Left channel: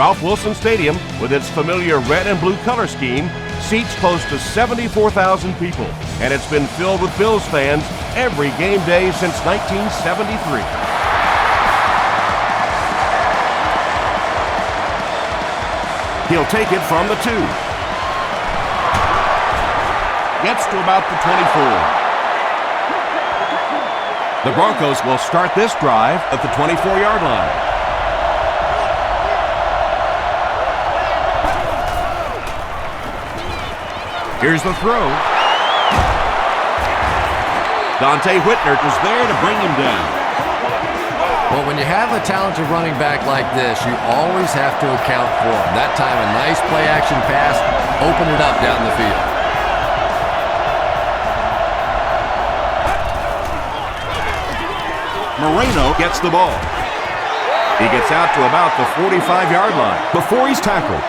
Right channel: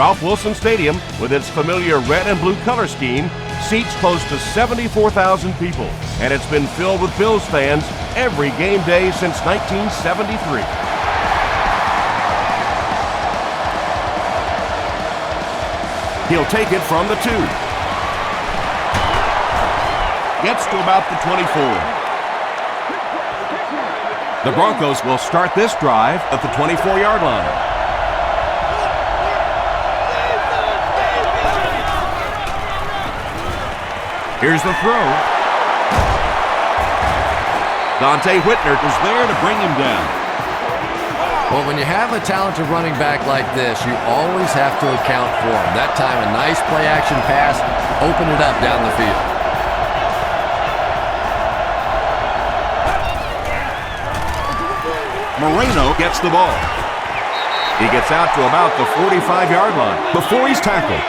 Ralph Wilson Stadium, with its familiar red and blue color scheme, seats close to 74,000 people, and it's been filled with Bills fans every game day since 1973. He'll take it from the 2. Gets to about the 24. The Broncos will start this drive at the 24-yard line. Here's the throw. Dante Whitner was there to bring him down. Well, when you have a talented running back like this, you always have to account for him. That time, a nice play-action pass opened it up down the field. Moreno gets the ball. He gets out to about the 45-yard line before he's tackled.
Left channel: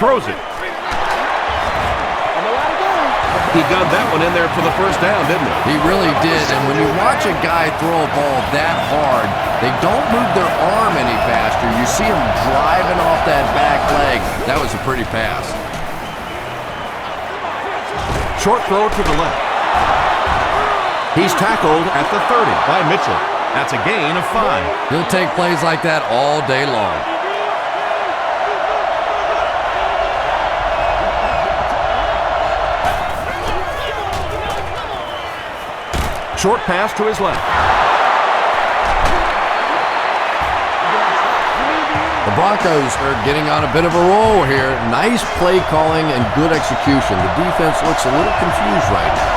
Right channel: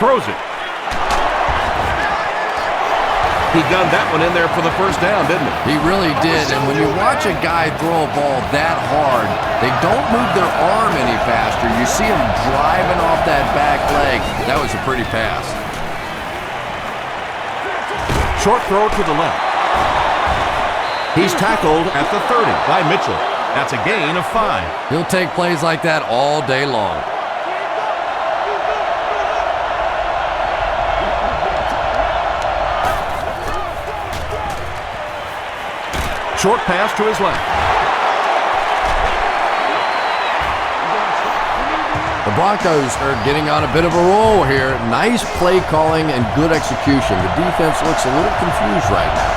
Throws it. He gunned that one in there for the first down, didn't he? He really did, and when you watch a guy throw a ball that hard, they don't move their arm any faster. You see him driving off that back leg. That was a pretty pass. Short throw to the left. He's tackled at the 30 by Mitchell. That's a gain of 5. He'll take plays like that all day long. Short pass to his left. The Broncos are getting on a bit of a roll here. Nice play calling and good execution. The defense looks a little confused right now.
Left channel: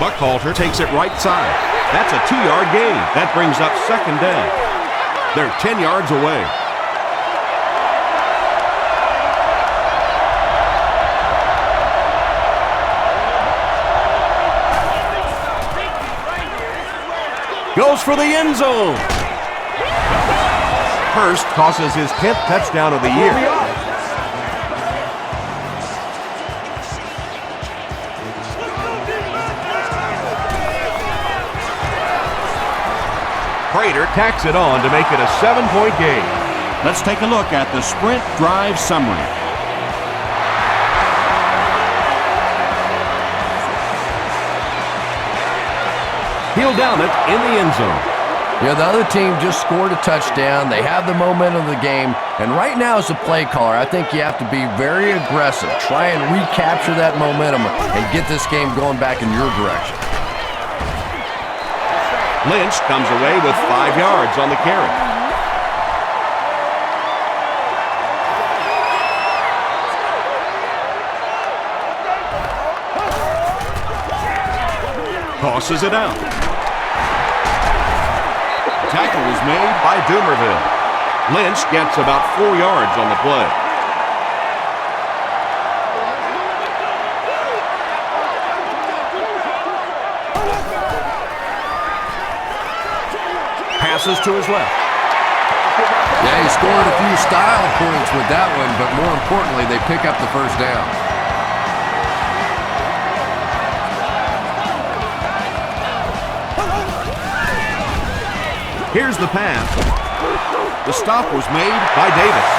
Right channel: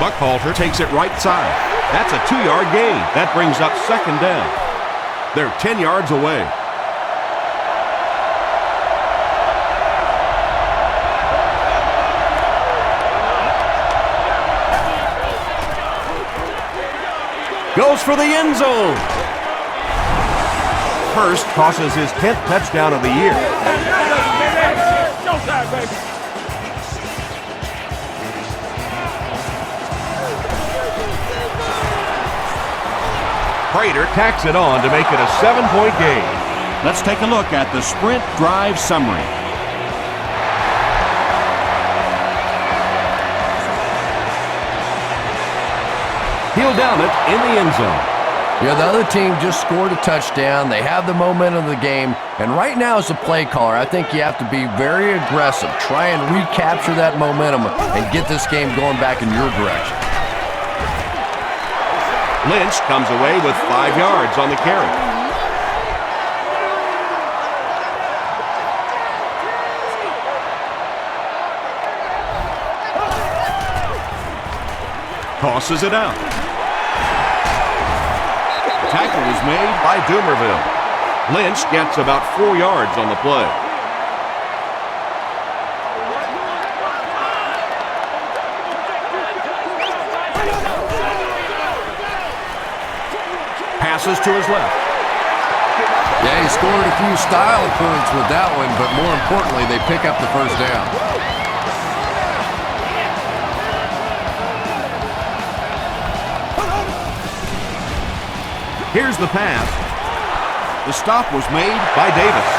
Buckhalter takes it right side. That's a 2-yard gain. That brings up second down. They're 10 yards away. Goes for the end zone. Hurst tosses his 10th touchdown of the year. Prater tacks it on to make it a 7-point game. Let's take a look at the sprint drive summary. He'll down it in the end zone. Yeah, the other team just scored a touchdown. They have the momentum of the game. And right now, as a play caller, I think you have to be very aggressive. Try and recapture that momentum and get this game going back in your direction. Lynch comes away with 5 yards on the carry. Tosses it out. Tackle was made by Dumerville. Lynch gets about 4 yards on the play. Passes to his left. Yeah, he scored a few style points with that one, but more importantly, they pick up the first down. Here's the pass. The stop was made by Davis.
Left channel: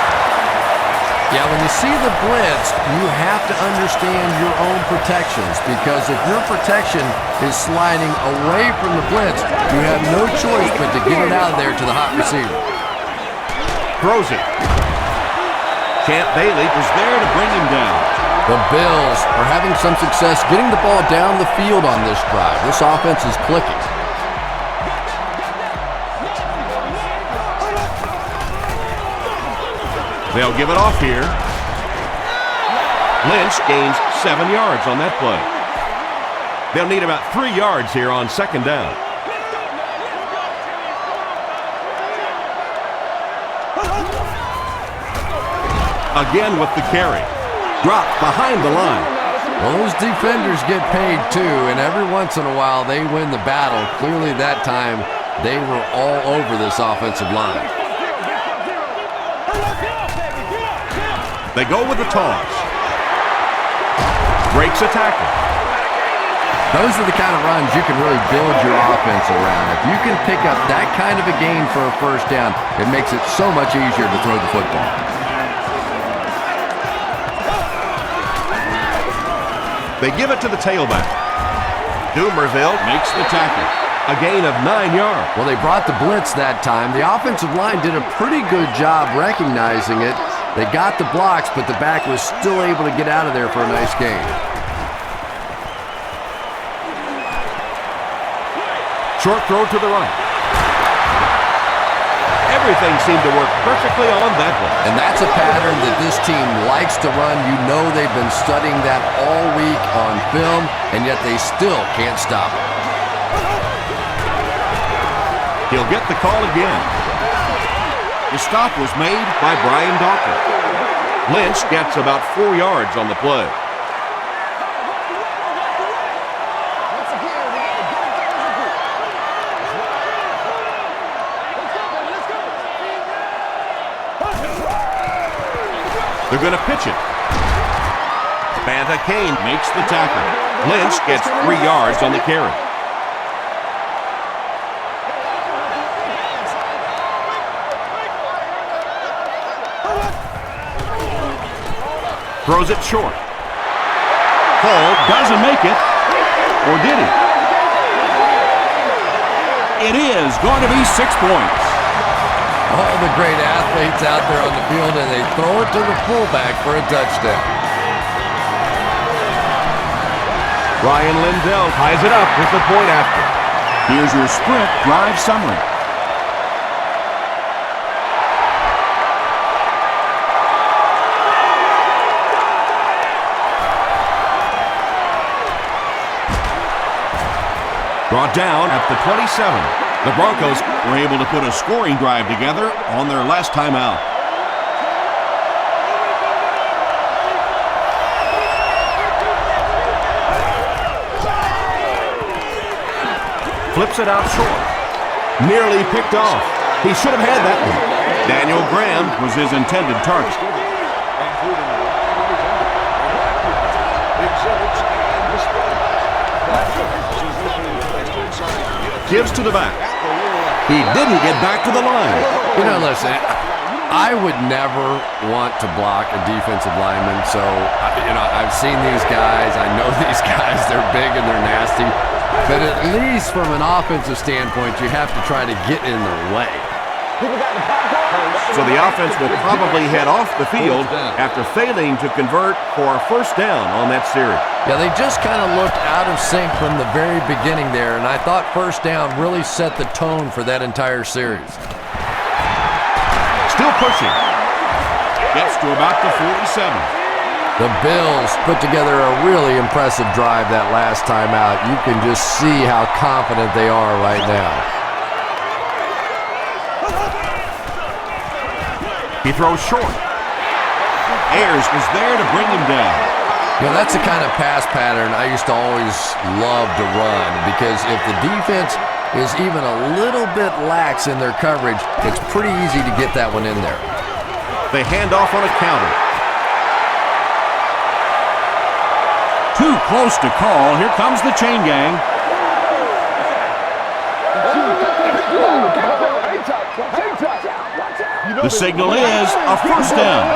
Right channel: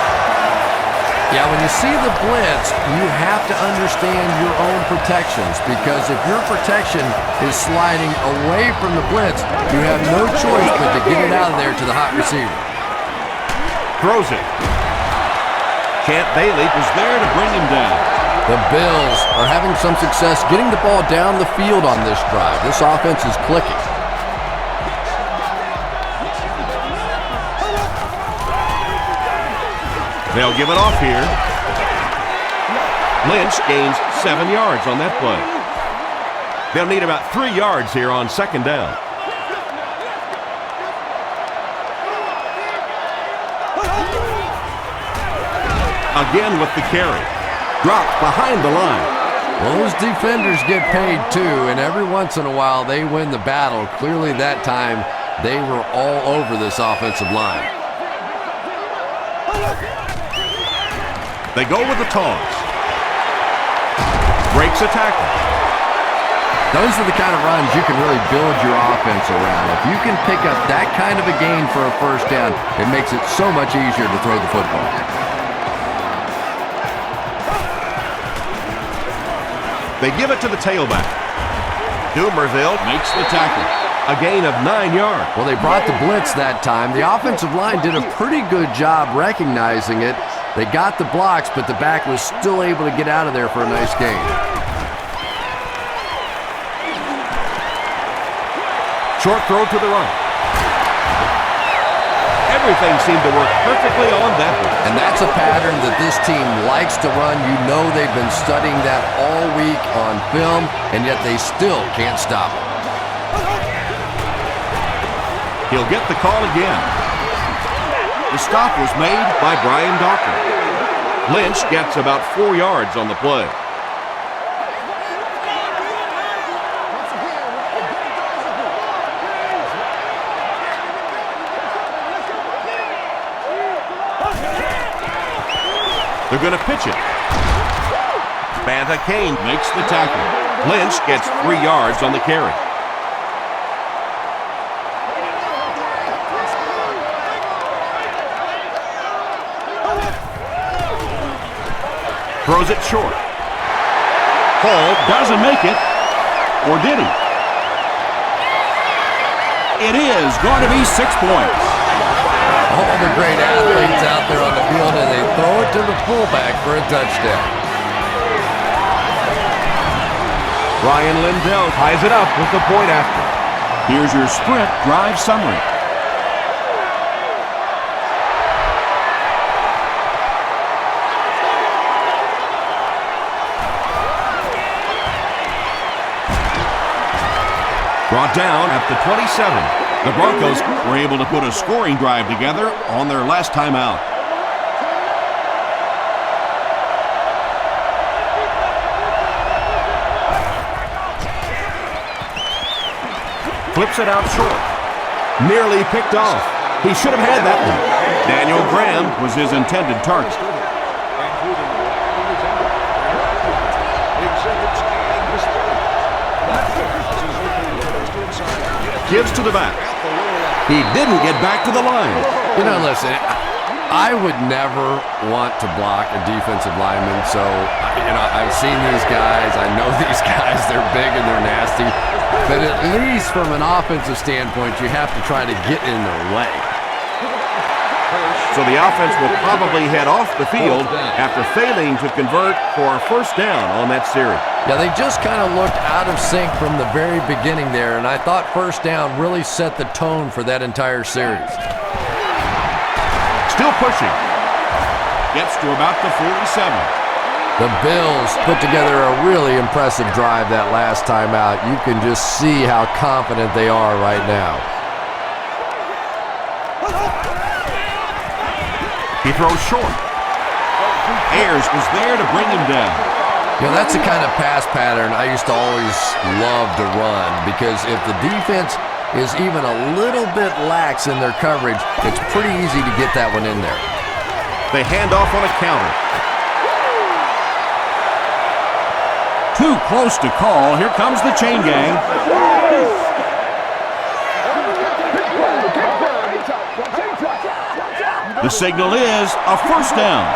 Yeah, when you see the blitz, you have to understand your own protections, because if your protection is sliding away from the blitz, you have no choice but to get it out of there to the hot receiver. Throws it. Champ Bailey was there to bring him down. The Bills are having some success getting the ball down the field on this drive. This offense is clicking. They'll give it off here. Lynch gains 7 yards on that play. They'll need about 3 yards here on second down. Again with the carry. Dropped behind the line. Well, those defenders get paid too, and every once in a while they win the battle. Clearly that time they were all over this offensive line. They go with the toss. Breaks a tackle. Those are the kind of runs you can really build your offense around. If you can pick up that kind of a gain for a first down, it makes it so much easier to throw the football. They give it to the tailback. Dumerville makes the tackle. A gain of 9 yards. Well, they brought the blitz that time. The offensive line did a pretty good job recognizing it. They got the blocks, but the back was still able to get out of there for a nice gain. Short throw to the right. Everything seemed to work perfectly on that one. And that's a pattern that this team likes to run. You know they've been studying that all week on film, and yet they still can't stop it. He'll get the call again. The stop was made by Brian Dawkins. Lynch gets about 4 yards on the play. They're going to pitch it. Banta Kane makes the tackle. Lynch gets 3 yards on the carry. Throws it short. Hall doesn't make it. Or did he? It is going to be 6 points. All the great athletes out there on the field, and they throw it to the fullback for a touchdown. Ryan Lindell ties it up with the point after. Here's your sprint drive summary. Brought down at the 27. The Broncos were able to put a scoring drive together on their last time out. Flips it out short. Nearly picked off. He should have had that one. Daniel Graham was his intended target. Gives to the back. He didn't get back to the line. You know, listen, I would never want to block a defensive lineman. So, I've seen these guys. I know these guys. They're big and they're nasty. But at least from an offensive standpoint, you have to try to get in their way. So the offense will probably head off the field after failing to convert for a first down on that series. Yeah, they just kind of looked out of sync from the very beginning there, and I thought first down really set the tone for that entire series. Still pushing. Gets to about the 47. The Bills put together a really impressive drive that last time out. You can just see how confident they are right now. He throws short. Ayers was there to bring him down. You know, that's the kind of pass pattern I used to always love to run, because if the defense is even a little bit lax in their coverage, it's pretty easy to get that one in there. They hand off on a counter. Too close to call. Here comes the chain gang. The signal is a first down.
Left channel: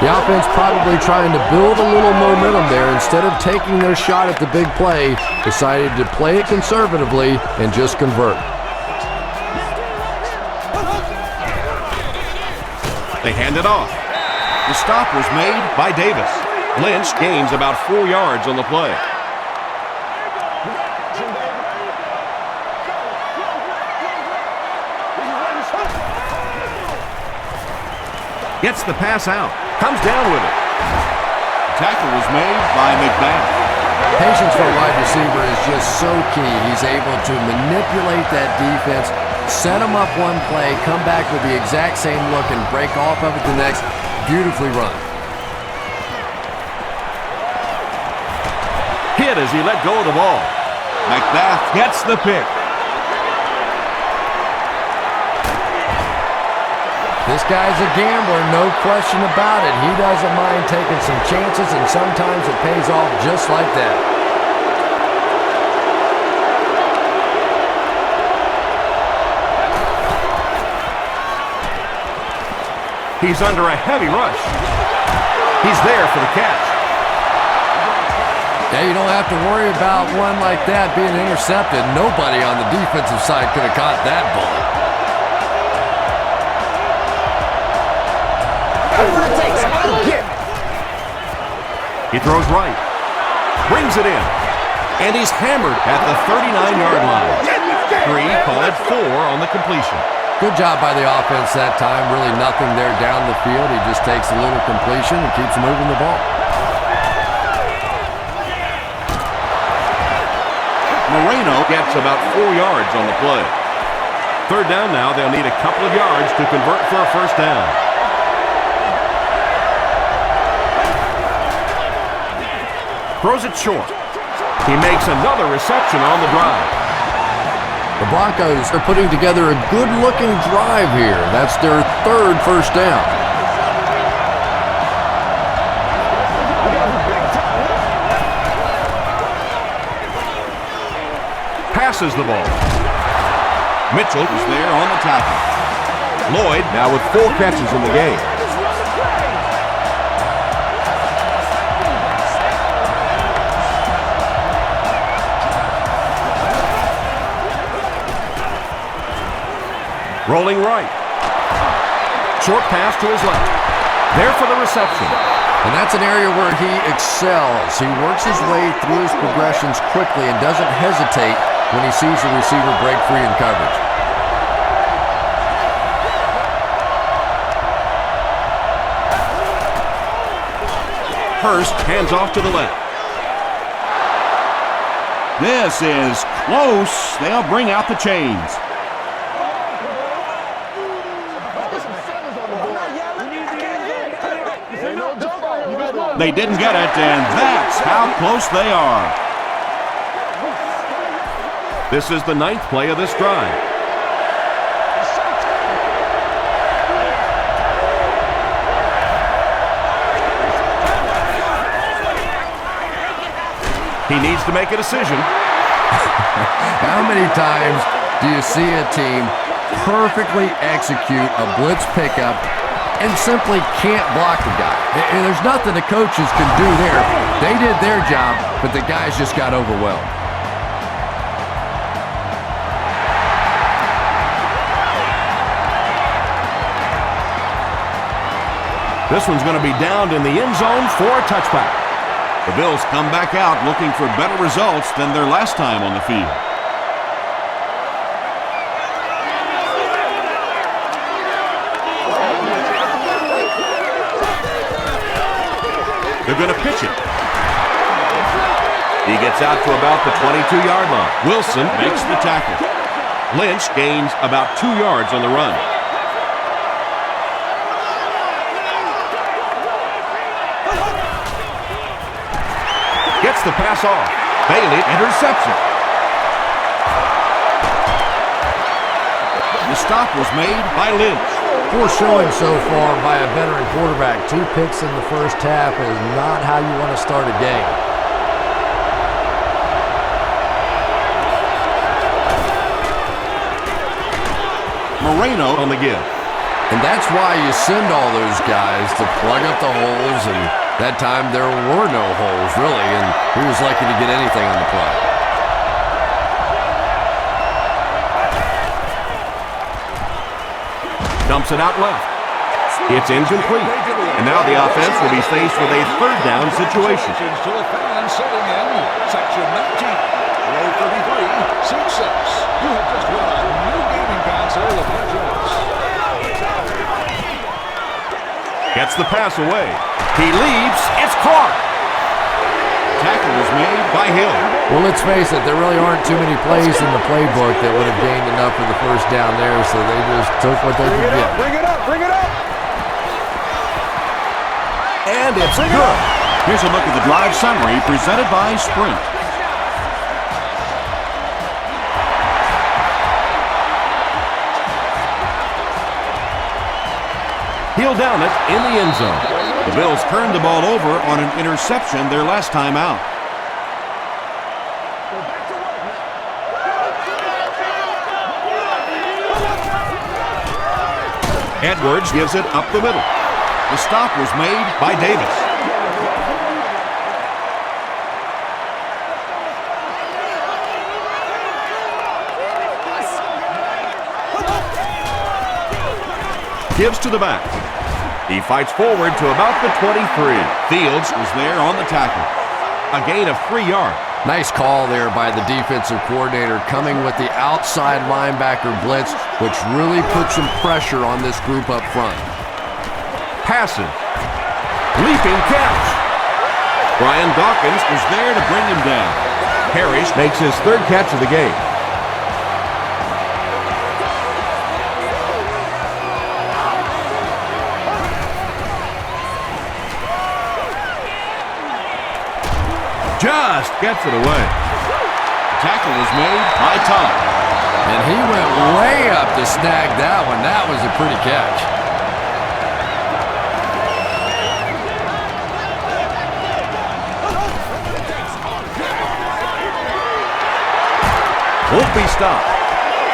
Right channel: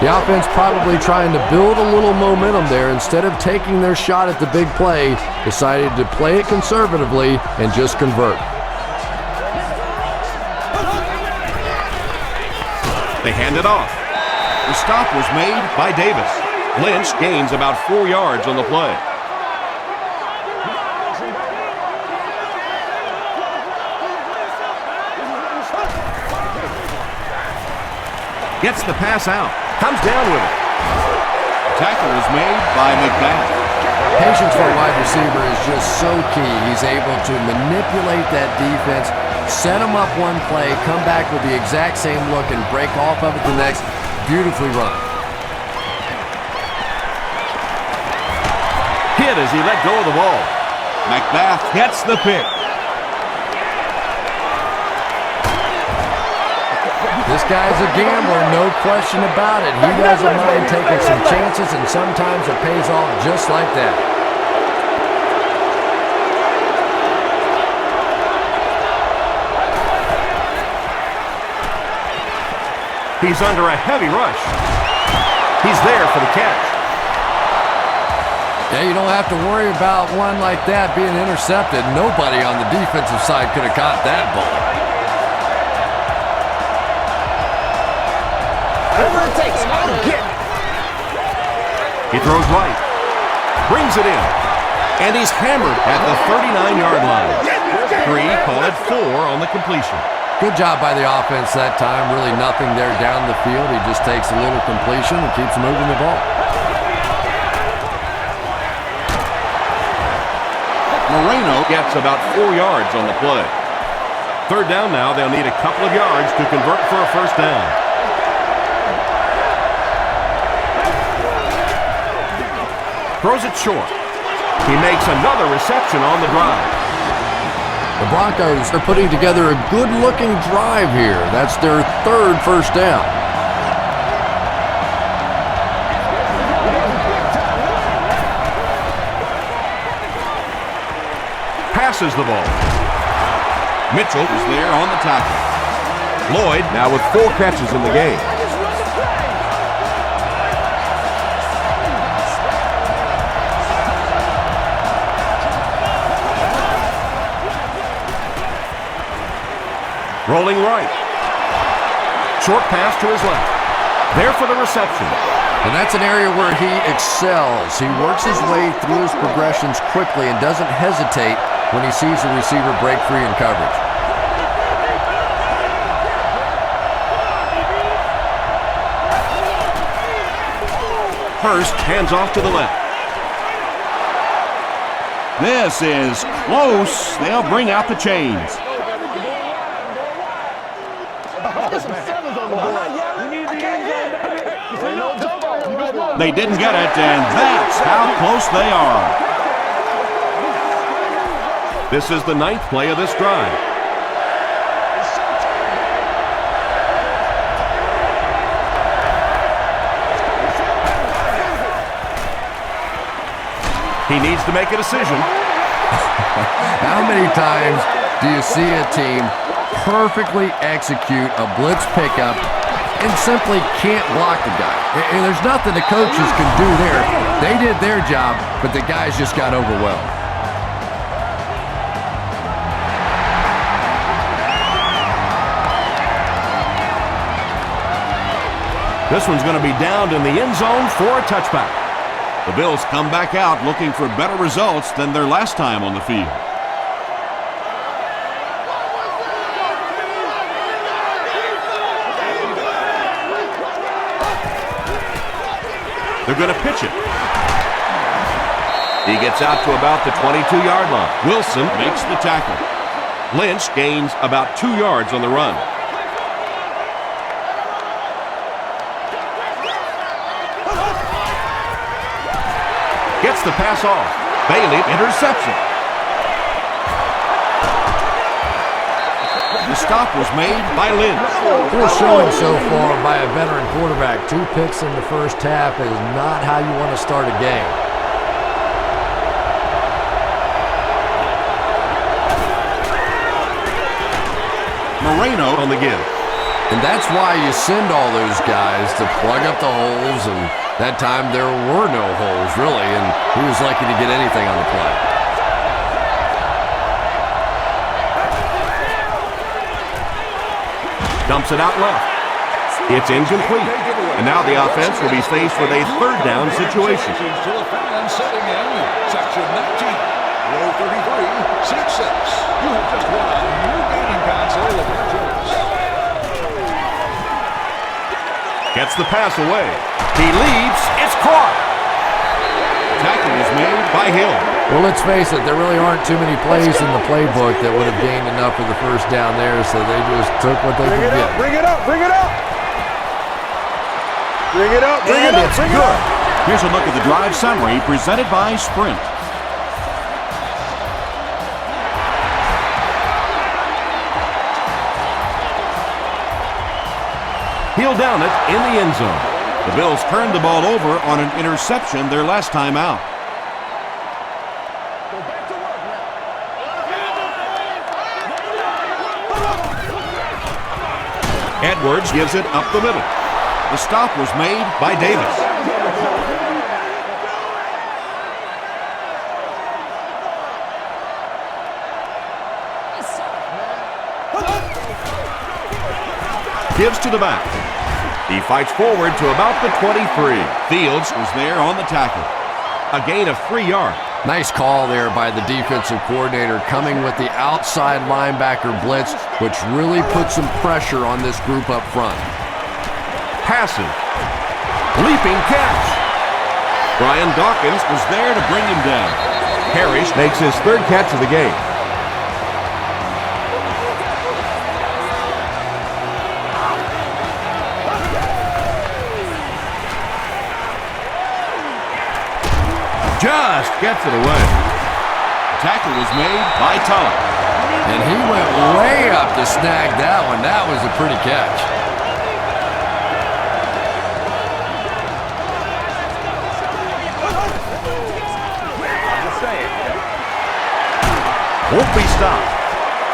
The offense probably trying to build a little momentum there. Instead of taking their shot at the big play, decided to play it conservatively and just convert. They hand it off. The stop was made by Davis. Lynch gains about 4 yards on the play. Gets the pass out. Comes down with it. The tackle was made by McBath. Patience for a wide receiver is just so key. He's able to manipulate that defense, set them up one play, come back with the exact same look, and break off of it the next. Beautifully run. Hit as he let go of the ball. McBath gets the pick. This guy's a gambler, no question about it. He doesn't mind taking some chances, and sometimes it pays off just like that. He's under a heavy rush. He's there for the catch. Yeah, you don't have to worry about one like that being intercepted. Nobody on the defensive side could have caught that bullet. Whatever it takes, I'll get it. He throws right. Brings it in. And he's hammered at the 39-yard line. 3, call it 4 on the completion. Good job by the offense that time. Really nothing there down the field. He just takes a little completion and keeps moving the ball. Moreno gets about 4 yards on the play. 3rd down now. They'll need a couple of yards to convert for a first down. Throws it short. He makes another reception on the drive. The Broncos are putting together a good-looking drive here. That's their 3rd first down. Passes the ball. Mitchell is there on the tackle. Lloyd now with 4 catches in the game. Rolling right. Short pass to his left. There for the reception. And that's an area where he excels. He works his way through his progressions quickly and doesn't hesitate when he sees the receiver break free in coverage. Hurst hands off to the left. This is close. They'll bring out the chains. They didn't get it, and that's how close they are. This is the 9th play of this drive. He needs to make a decision. How many times do you see a team perfectly execute a blitz pickup and simply can't block the guy? And there's nothing the coaches can do there. They did their job, but the guys just got overwhelmed. This one's going to be downed in the end zone for a touchback. The Bills come back out looking for better results than their last time on the field. They're going to pitch it. He gets out to about the 22-yard line. Wilson makes the tackle. Lynch gains about 2 yards on the run. Gets the pass off. Bailey, interception. The stop was made by Lynch. Poor showing so far by a veteran quarterback. 2 picks in the first half is not how you want to start a game. Moreno on the give. And that's why you send all those guys to plug up the holes, and that time there were no holes, really, and he was lucky to get anything on the play. Dumps it out left. It's incomplete. And now the offense will be faced with a 3rd down situation. To the fans setting in section 19, row 33, seat 6. You have just won a new gaming console of your choice. Gets the pass away. He leaps. It's caught. Tackle was made by Hill. Well, let's face it, there really aren't too many plays in the playbook that would have gained enough for the first down there, so they just took what they could get. Bring it up, bring it up. Bring it up, bring And it up, it's bring it good. up. Here's a look at the drive summary presented by Sprint. He'll down it in the end zone. The Bills turned the ball over on an interception their last time out. Go back to work now. Edwards gives it up the middle. The stop was made by Davis. Gives to the back. He fights forward to about the 23. Fields was there on the tackle. A gain of 3 yards. Nice call there by the defensive coordinator, coming with the outside linebacker blitz, which really put some pressure on this group up front. Passes. Leaping catch. Brian Dawkins was there to bring him down. Parrish makes his 3rd catch of the game. Just gets it away. Tackle was made by Tulloch. And he went way up to snag that one. That was a pretty catch. Won't be stopped.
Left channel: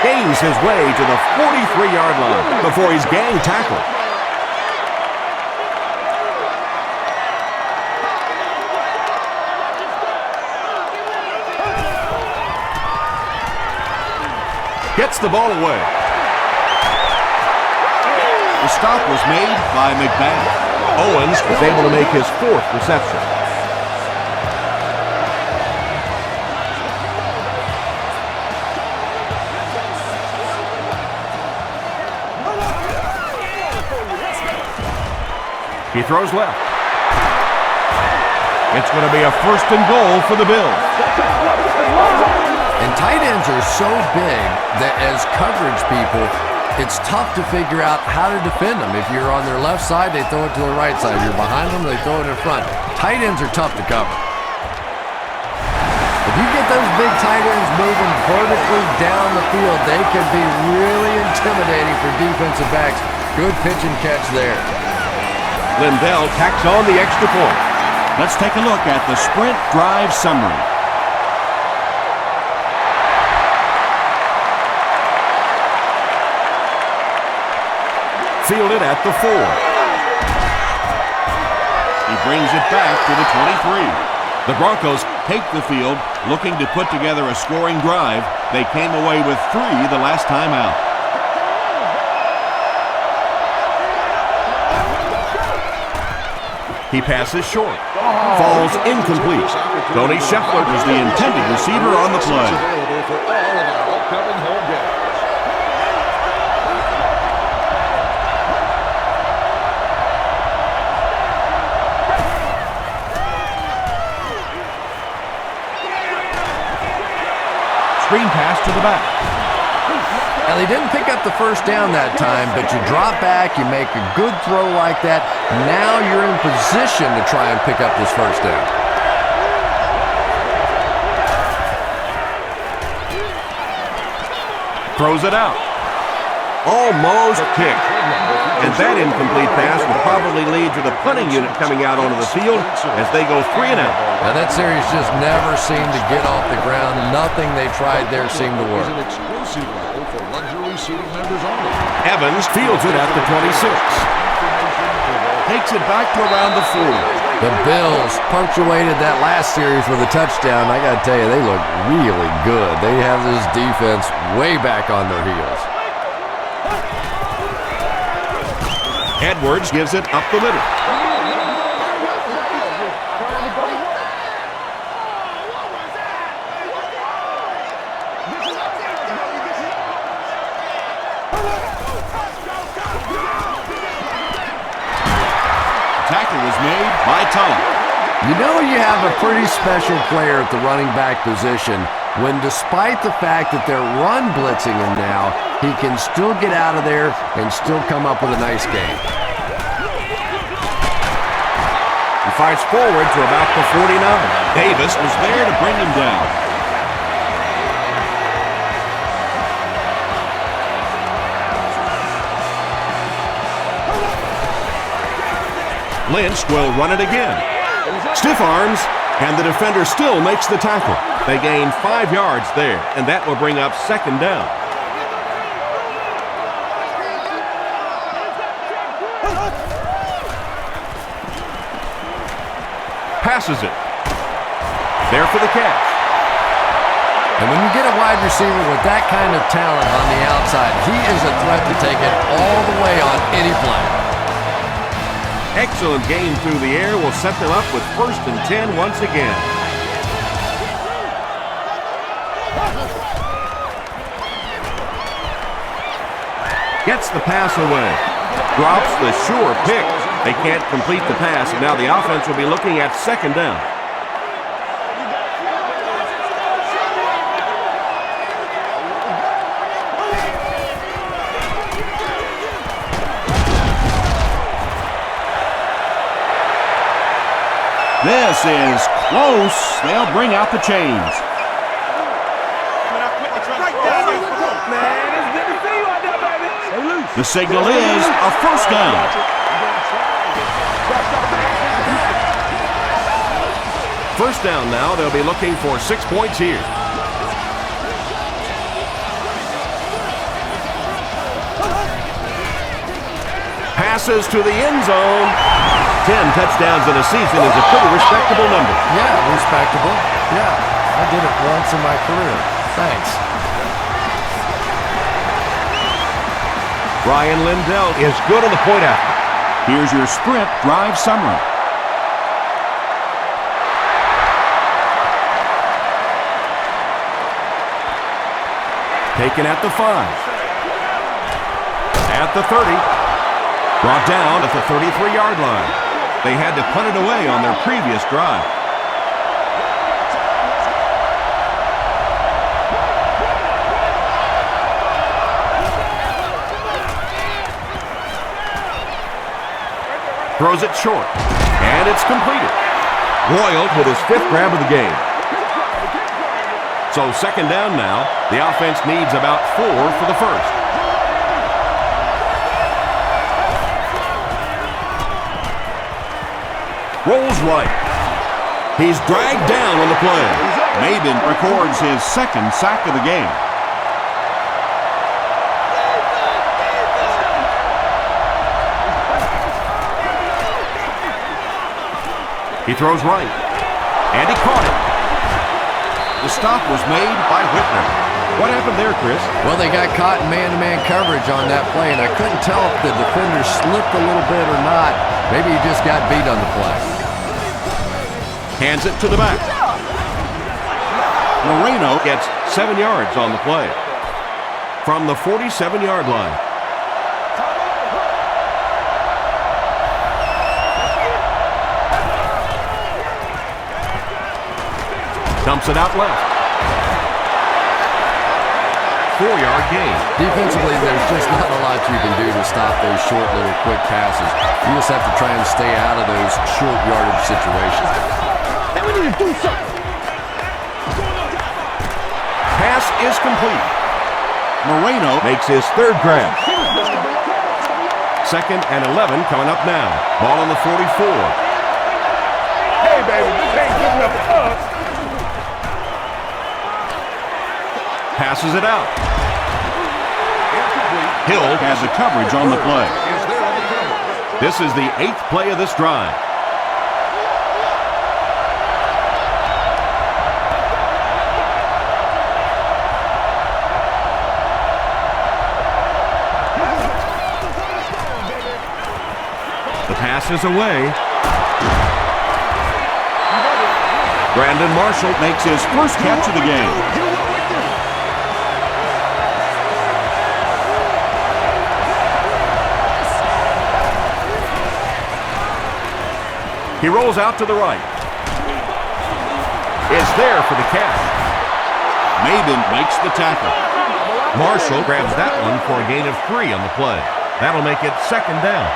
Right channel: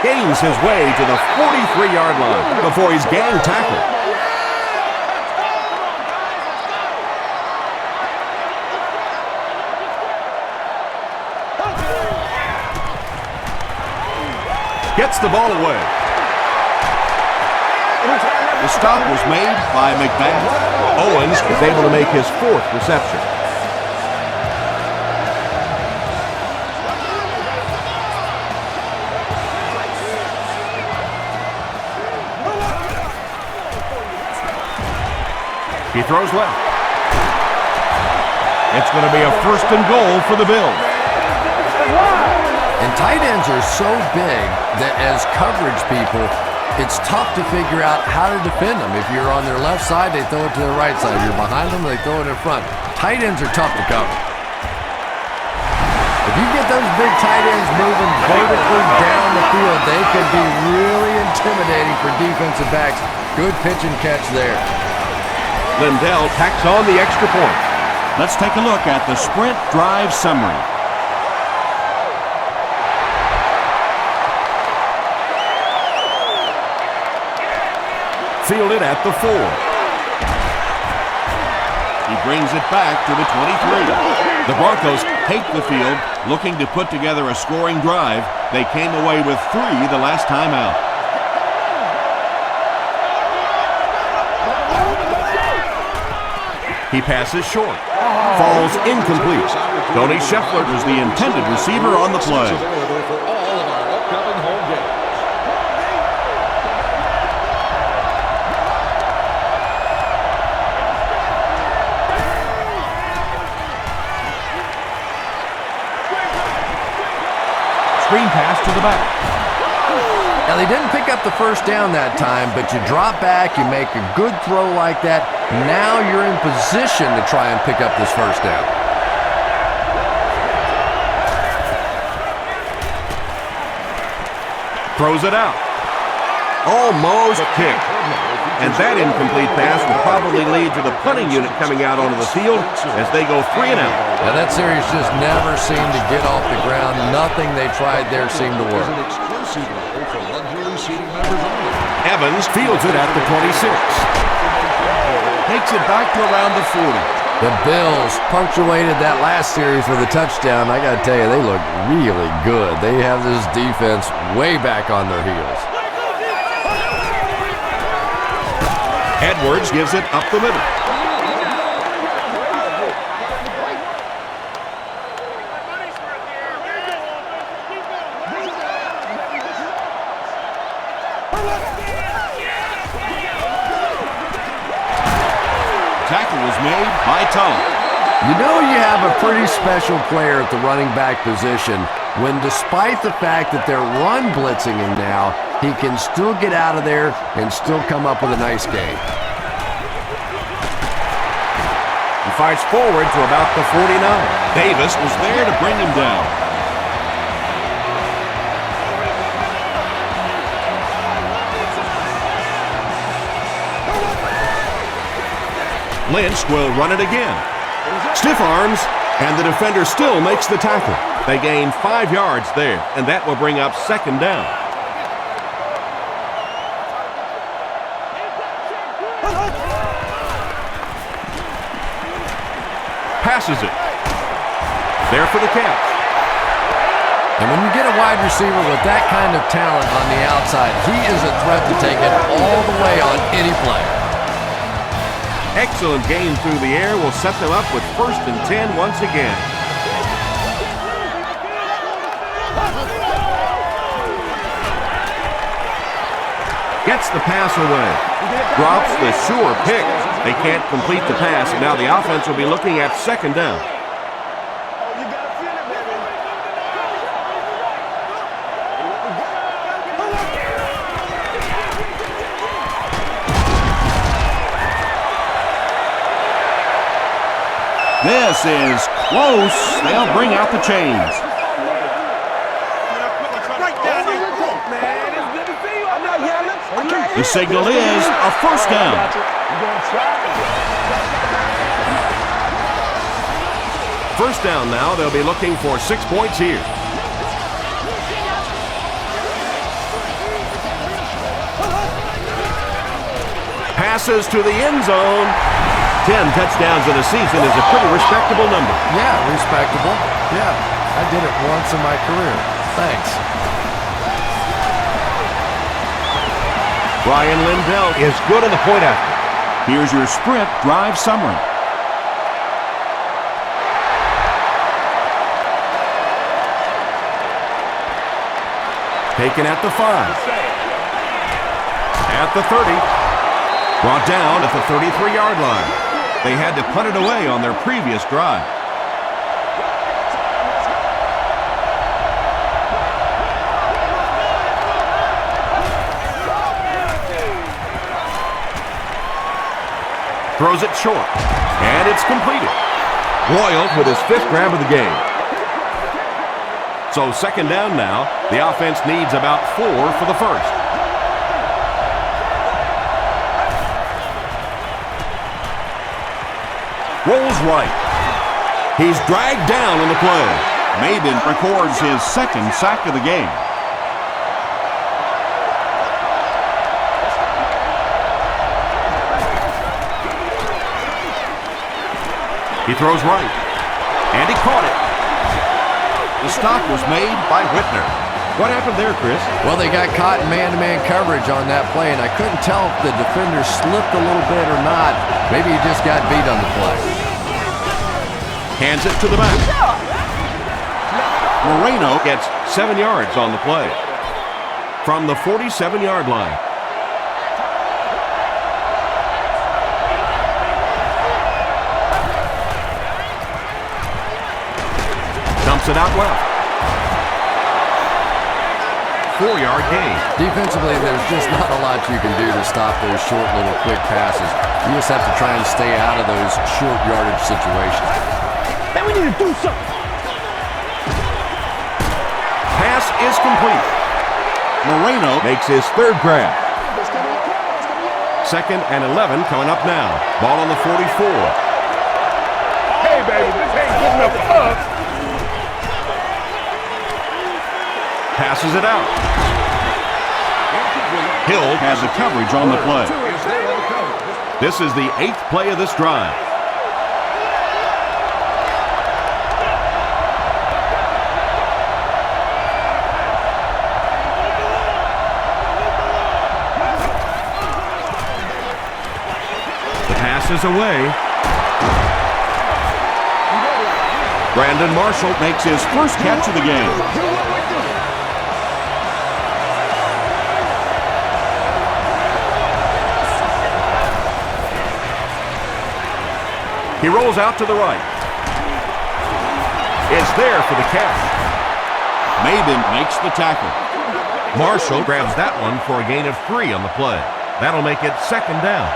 Gains his way to the 43-yard line before he's gang tackled. Gets the ball away. The stop was made by McBath. Owens is able to make his 4th reception. He throws left. It's going to be a 1st and goal for the Bills. And tight ends are so big that as coverage people, it's tough to figure out how to defend them. If you're on their left side, they throw it to their right side. If you're behind them, they throw it in front. Tight ends are tough to cover. If you get those big tight ends moving vertically down the field, they could be really intimidating for defensive backs. Good pitch and catch there. Lindell tacks on the extra point. Let's take a look at the sprint drive summary. Fielded at the 4. He brings it back to the 23. The Broncos take the field, looking to put together a scoring drive. They came away with 3 the last time out. He passes short. Falls incomplete. Tony Scheffler was the intended receiver on the play. Available for all of our upcoming home games. Screen pass to the back. Now, they didn't pick up the 1st down that time, but you drop back, you make a good throw like that. Now you're in position to try and pick up this 1st down. Throws it out. Almost kicked. And that incomplete pass will probably lead to the punting unit coming out onto the field as they go 3 and out. Now, that series just never seemed to get off the ground. Nothing they tried there seemed to work. An exclusive level for luxury seating members only. Evans fields it at the 26. Takes it back to around the 40. The Bills punctuated that last series with a touchdown. I got to tell you, they look really good. They have this defense way back on their heels. Edwards gives it up the middle. Tackle was made by Tulloch. You know you have a pretty special player at the running back position when, despite the fact that they're run blitzing him now, he can still get out of there and still come up with a nice game. He fights forward to about the 49. Davis was there to bring him down. Lynch will run it again. Stiff arms, and the defender still makes the tackle. They gain 5 yards there, and that will bring up second down. Passes it. There for the catch. And when you get a wide receiver with that kind of talent on the outside, he is a threat to take it all the way on any play. Excellent game through the air will set them up with 1st and 10 once again. Gets the pass away. Drops the sure pick. They can't complete the pass, and now the offense will be looking at second down. This is close. They'll bring out the chains. The signal is a first down. First down now. They'll be looking for 6 points here. Passes to the end zone. 10 touchdowns in a season is a pretty respectable number. Yeah, respectable. Yeah, I did it once in my career. Thanks. Ryan Lindell is good on the point after. Here's your sprint drive summary. Taken at the 5. At the 30. Brought down at the 33-yard line. They had to punt it away on their previous drive. Throws it short, and it's completed. Royal with his 5th grab of the game. So second down now. The offense needs about 4 for the first. Rolls right. He's dragged down on the play. Maben records his 2nd sack of the game. He throws right, and he caught it. The stop was made by Whitner. What happened there, Chris? Well, they got caught in man-to-man coverage on that play, and I couldn't tell if the defender slipped a little bit or not. Maybe he just got beat on the play. Hands it to the back. Moreno gets 7 yards on the play from the 47-yard line. Dumps it out left. 4-yard gain. Defensively, there's just not a lot you can do to stop those short little quick passes. You just have to try and stay out of those short yardage situations. Then we need to do something. Pass is complete. Moreno Makes his 3rd grab. 2nd and 11 coming up now. Ball on the 44. Hey, baby, this ain't good enough for us. Passes it out. Hill has the coverage on the play. Is there on the cover. This is the 8th play of this drive. The pass is away. Brandon Marshall makes his 1st catch of the game. He rolls out to the right. Is there for the catch. Maben makes the tackle. Marshall grabs that one for a gain of 3 on the play. That'll make it second down.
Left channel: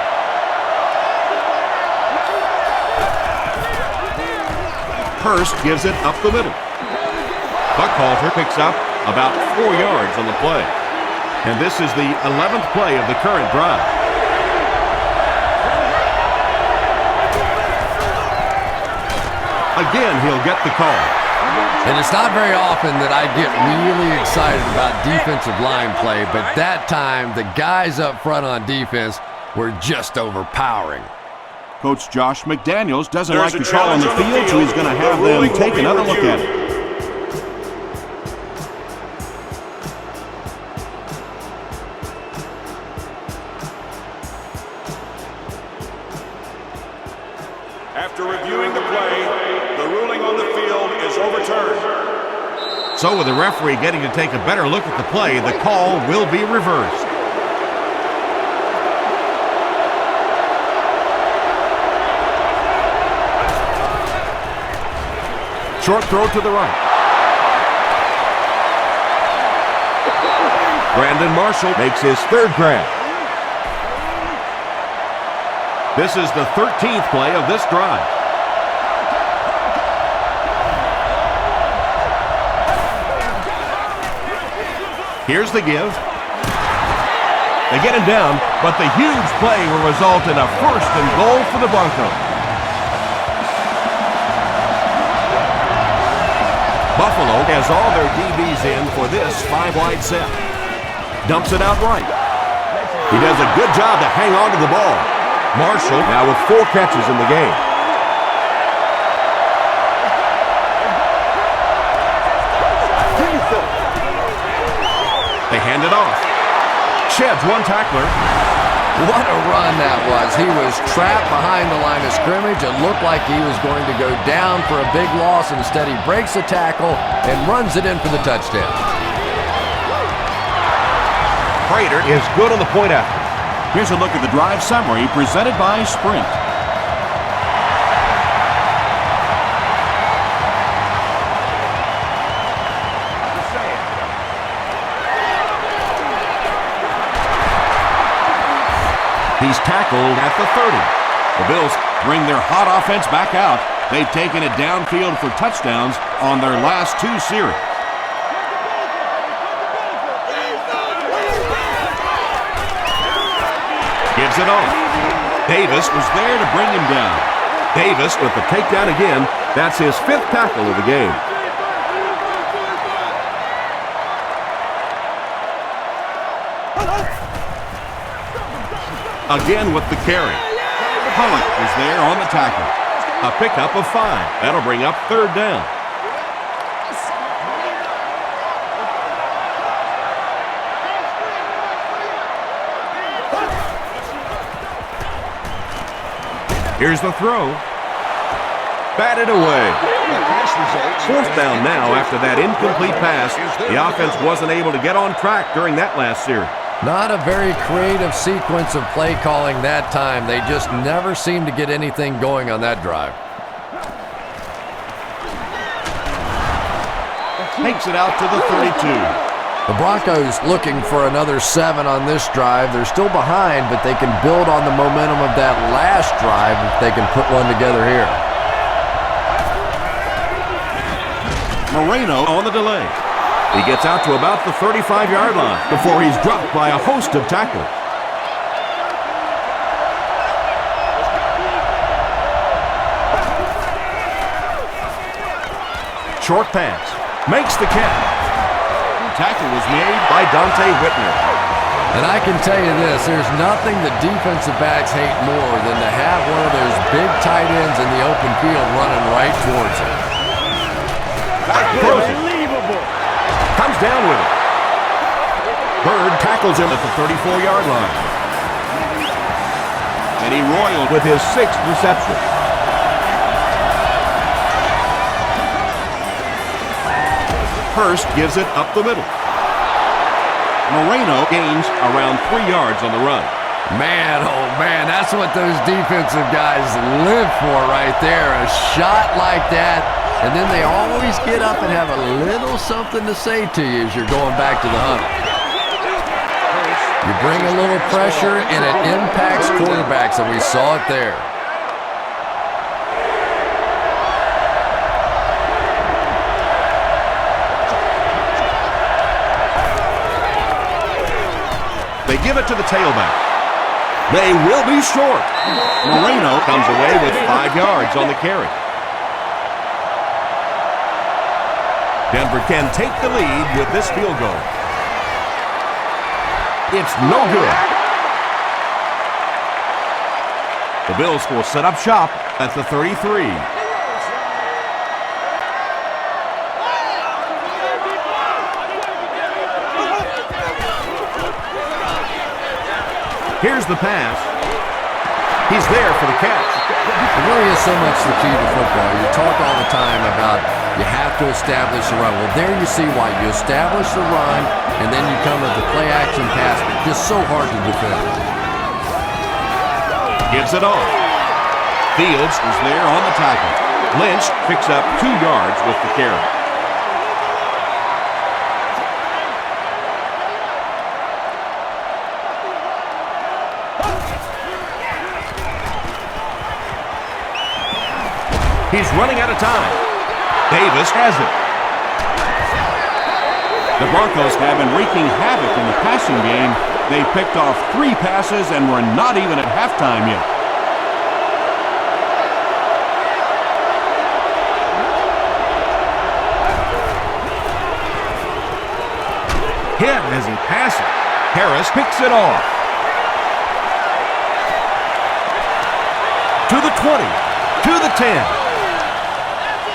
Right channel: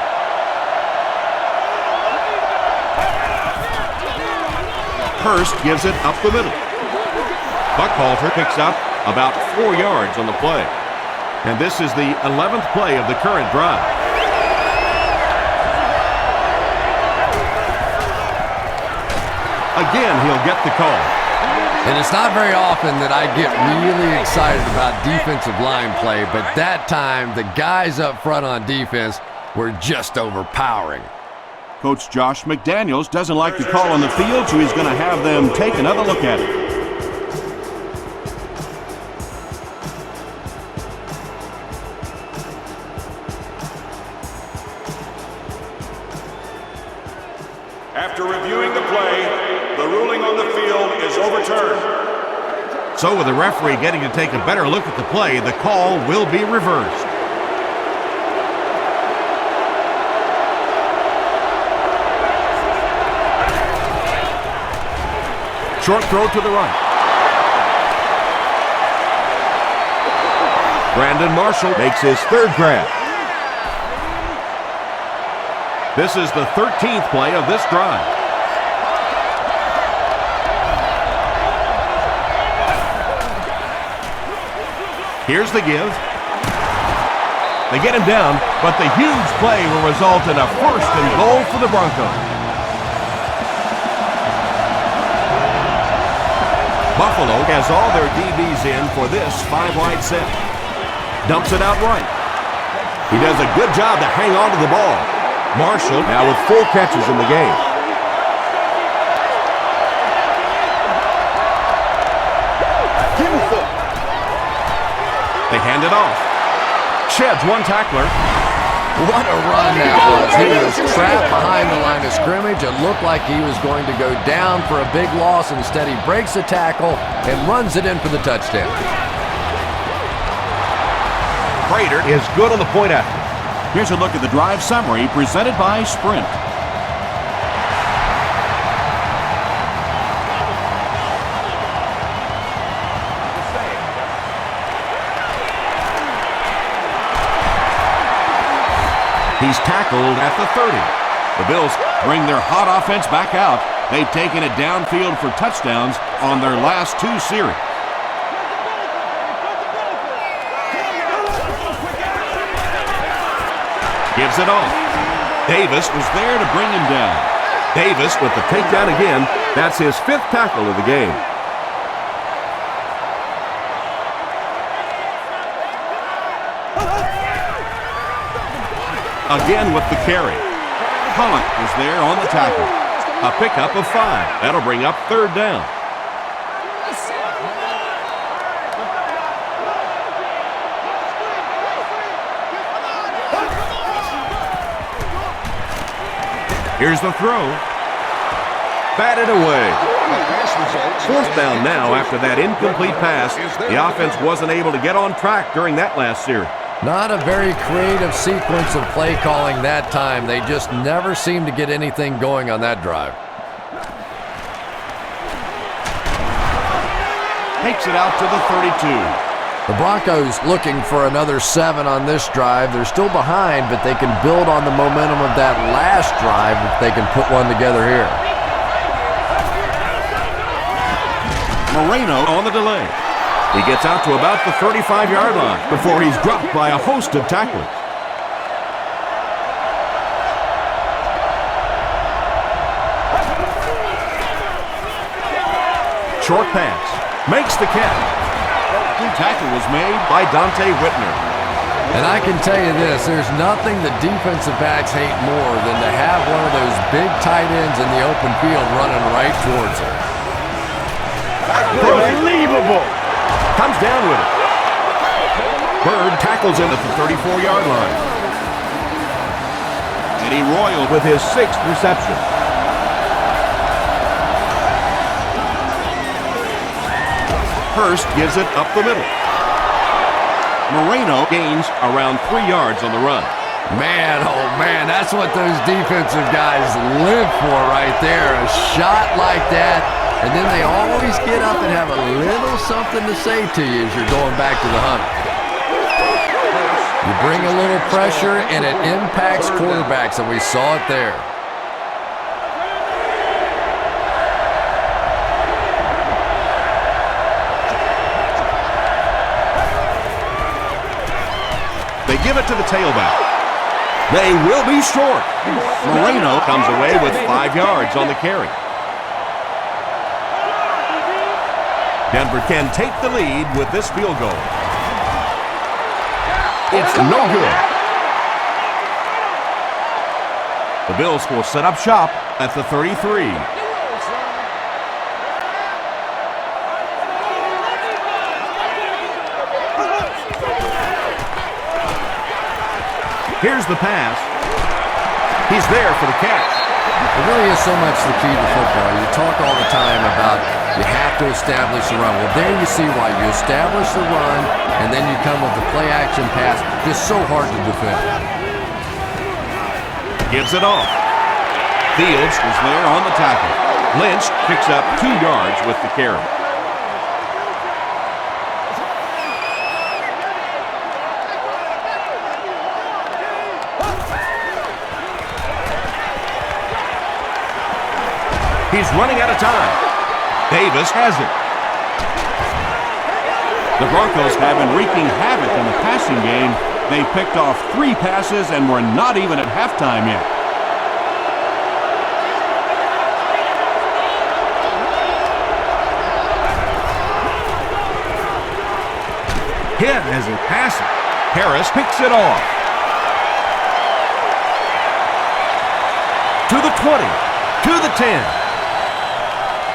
Hurst gives it up the middle. Buckhalter picks up about 4 yards on the play. And this is the 11th play of the current drive. Again, he'll get the call. And it's not very often that I get really excited about defensive line play, but that time the guys up front on defense were just overpowering. Coach Josh McDaniels doesn't like the call on the field, so he's going to have them take another look at it. After reviewing the play, the ruling on the field is overturned. So with the referee getting to take a better look at the play, the call will be reversed. Short throw to the right. Brandon Marshall makes his third grab. This is the 13th play of this drive. Here's the give. They get him down, but the huge play will result in a 1st and goal for the Broncos. Buffalo has all their DBs in for this 5-wide set. Dumps it out right. He does a good job to hang on to the ball. Marshall now with 4 catches in the game. Give me some. They hand it off. Sheds one tackler. What a run that was. He was trapped behind the line of scrimmage. It looked like he was going to go down for a big loss. Instead, he breaks the tackle and runs it in for the touchdown. Prater is good on the point after. Here's a look at the drive summary presented by Sprint. He's tackled at the 30. The Bills bring their hot offense back out. They've taken it downfield for touchdowns on their last 2 series. Gives it off. Davis was there to bring him down. Davis with the takedown again. That's his 5th tackle of the game. Again with the carry. Pollock was there on the tackle. A pickup of 5. That'll bring up 3rd down. Here's the throw. Batted away. 4th down now after that incomplete pass. The offense wasn't able to get on track during that last series. Not a very creative sequence of play calling that time. They just never seemed to get anything going on that drive. Takes it out to the 32. The Broncos looking for another 7 on this drive. They're still behind, but they can build on the momentum of that last drive if they can put one together here. Moreno on the delay. He gets out to about the 35-yard line before he's dropped by a host of tacklers. Short pass. Makes the catch. Tackle was made by Dante Whitner. And I can tell you this, there's nothing that defensive backs hate more than to have one of those big tight ends in the open field running right towards them. Unbelievable. Comes down with it. Bird tackles him at the 34-yard line. And he roiled with his 6th reception. Hurst gives it up the middle. Moreno gains around 3 yards on the run. Man, oh man, that's what those defensive guys live for right there. A shot like that, and then they always get up and have a little something to say to you as you're going back to the hunt. You bring a little pressure, and it impacts quarterbacks, and we saw it there. They give it to the tailback. They will be short. Moreno comes away with 5 yards on the carry. Denver can take the lead with this field goal. It's no good. The Bills will set up shop at the 33. Here's the pass. He's there for the catch. It really is so much the key to football. You talk all the time about you have to establish the run. Well, there you see why. You establish the run, and then you come with the play-action pass. Just so hard to defend. Gives it off. Fields is there on the tackle. Lynch picks up 2 yards with the carry. He's running out of time. Davis has it. The Broncos have been wreaking havoc in the passing game. They picked off 3 passes and we're not even at halftime yet. Hit as he passes. Harris picks it off. To the 20. To the 10.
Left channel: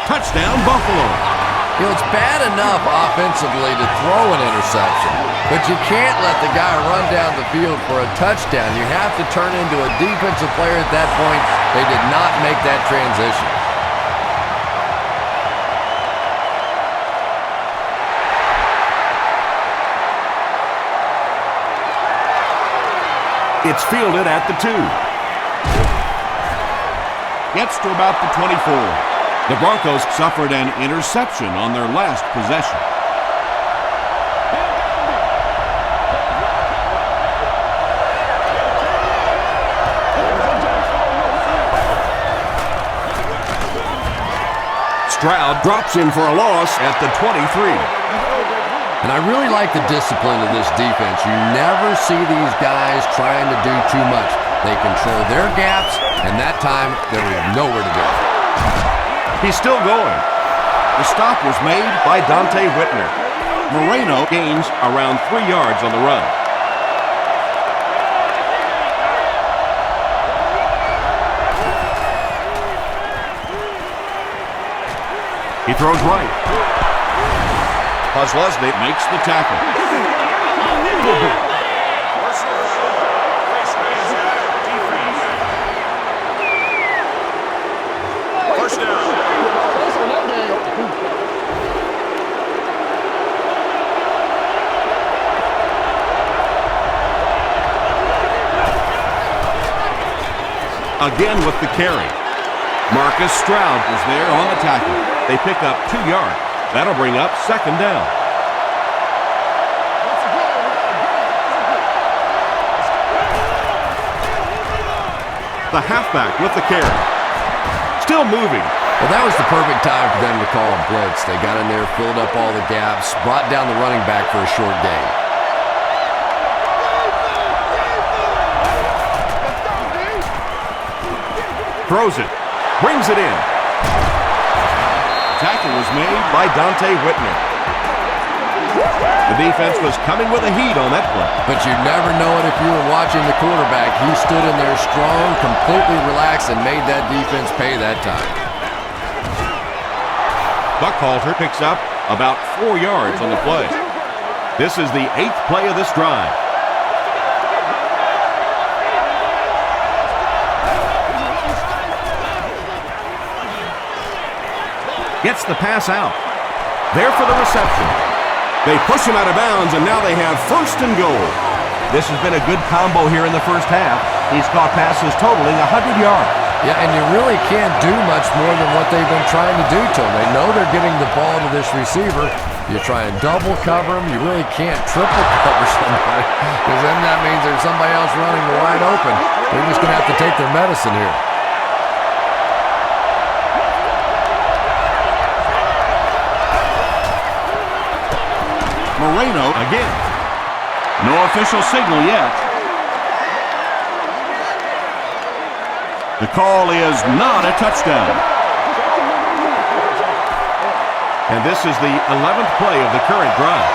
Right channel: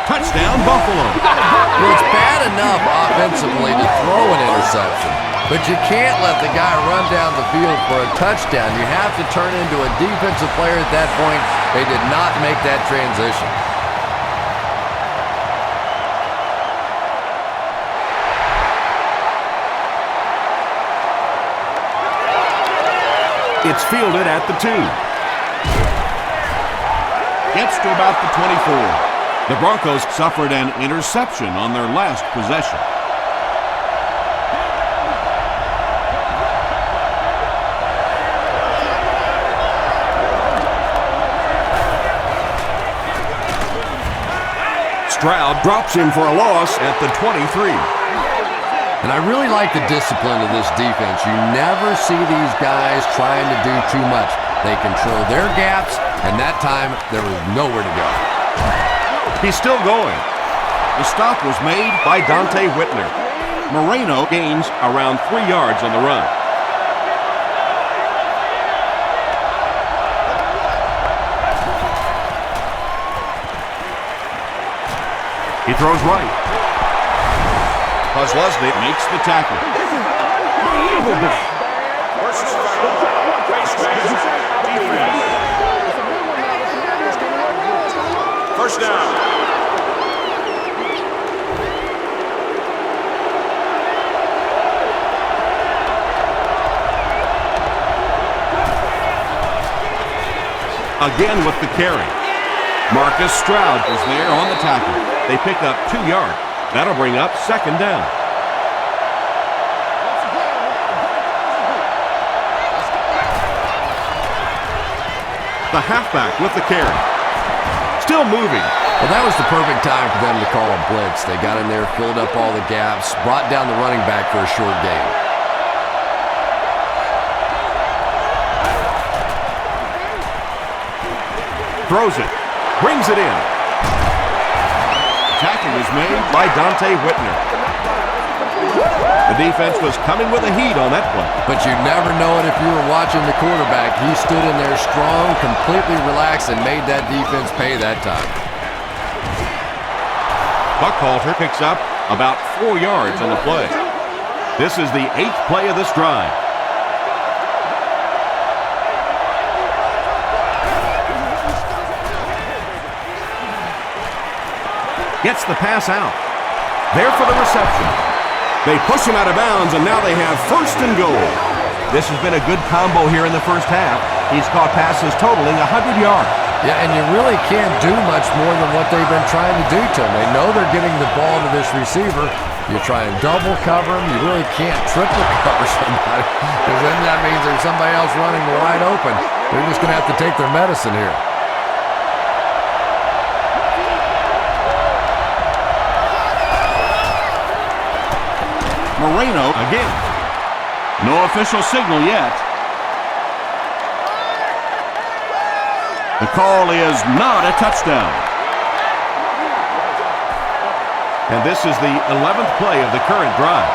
Touchdown, Buffalo. Well, it's bad enough offensively to throw an interception, but you can't let the guy run down the field for a touchdown. You have to turn into a defensive player at that point. They did not make that transition. It's fielded at the 2. Gets to about the 24. The Broncos suffered an interception on their last possession. Stroud drops him for a loss at the 23. And I really like the discipline of this defense. You never see these guys trying to do too much. They control their gaps, and that time there was nowhere to go. He's still going. The stop was made By Dante Whitner. Moreno gains around 3 yards on the run. He throws right. Kozlowski Makes the tackle. Personal foul. Face mask. Defense. First down. again with the carry. Marcus Stroud is there on the tackle. They pick up 2 yards. That'll bring up second down. Once again, we got to get it done as a group. Let's go. The halfback with the carry. Still moving. Well, that was the perfect time for them to call a blitz. They got in there, filled up all the gaps, brought down the running back for a short gain. Throws it. Brings it in. Tackle was made By Dante Whitner. The defense was coming with a heat on that play. But you'd never know it if you were watching the quarterback. He stood in there strong, completely relaxed, and made that defense pay that time. Buckhalter picks up about 4 yards on the play. This is the 8th play of this drive. Gets the pass out. There for the reception. They push him out of bounds, and now they have first and goal. This has been a good combo here in the first half. He's caught passes totaling 100 yards. Yeah, and you really can't do much more than what they've been trying to do to him. They know they're getting the ball to this receiver. You try and double cover him. You really can't triple cover somebody, because then that means there's somebody else running wide open. They're just going to have to take their medicine here. Moreno. Again. No official signal yet. The call is not a touchdown. And this is the 11th play of the current drive.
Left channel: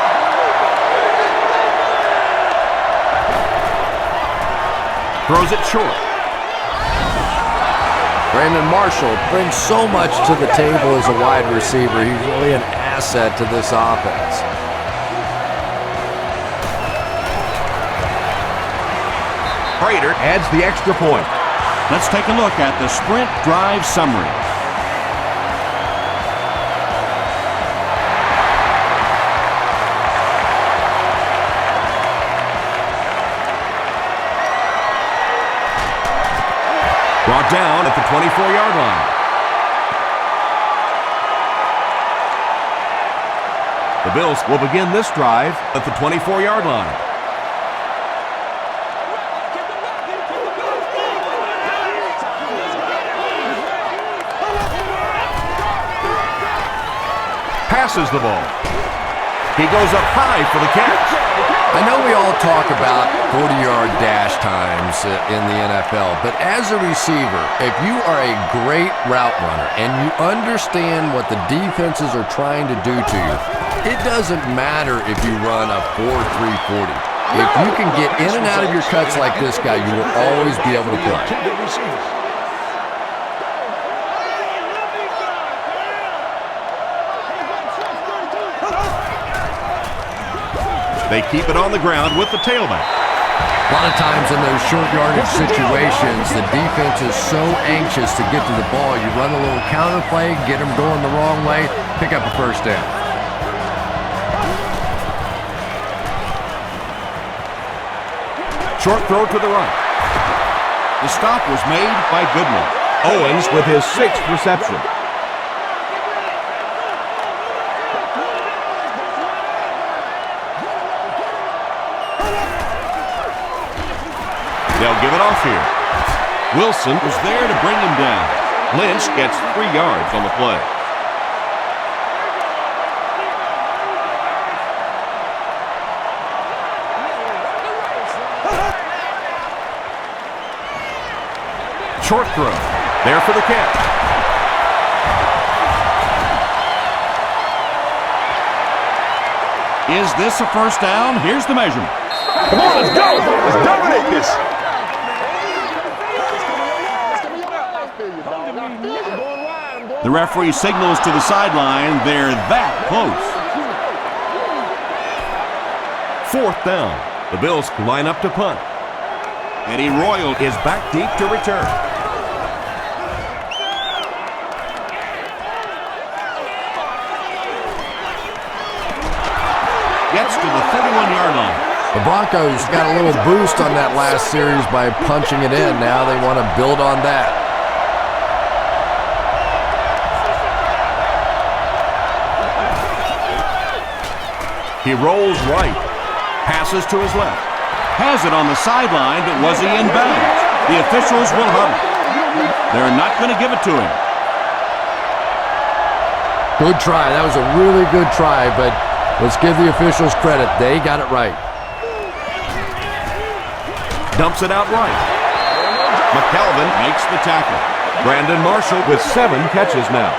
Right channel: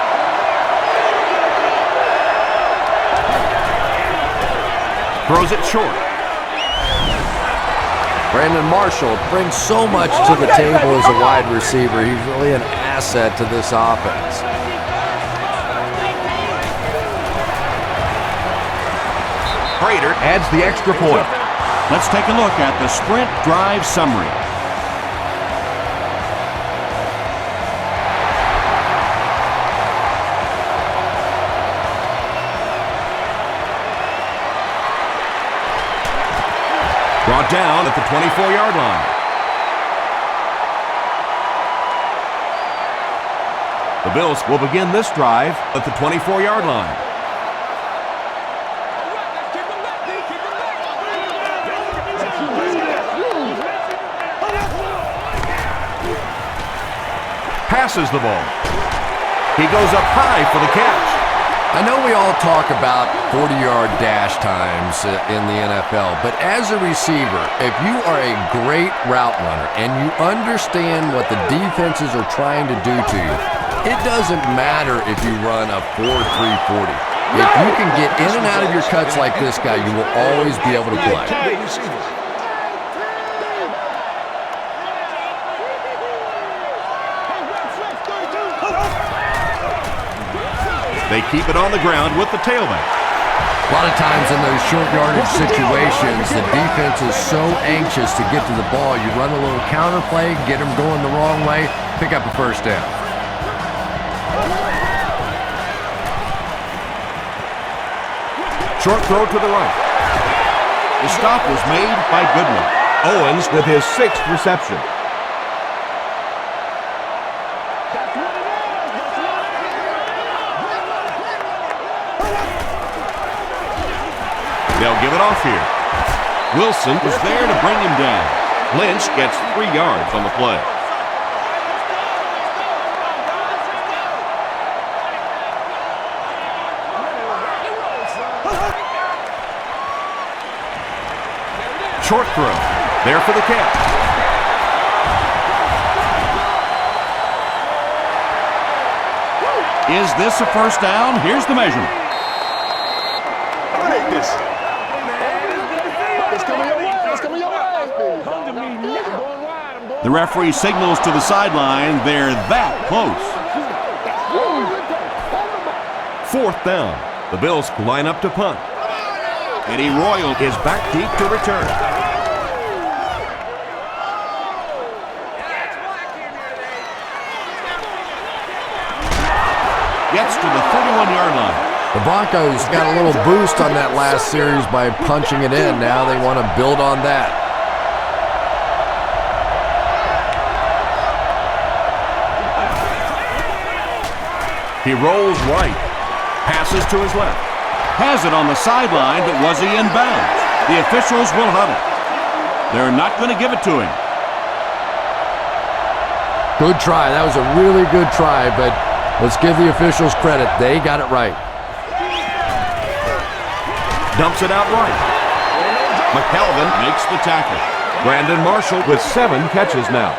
Throws it short. Brandon Marshall brings so much to the table as a wide receiver. He's really an asset to this offense. Prater adds the extra point. Let's take a look at the sprint drive summary. Brought down at the 24-yard line. The Bills will begin this drive at the 24-yard line. All right, let's kick them back, D. Kick them back. Passes the ball. He goes up high for the catch. I know we all talk about 40-yard dash times in the NFL, but as a receiver, if you are a great route runner and you understand what the defenses are trying to do to you, it doesn't matter if you run a 4.340. If you can get in and out of your cuts like this guy, you will always be able to play. They keep it on the ground with the tailback. A lot of times in those short yardage situations, the defense is so anxious to get to the ball. You run a little counter play, get them going the wrong way, pick up a first down. Short throw to the right. The stop was made by Goodman. Owens with his 6th reception. They'll give it off here. Wilson was there to bring him down. Lynch gets 3 yards on the play. Short throw. There for the catch. Is this a first down? Here's the measurement. Come on, let's go. Let's dominate this. The referee signals to the sideline. They're that close. 4th down. The Bills line up to punt. Eddie Royal Is back deep to return. gets to the 31-yard line. The Broncos got a little boost on that last series by punching it in. Now they want to build on that. He rolls right, passes to his left. Has it on the sideline, but was he in bounds? The officials will huddle. They're not going to give it to him. Good try. That was a really good try, but let's give the officials credit. They got it right. Dumps it out right. McKelvin Makes the tackle. Brandon Marshall with 7 catches now.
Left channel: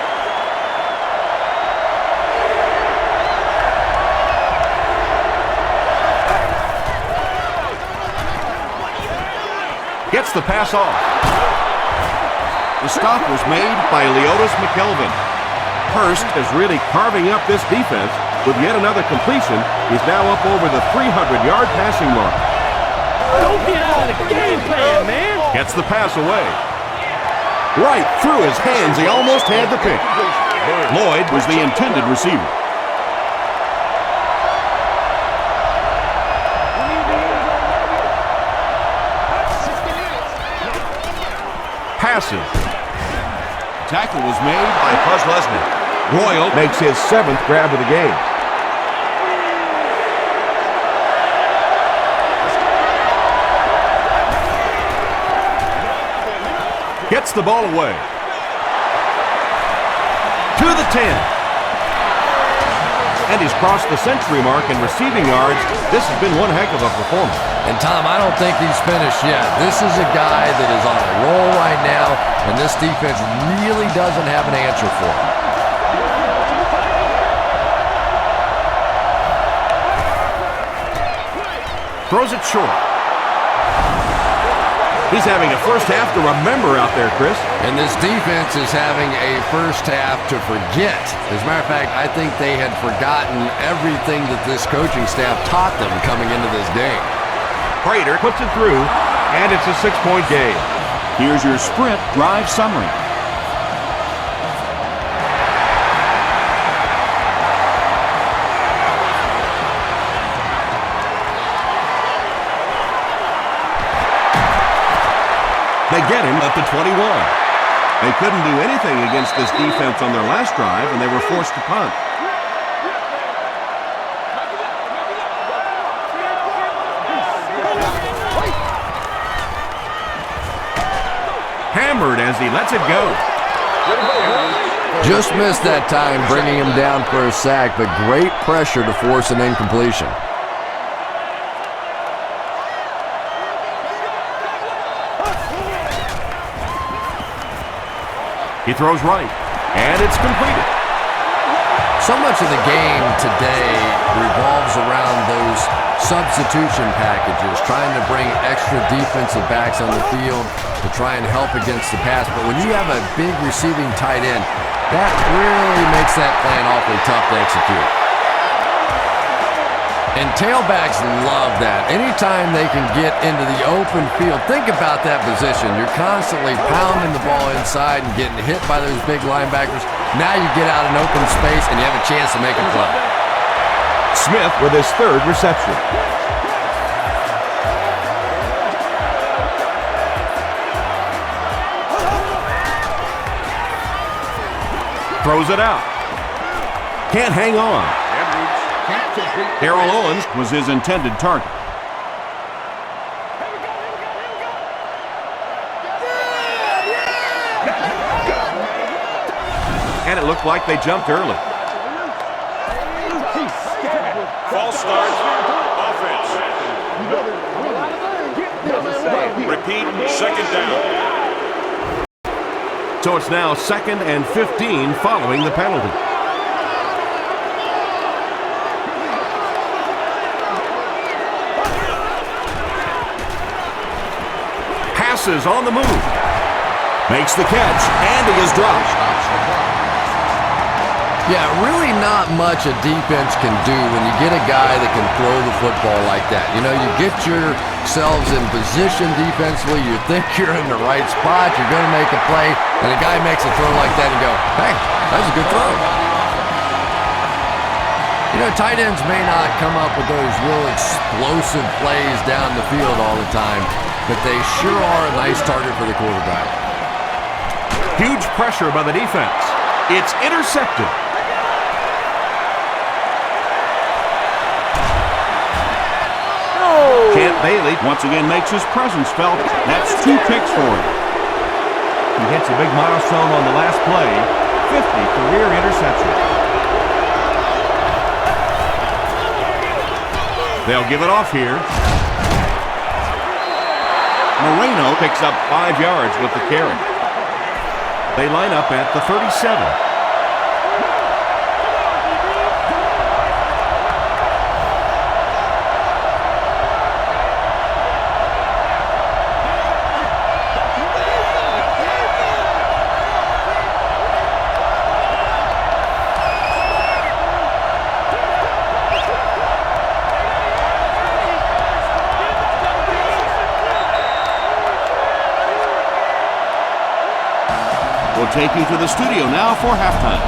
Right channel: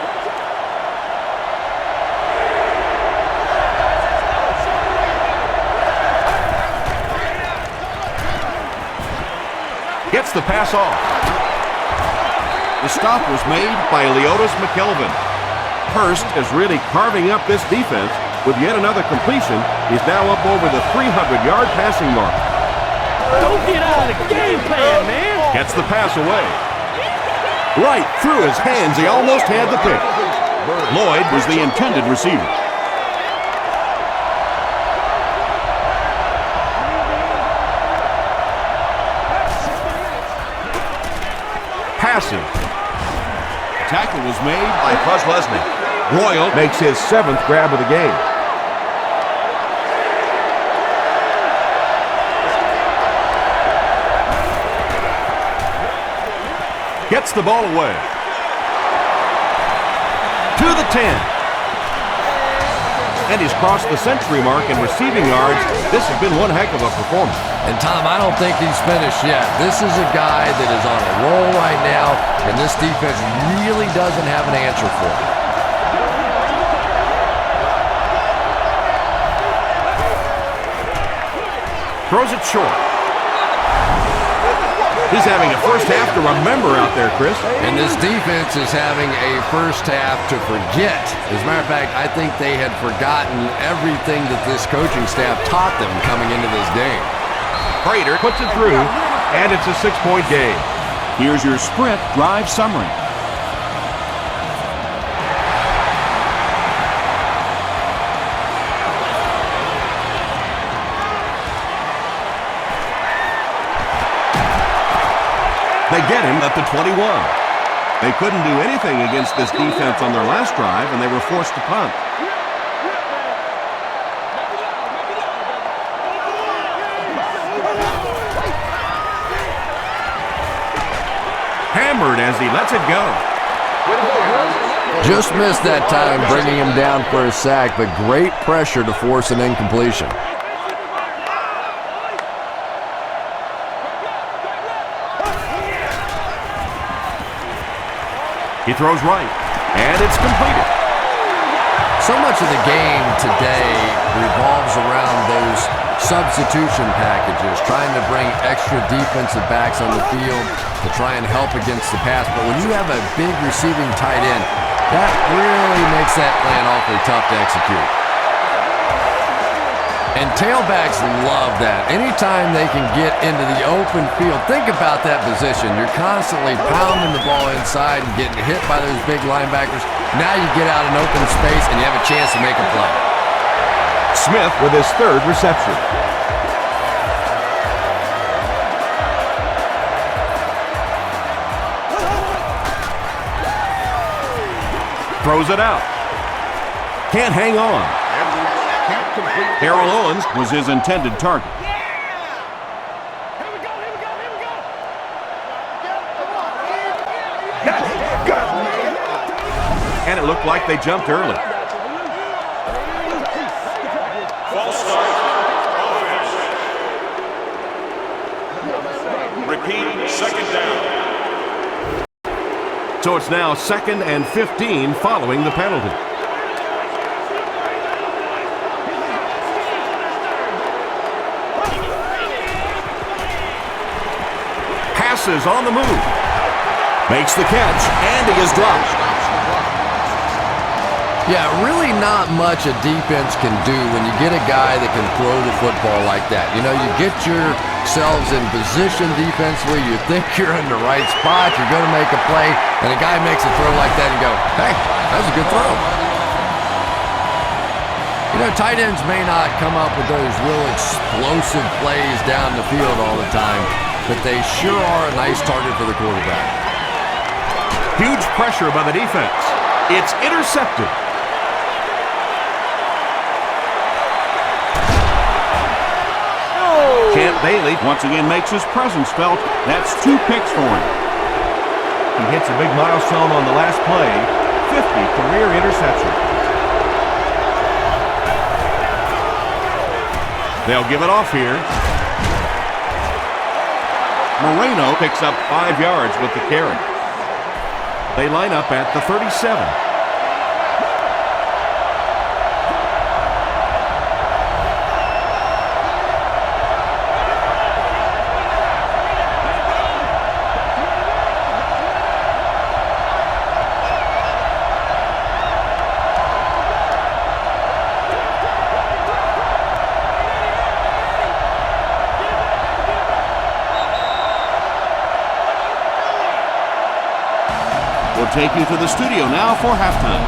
Gets the pass off. The stop was made by Leotis McKelvin. Hurst is really carving up this defense with yet another completion. He's now up over the 300-yard passing mark. Don't get out of the game plan, man. Gets the pass away. Right through his hands. He almost had the pick. Lloyd was the intended receiver. Passes. Tackle was made By Buzz Lesnick. Royal makes his 7th grab of the game. Gets the ball away. To the 10. And he's crossed the century mark in receiving yards. This has been one heck of a performance. And Tom, I don't think he's finished yet. This is a guy that is on a roll right now, and this defense really doesn't have an answer for him. Throws it short. He's having a first half to remember out there, Chris. And this defense is having a first half to forget. As a matter of fact, I think they had forgotten everything that this coaching staff taught them coming into this game. Prater puts it through, and it's a 6-point game. Here's your sprint drive summary. They get him at the 21. They couldn't do anything against this defense on their last drive, and they were forced to punt. Hammered as he lets it go. Just missed that time, bringing him down for a sack, but great pressure to force an incompletion. He throws right, and it's completed. So much of the game today revolves around those substitution packages, trying to bring extra defensive backs on the field to try and help against the pass. But when you have a big receiving tight end, that really makes that plan awfully tough to execute. And tailbacks love that. Anytime they can get into the open field, think about that position. You're constantly pounding the ball inside and getting hit by those big linebackers. Now you get out in open space and you have a chance to make a play. Smith with his third reception. Throws it out. Can't hang on. Harold Owens was his intended target. Here we go, here we go, here we go. And it looked like they jumped early. False start. Offense. Repeat, second down. So it's now 2nd and 15 following the penalty. Passes on the move. Makes the catch, and he is dropped. Yeah, really not much a defense can do when you get a guy that can throw the football like that. You know, you get yourselves in position defensively, you think you're in the right spot, you're going to make a play, and a guy makes a throw like that and you go, hey, that was a good throw. You know, tight ends may not come up with those real explosive plays down the field all the time, but they sure are a nice target for the quarterback. Huge pressure by the defense. It's intercepted. Champ Bailey once again makes his presence felt. That's 2 picks for him. He hits a big milestone on the last play, 50 career interceptions. They'll give it off here. Moreno picks up 5 yards with the carry. They line up at the 37. We'll take you to the studio now for halftime.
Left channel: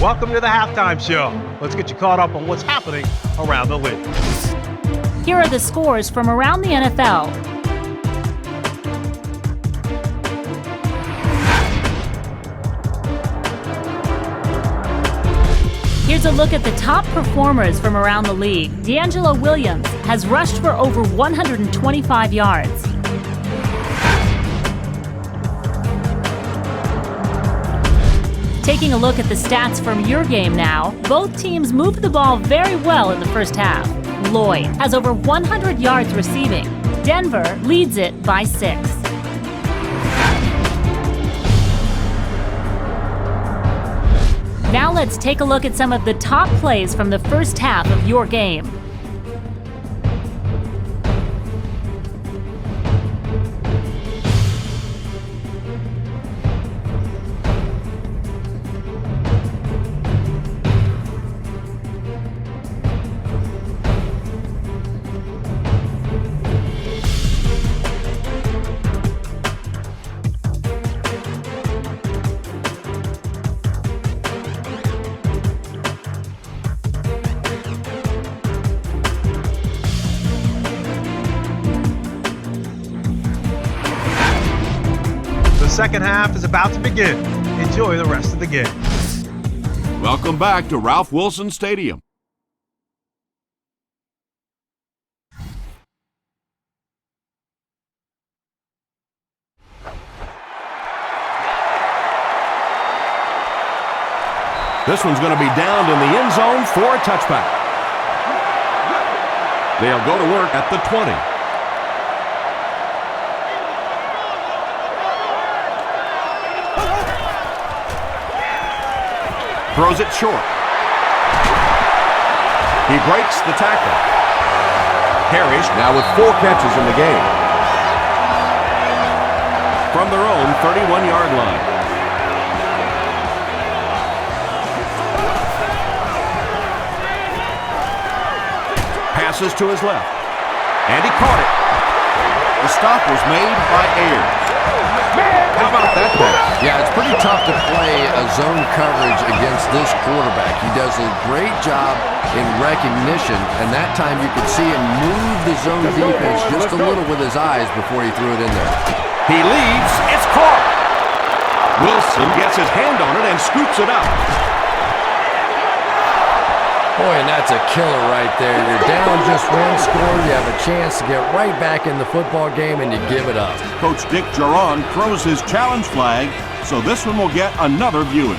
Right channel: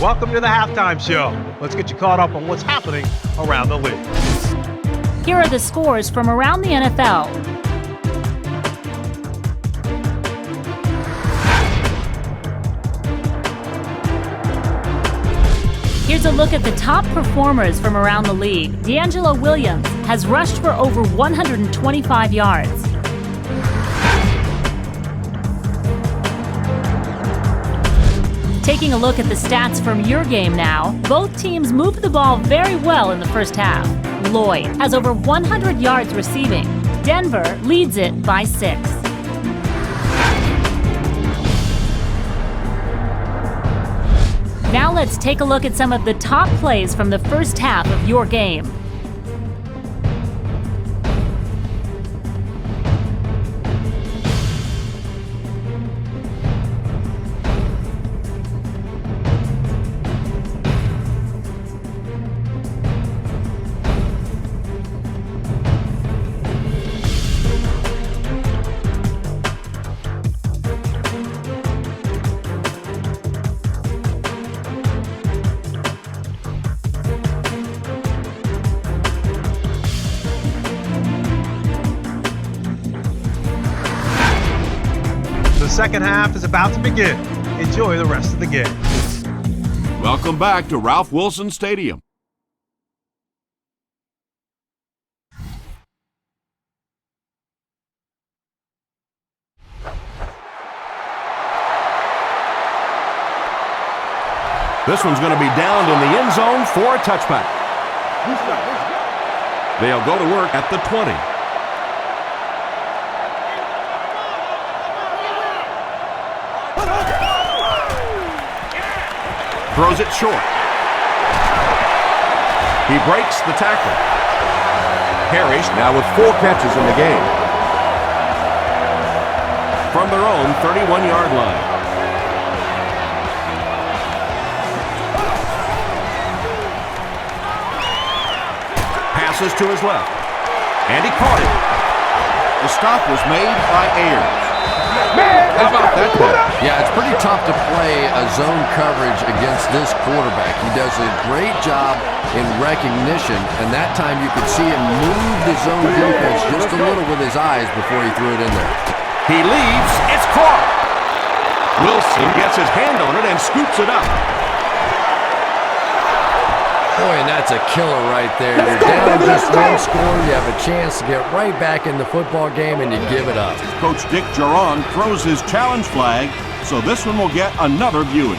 Welcome to the halftime show. Let's get you caught up on what's happening around the league. Here are the scores from around the NFL. Here's a look at the top performers from around the league. D'Angelo Williams has rushed for over 125 yards. Taking a look at the stats from your game now, both teams moved the ball very well in the first half. Lloyd has over 100 yards receiving. Denver leads it by 6. Now let's take a look at some of the top plays from the first half of your game. The second half is about to begin. Enjoy the rest of the game. Welcome back to Ralph Wilson Stadium. This one's going to be downed in the end zone for a touchback. They'll go to work at the 20. Throws it short. He breaks the tackle. Harris now with 4 catches in the game. From their own 31-yard line. Passes to his left. And he caught it. The stop was made by Ayers. How about that pass? Yeah, it's pretty tough to play a zone coverage against this quarterback. He does a great job in recognition, and that time you could see him move the zone defense just a little with his eyes before he threw it in there. He leaves. It's caught. Wilson gets his hand on it and scoops it up. Boy, and that's a killer right there. You're down just 1 score. You have a chance to get right back in the football game, and you give it up. Coach Dick Geron throws his challenge flag, so this one will get another viewing.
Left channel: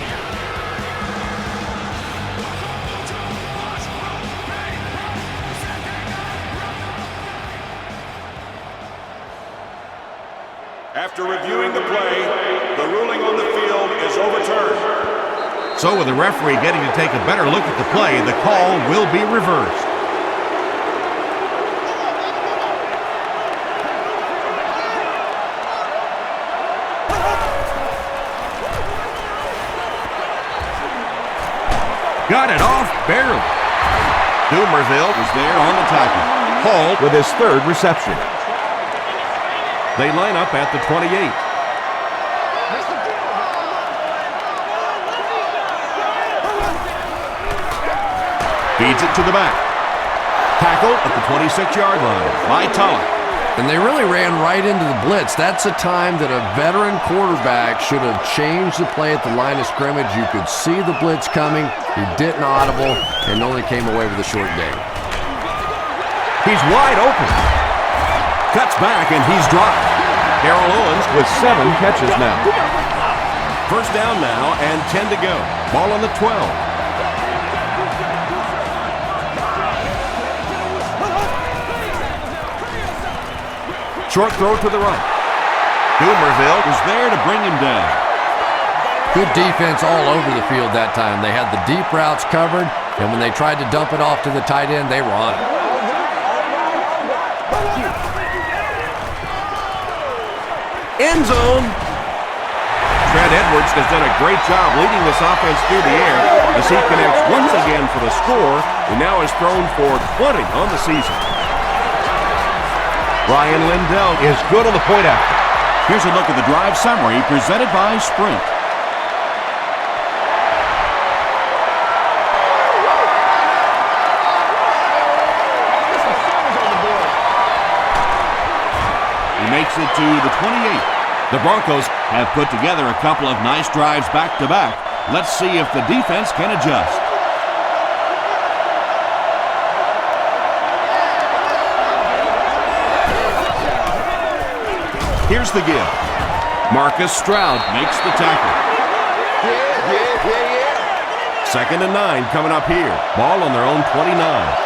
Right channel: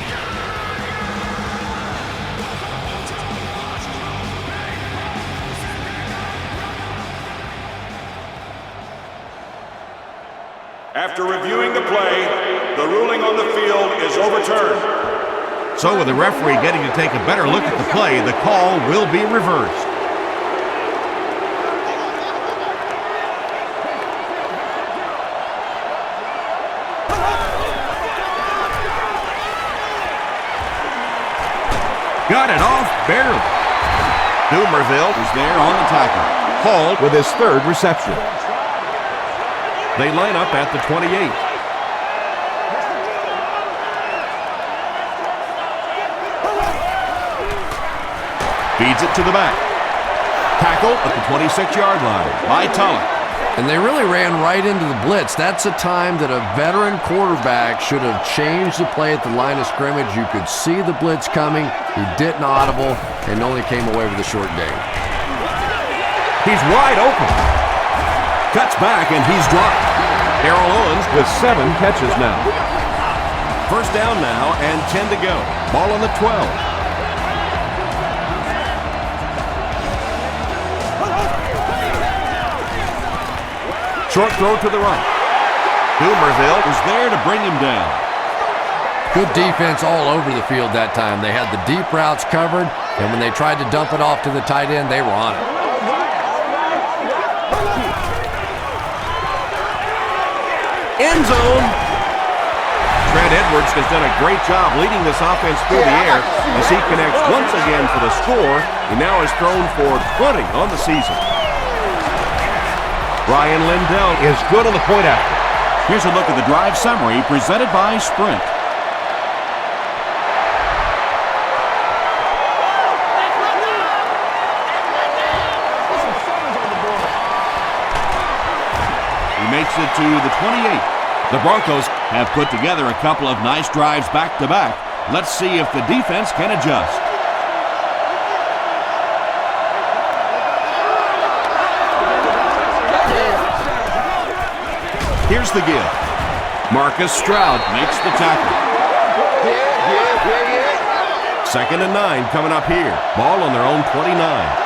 After reviewing the play, the ruling on the field is overturned. So with the referee getting to take a better look at the play, the call will be reversed. Got it off barely. Dumerville Was there on the tackle. Hall with his 3rd reception. They line up at the 28. Feeds it to the back. Tackle at the 26-yard line by Tulloch. And they really ran right into the blitz. That's a time that a veteran quarterback should have changed the play at the line of scrimmage. You could see the blitz coming. He didn't audible and only came away with a short gain. He's wide open. Cuts back and he's dropped. Darrell Owens with 7 catches now. First down now and 10 to go. Ball on the 12. Short throw to the right. Dumerville Was there to bring him down. Good defense all over the field that time. They had the deep routes covered, and when they tried to dump it off to the tight end, they were on it. End zone. Trent Edwards has done a great job leading this offense through the air as he connects once again for the score. He now has thrown for 20 on the season. Ryan Lindell is good on the point after. Here's a look at the drive summary presented by Sprint. He makes it to the 28. The Broncos have put together a couple of nice drives back-to-back. Let's see if the defense can adjust. Here's the give. Marcus Stroud makes the tackle. Second and 9 coming up here. Ball on their own 29.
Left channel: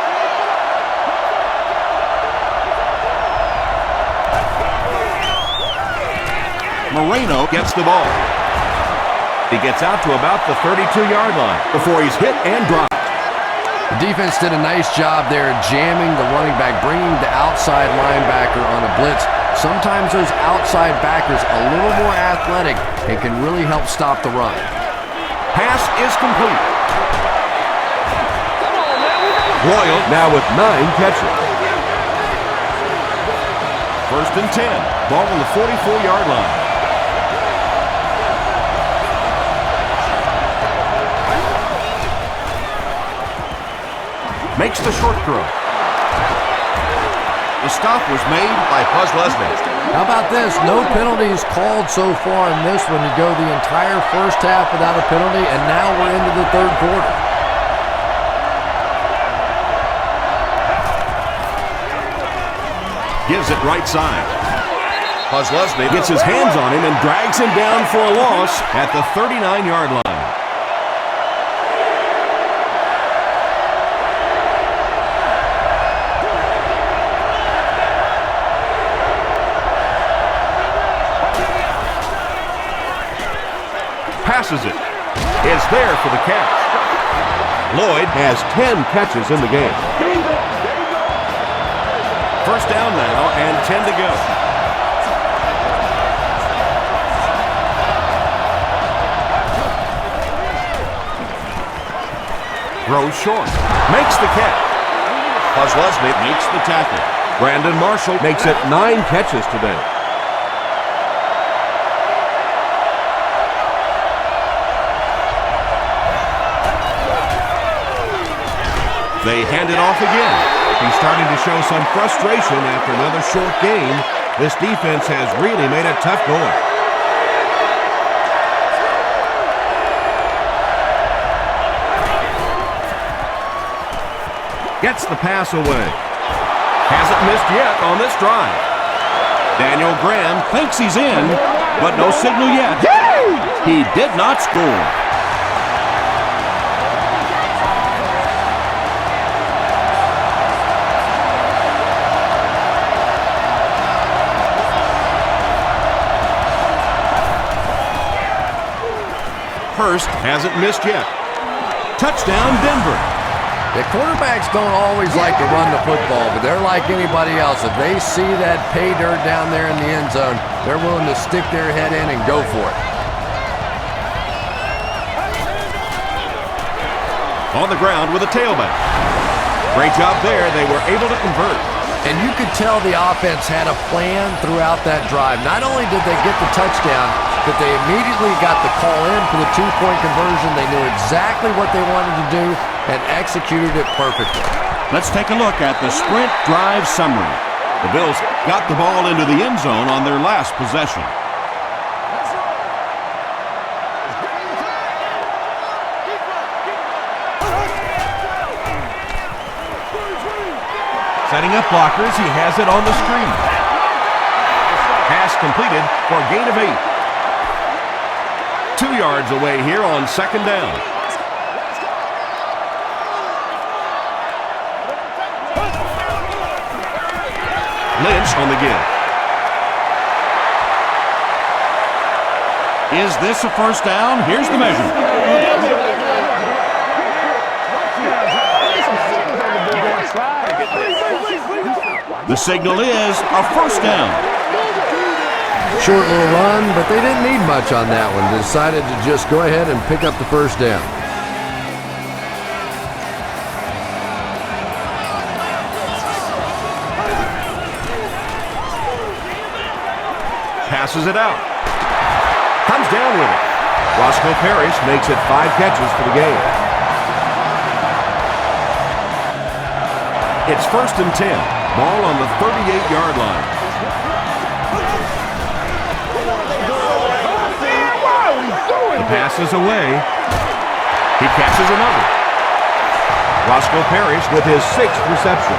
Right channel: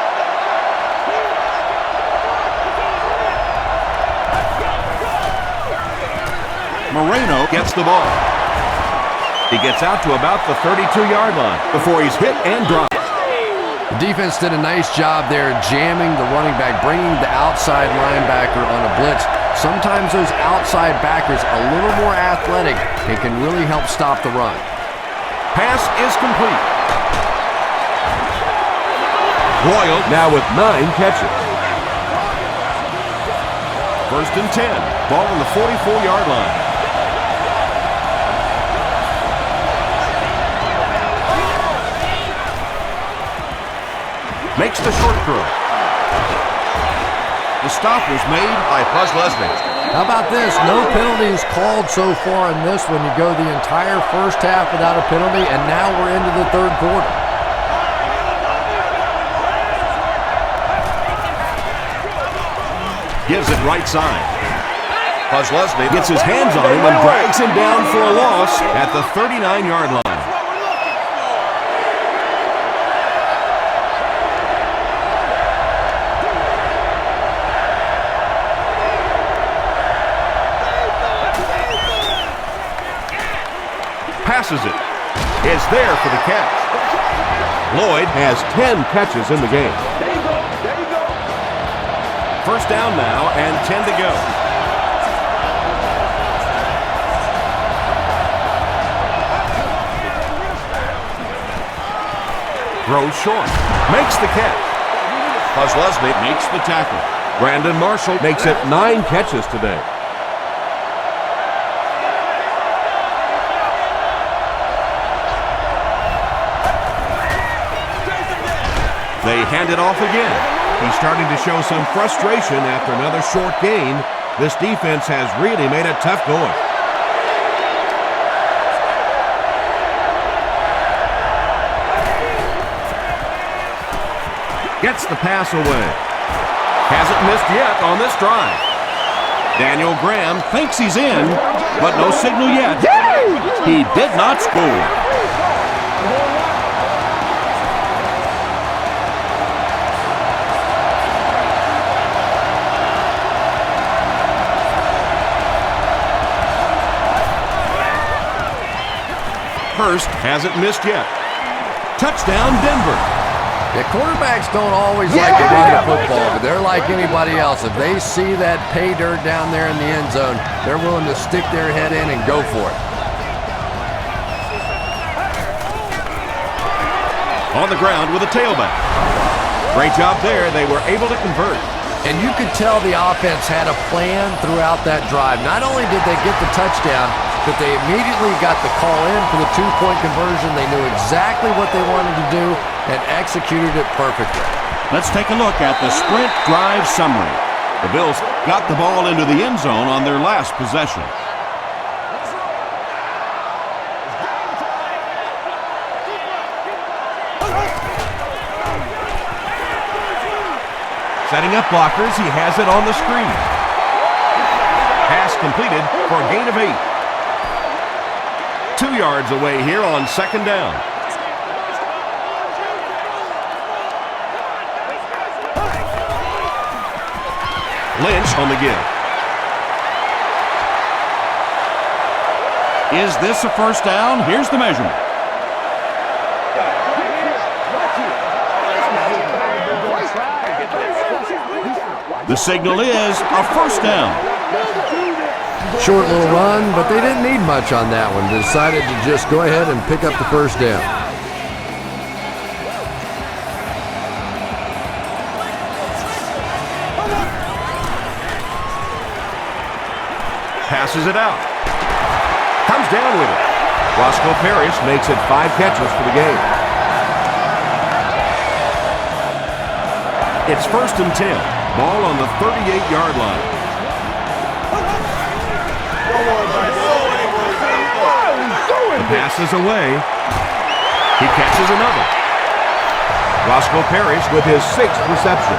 Moreno gets the ball. He He gets out to about the 32-yard line before he's hit and dropped. The defense did a nice job there jamming the running back, bringing the outside linebacker on a blitz. Sometimes those outside backers a little more athletic and can really help stop the run. Pass is complete. Royal now with 9 catches. First and 10. Ball on the 44-yard line. Makes the short throw. The stop was made by Buzz Leslie. How about this? No penalties called so far in this one. You go the entire first half without a penalty, and now we're into the third quarter. Gives it right side. Buzz Leslie Gets his hands on him and drags him down for a loss at the 39-yard line. Passes it. Is there for the catch. Lloyd has 10 catches in the game. First down now and 10 to go. Throws short. Makes the catch. Buzz Leslie makes the tackle. Brandon Marshall makes it 9 catches today. They hand it off again. He's starting to show some frustration after another short gain. This defense has really made it tough going. Gets the pass away. Hasn't missed yet on this drive. Daniel Graham thinks he's in, but no signal yet. He did not score. Hurst hasn't missed yet. Touchdown, Denver. Yeah, quarterbacks don't always like to run the football, but they're like anybody else. If they see that pay dirt down there in the end zone, they're willing to stick their head in and go for it. On the ground with a tailback. Great job there. They were able to convert. And you could tell the offense had a plan throughout that drive. Not only did they get the touchdown, but they immediately got the call in for the two-point conversion. They knew exactly what they wanted to do and executed it perfectly. Let's take a look at the sprint drive summary. The Bills got the ball into the end zone on their last possession. Let's roll. It's game time. Keep right. Setting up blockers, he has it on the screen. Pass completed for a gain of 8. 2 yards away here on second down. Lynch on the give. Is this a first down? Here's the measurement. The signal is a first down. Short little run, but they didn't need much on that one. They decided to just go ahead and pick up the first down. Passes it out. Comes down with it. Roscoe Parrish makes it 5 catches for the game. It's first and 10. Ball on the 38-yard line. The pass is away. He catches another. Roscoe Parrish with his 6th reception.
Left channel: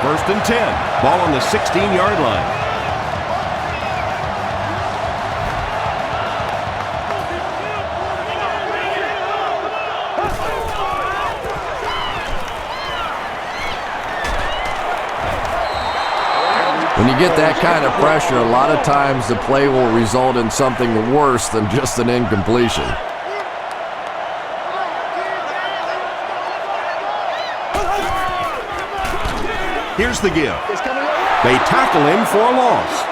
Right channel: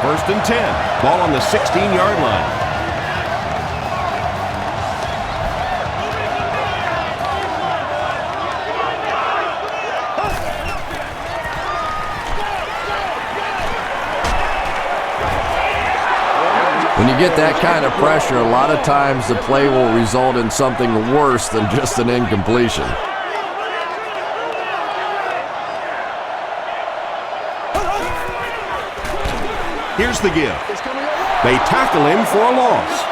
First and 10. Ball on the 16-yard line. When you get that kind of pressure, a lot of times the play will result in something worse than just an incompletion. Here's the give. They tackle him for a loss.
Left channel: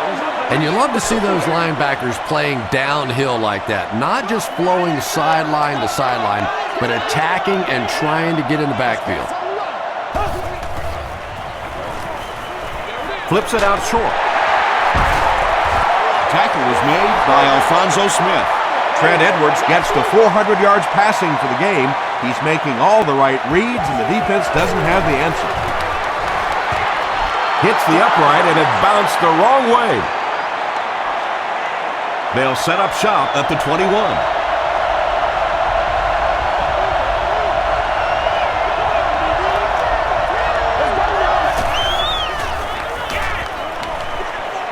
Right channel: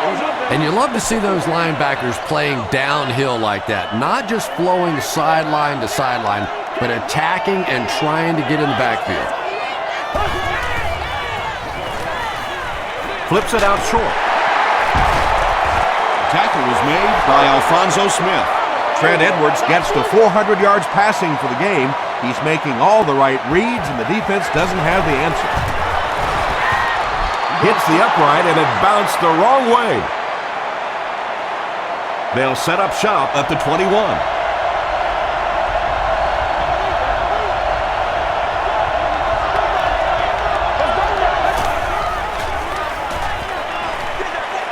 And you love to see those linebackers playing downhill like that, not just flowing sideline to sideline, but attacking and trying to get in the backfield. Flips it out short. Tackle was made by Alfonso Smith. Trent Edwards gets to 400 yards passing for the game. He's making all the right reads, and the defense doesn't have the answer. Hits the upright, and it bounced the wrong way. They'll set up shop at the 21.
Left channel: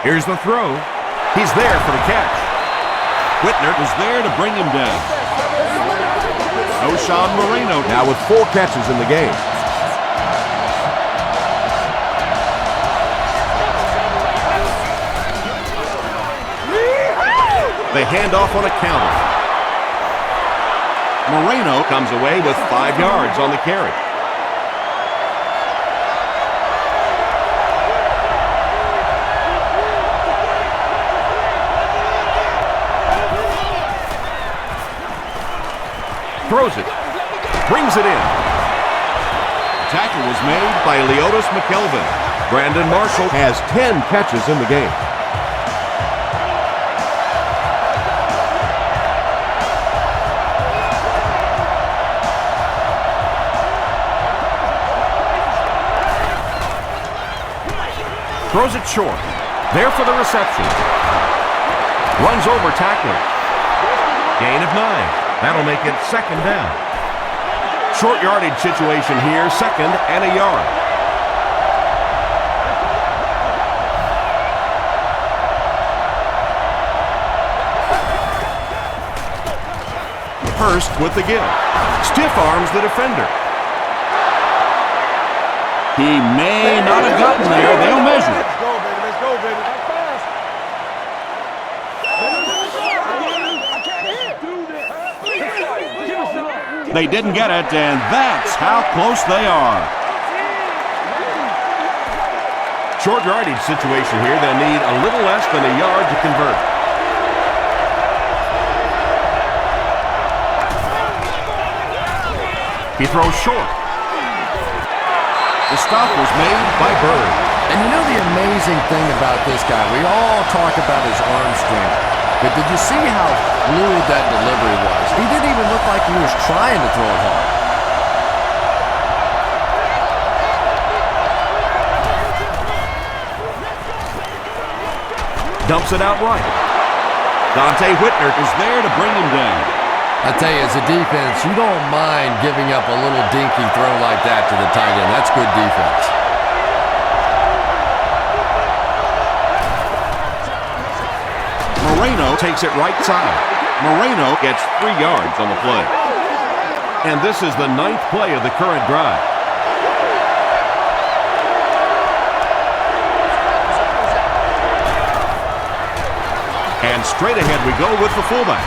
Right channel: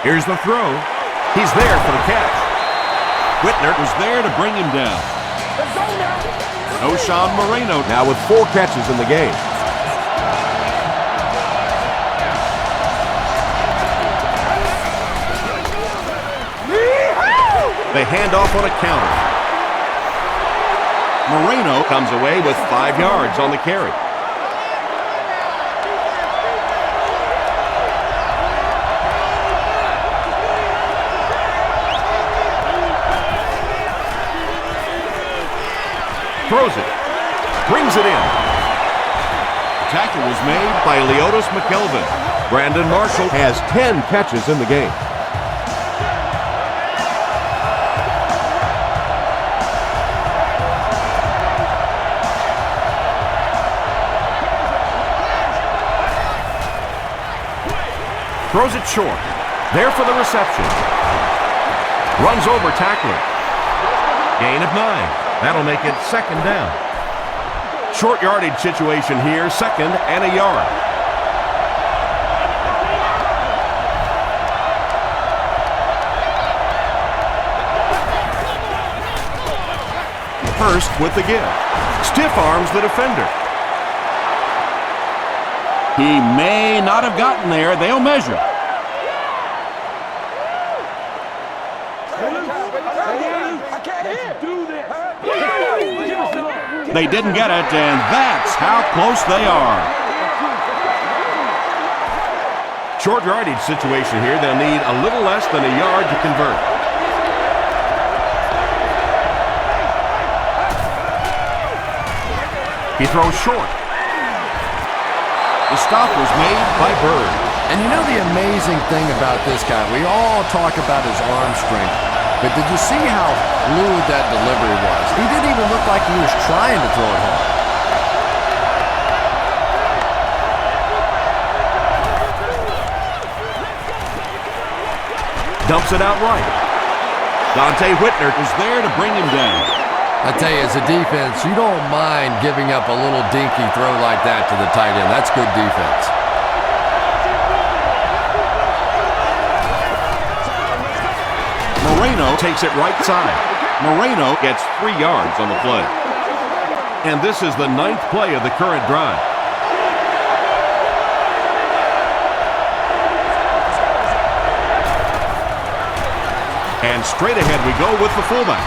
Here's the throw. He's there for the catch. Whitner was there to bring him down. O'Shawn Moreno Now with 4 catches in the game. They hand off on a counter. Moreno comes away with 5 yards on the carry. Throws it. Brings it in. tackle was made by Leotis McKelvin. Brandon Marshall has 10 catches in the game. Throws it short. There for the reception. Runs over tackler. Gain of 9. That'll make it 2nd down. Short yardage situation here, 2nd and a yard. Hurst with the give. Stiff arms the defender. He may not have gotten there. They'll measure. They didn't get it, and that's how close they are. Short yardage situation here. They'll need a little less than a yard to convert. He throws short. The stop was made by Bird. And you know the amazing thing about this guy, we all talk about his arm strength, but did you see how fluid that delivery was? He didn't even look like he was trying to throw it hard. Dumps it out right. Dante Whitner was there to bring him down. I tell you, as a defense, you don't mind giving up a little dinky throw like that to the tight end. That's good defense. Moreno takes it right side. Moreno gets 3 yards on the play. And this is the 9th play of the current drive. And straight ahead we go with the fullback.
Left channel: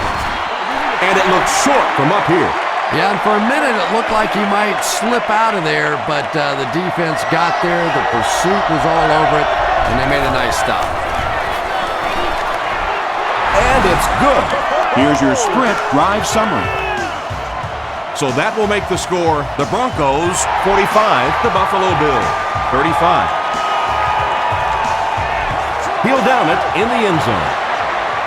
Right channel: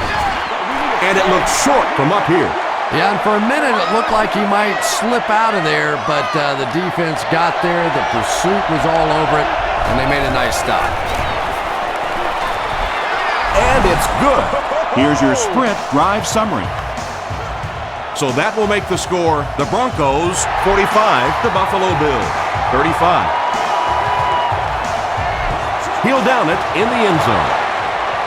And it looks short from up here. Yeah, and for a minute it looked like he might slip out of there, but the defense got there, the pursuit was all over it, and they made a nice stop. And it's good. Here's your sprint drive summary. So that will make the score the Broncos 45, the Buffalo Bills 35. He'll down it in the end zone.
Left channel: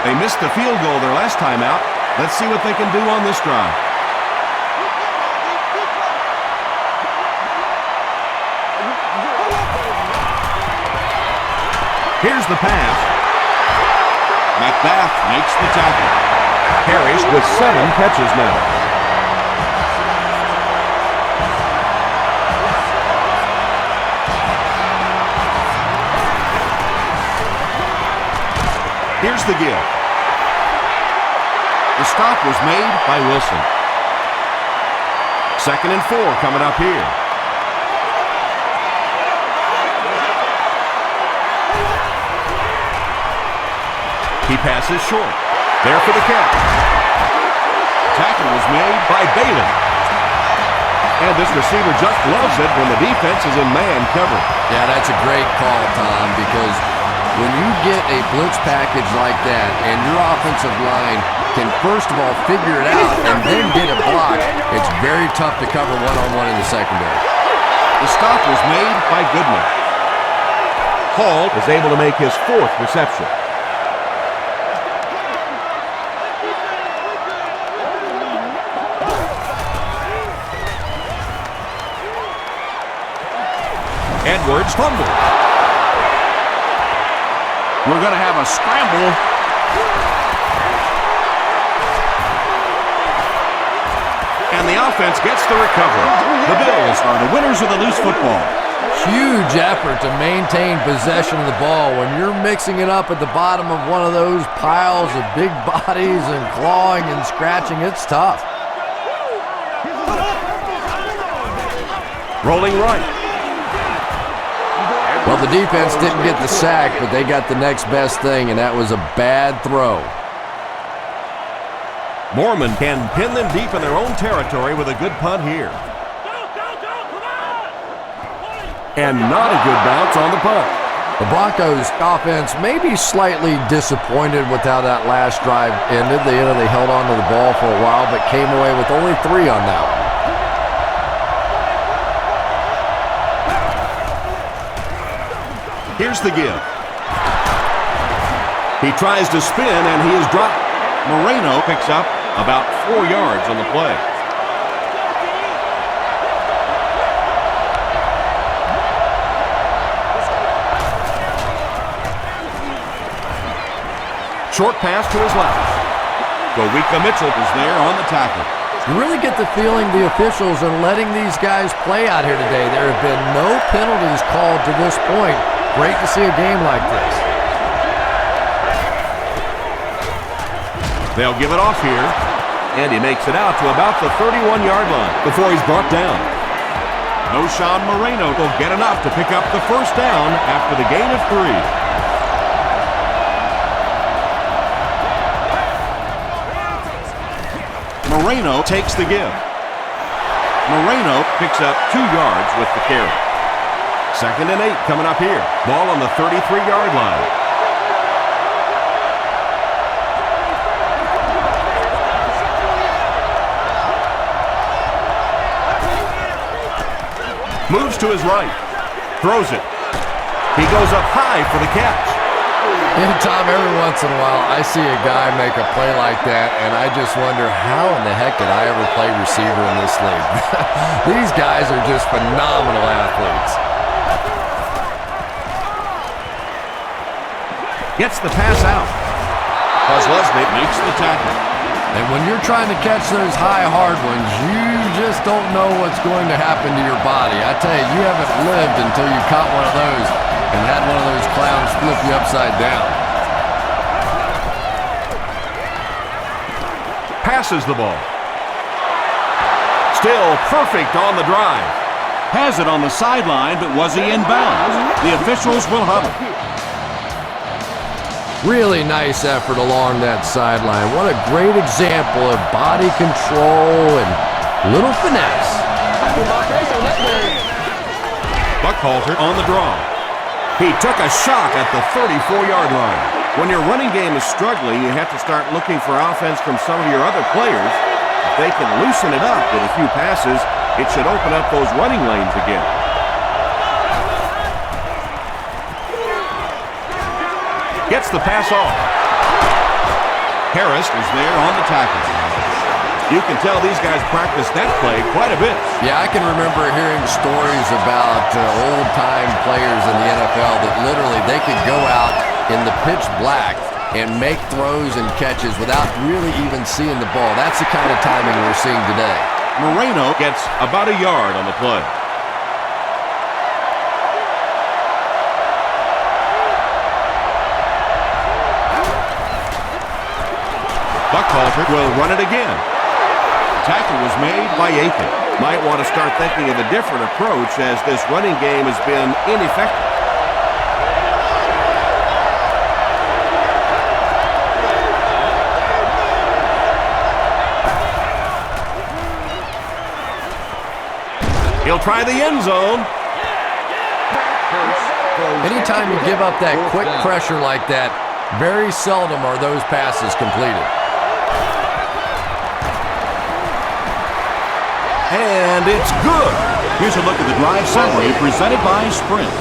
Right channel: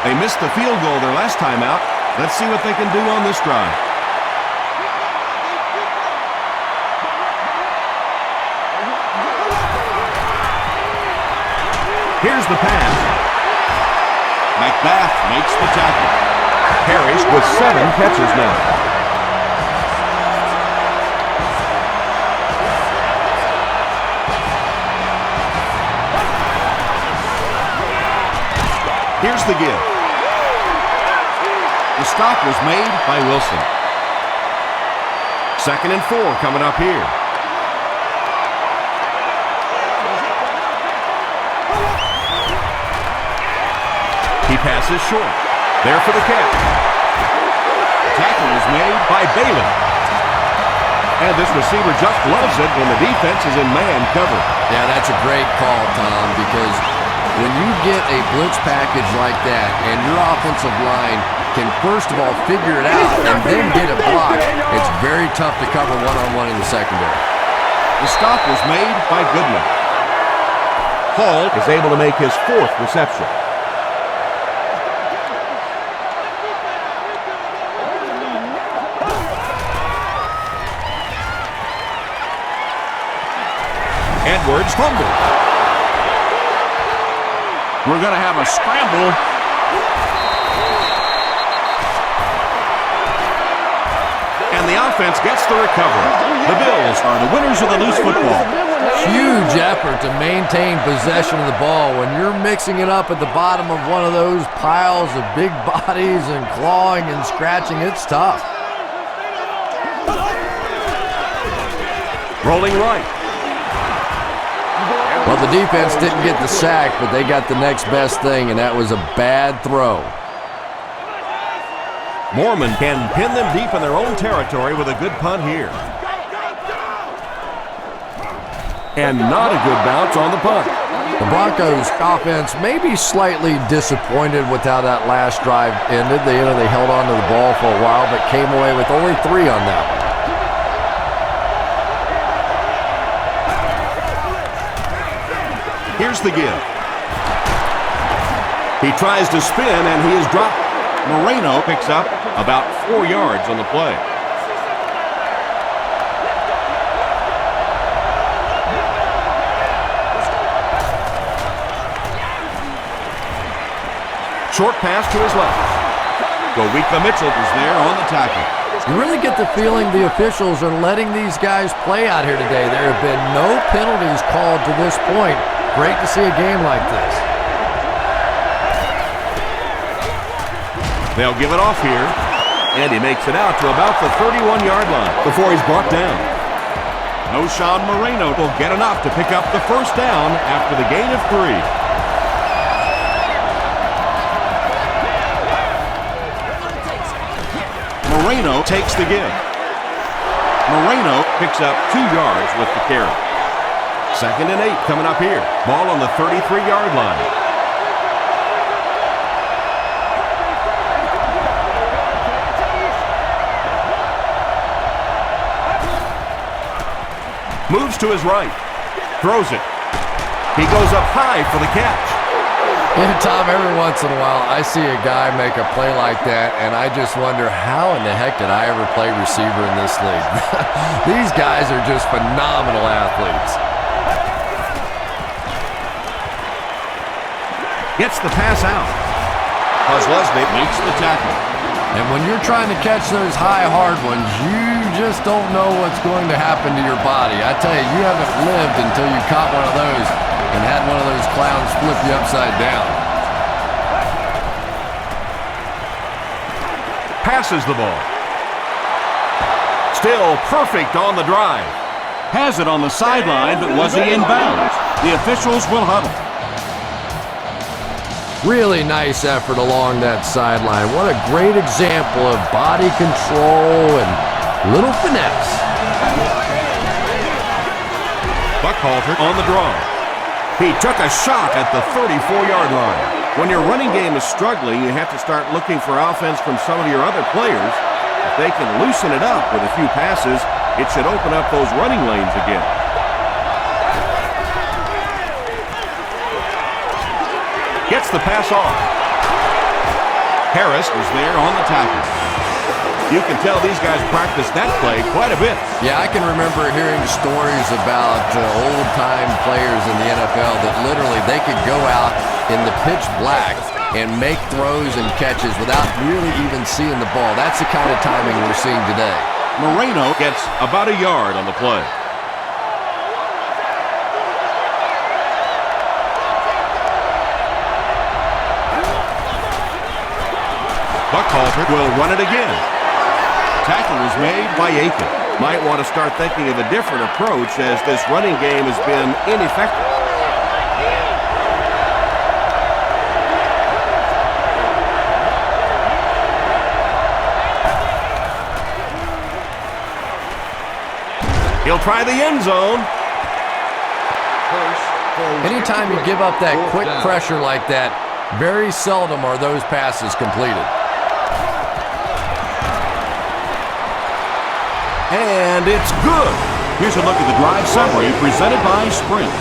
They missed the field goal their last time out. Let's see what they can do on this drive. Here's the pass. McBath makes the tackle. Harris with 7 catches now. Here's the give. The stop was made by Wilson. 2nd and 4 coming up here. He passes short. There for the catch. Tackle was made By Bailey. And this receiver just loves it when the defense is in man cover. Yeah, that's a great call, Tom, because when you get a blitz package like that and your offensive line can first of all figure it out and then get a block, it's very tough to cover one-on-one in the secondary. The stop was made by Goodman. Hall is able to make his 4th reception. Edwards fumbled. We're going to have a scramble. And the offense gets the recovery. The Bills are the winners of the loose football. Huge effort to maintain possession of the ball. When you're mixing it up at the bottom of one of those piles of big bodies and clawing and scratching, it's tough. Rolling right. Well, the defense didn't get the sack, but they got the next best thing, and that was a bad throw. Mormon can pin them deep in their own territory with a good punt here. And not a good bounce on the punt. The Broncos offense may be slightly disappointed with how that last drive ended. They held on to the ball for a while, but came away with only 3 on that one. Here's the give. He tries to spin, and he is dropped. Moreno picks up about 4 yards on the play. Short pass to his left. Gowika Mitchell is there on the tackle. You really get the feeling the officials are letting these guys play out here today. There have been no penalties called to this point. Great to see a game like this. They'll give it off here. And he makes it out to about the 31-yard line before he's brought down. Noshawn Moreno will get enough to pick up the first down after the gain of 3. Moreno takes the give. Moreno picks up 2 yards with the carry. 2nd and 8 coming up here. Ball on the 33-yard line. Moves to his right. Throws it. He goes up high for the catch. Yeah, Tom, every once in a while I see a guy make a play like that, and I just wonder how in the heck did I ever play receiver in this league? These guys are just phenomenal athletes. Gets the pass out. Kozlesny makes the tackle. And when you're trying to catch those high, hard ones, you just don't know what's going to happen to your body. I tell you, you haven't lived until you caught one of those and had one of those clowns flip you upside down. Passes the ball. Still perfect on the drive. Has it on the sideline, but was he in bounds? The officials will huddle. Really nice effort along that sideline. What a great example of body control and little finesse. Buckhalter on the draw. He took a shot at the 34-yard line. When your running game is struggling, you have to start looking for offense from some of your other players. If they can loosen it up with a few passes, it should open up those running lanes again. Gets the pass off. Harris is there on the tackle. You can tell these guys practice that play quite a bit. Yeah, I can remember hearing stories about old-time players in the NFL that literally they could go out in the pitch black and make throws and catches without really even seeing the ball. That's the kind of timing we're seeing today. Moreno gets about a yard on the play. Buckhalter will run it again. Tackle was made by Aiken. Might want to start thinking of a different approach as this running game has been ineffective. He'll try the end zone. Anytime you give up that quick pressure like that, very seldom are those passes completed. And it's good. Here's a look at the drive summary presented by Sprint.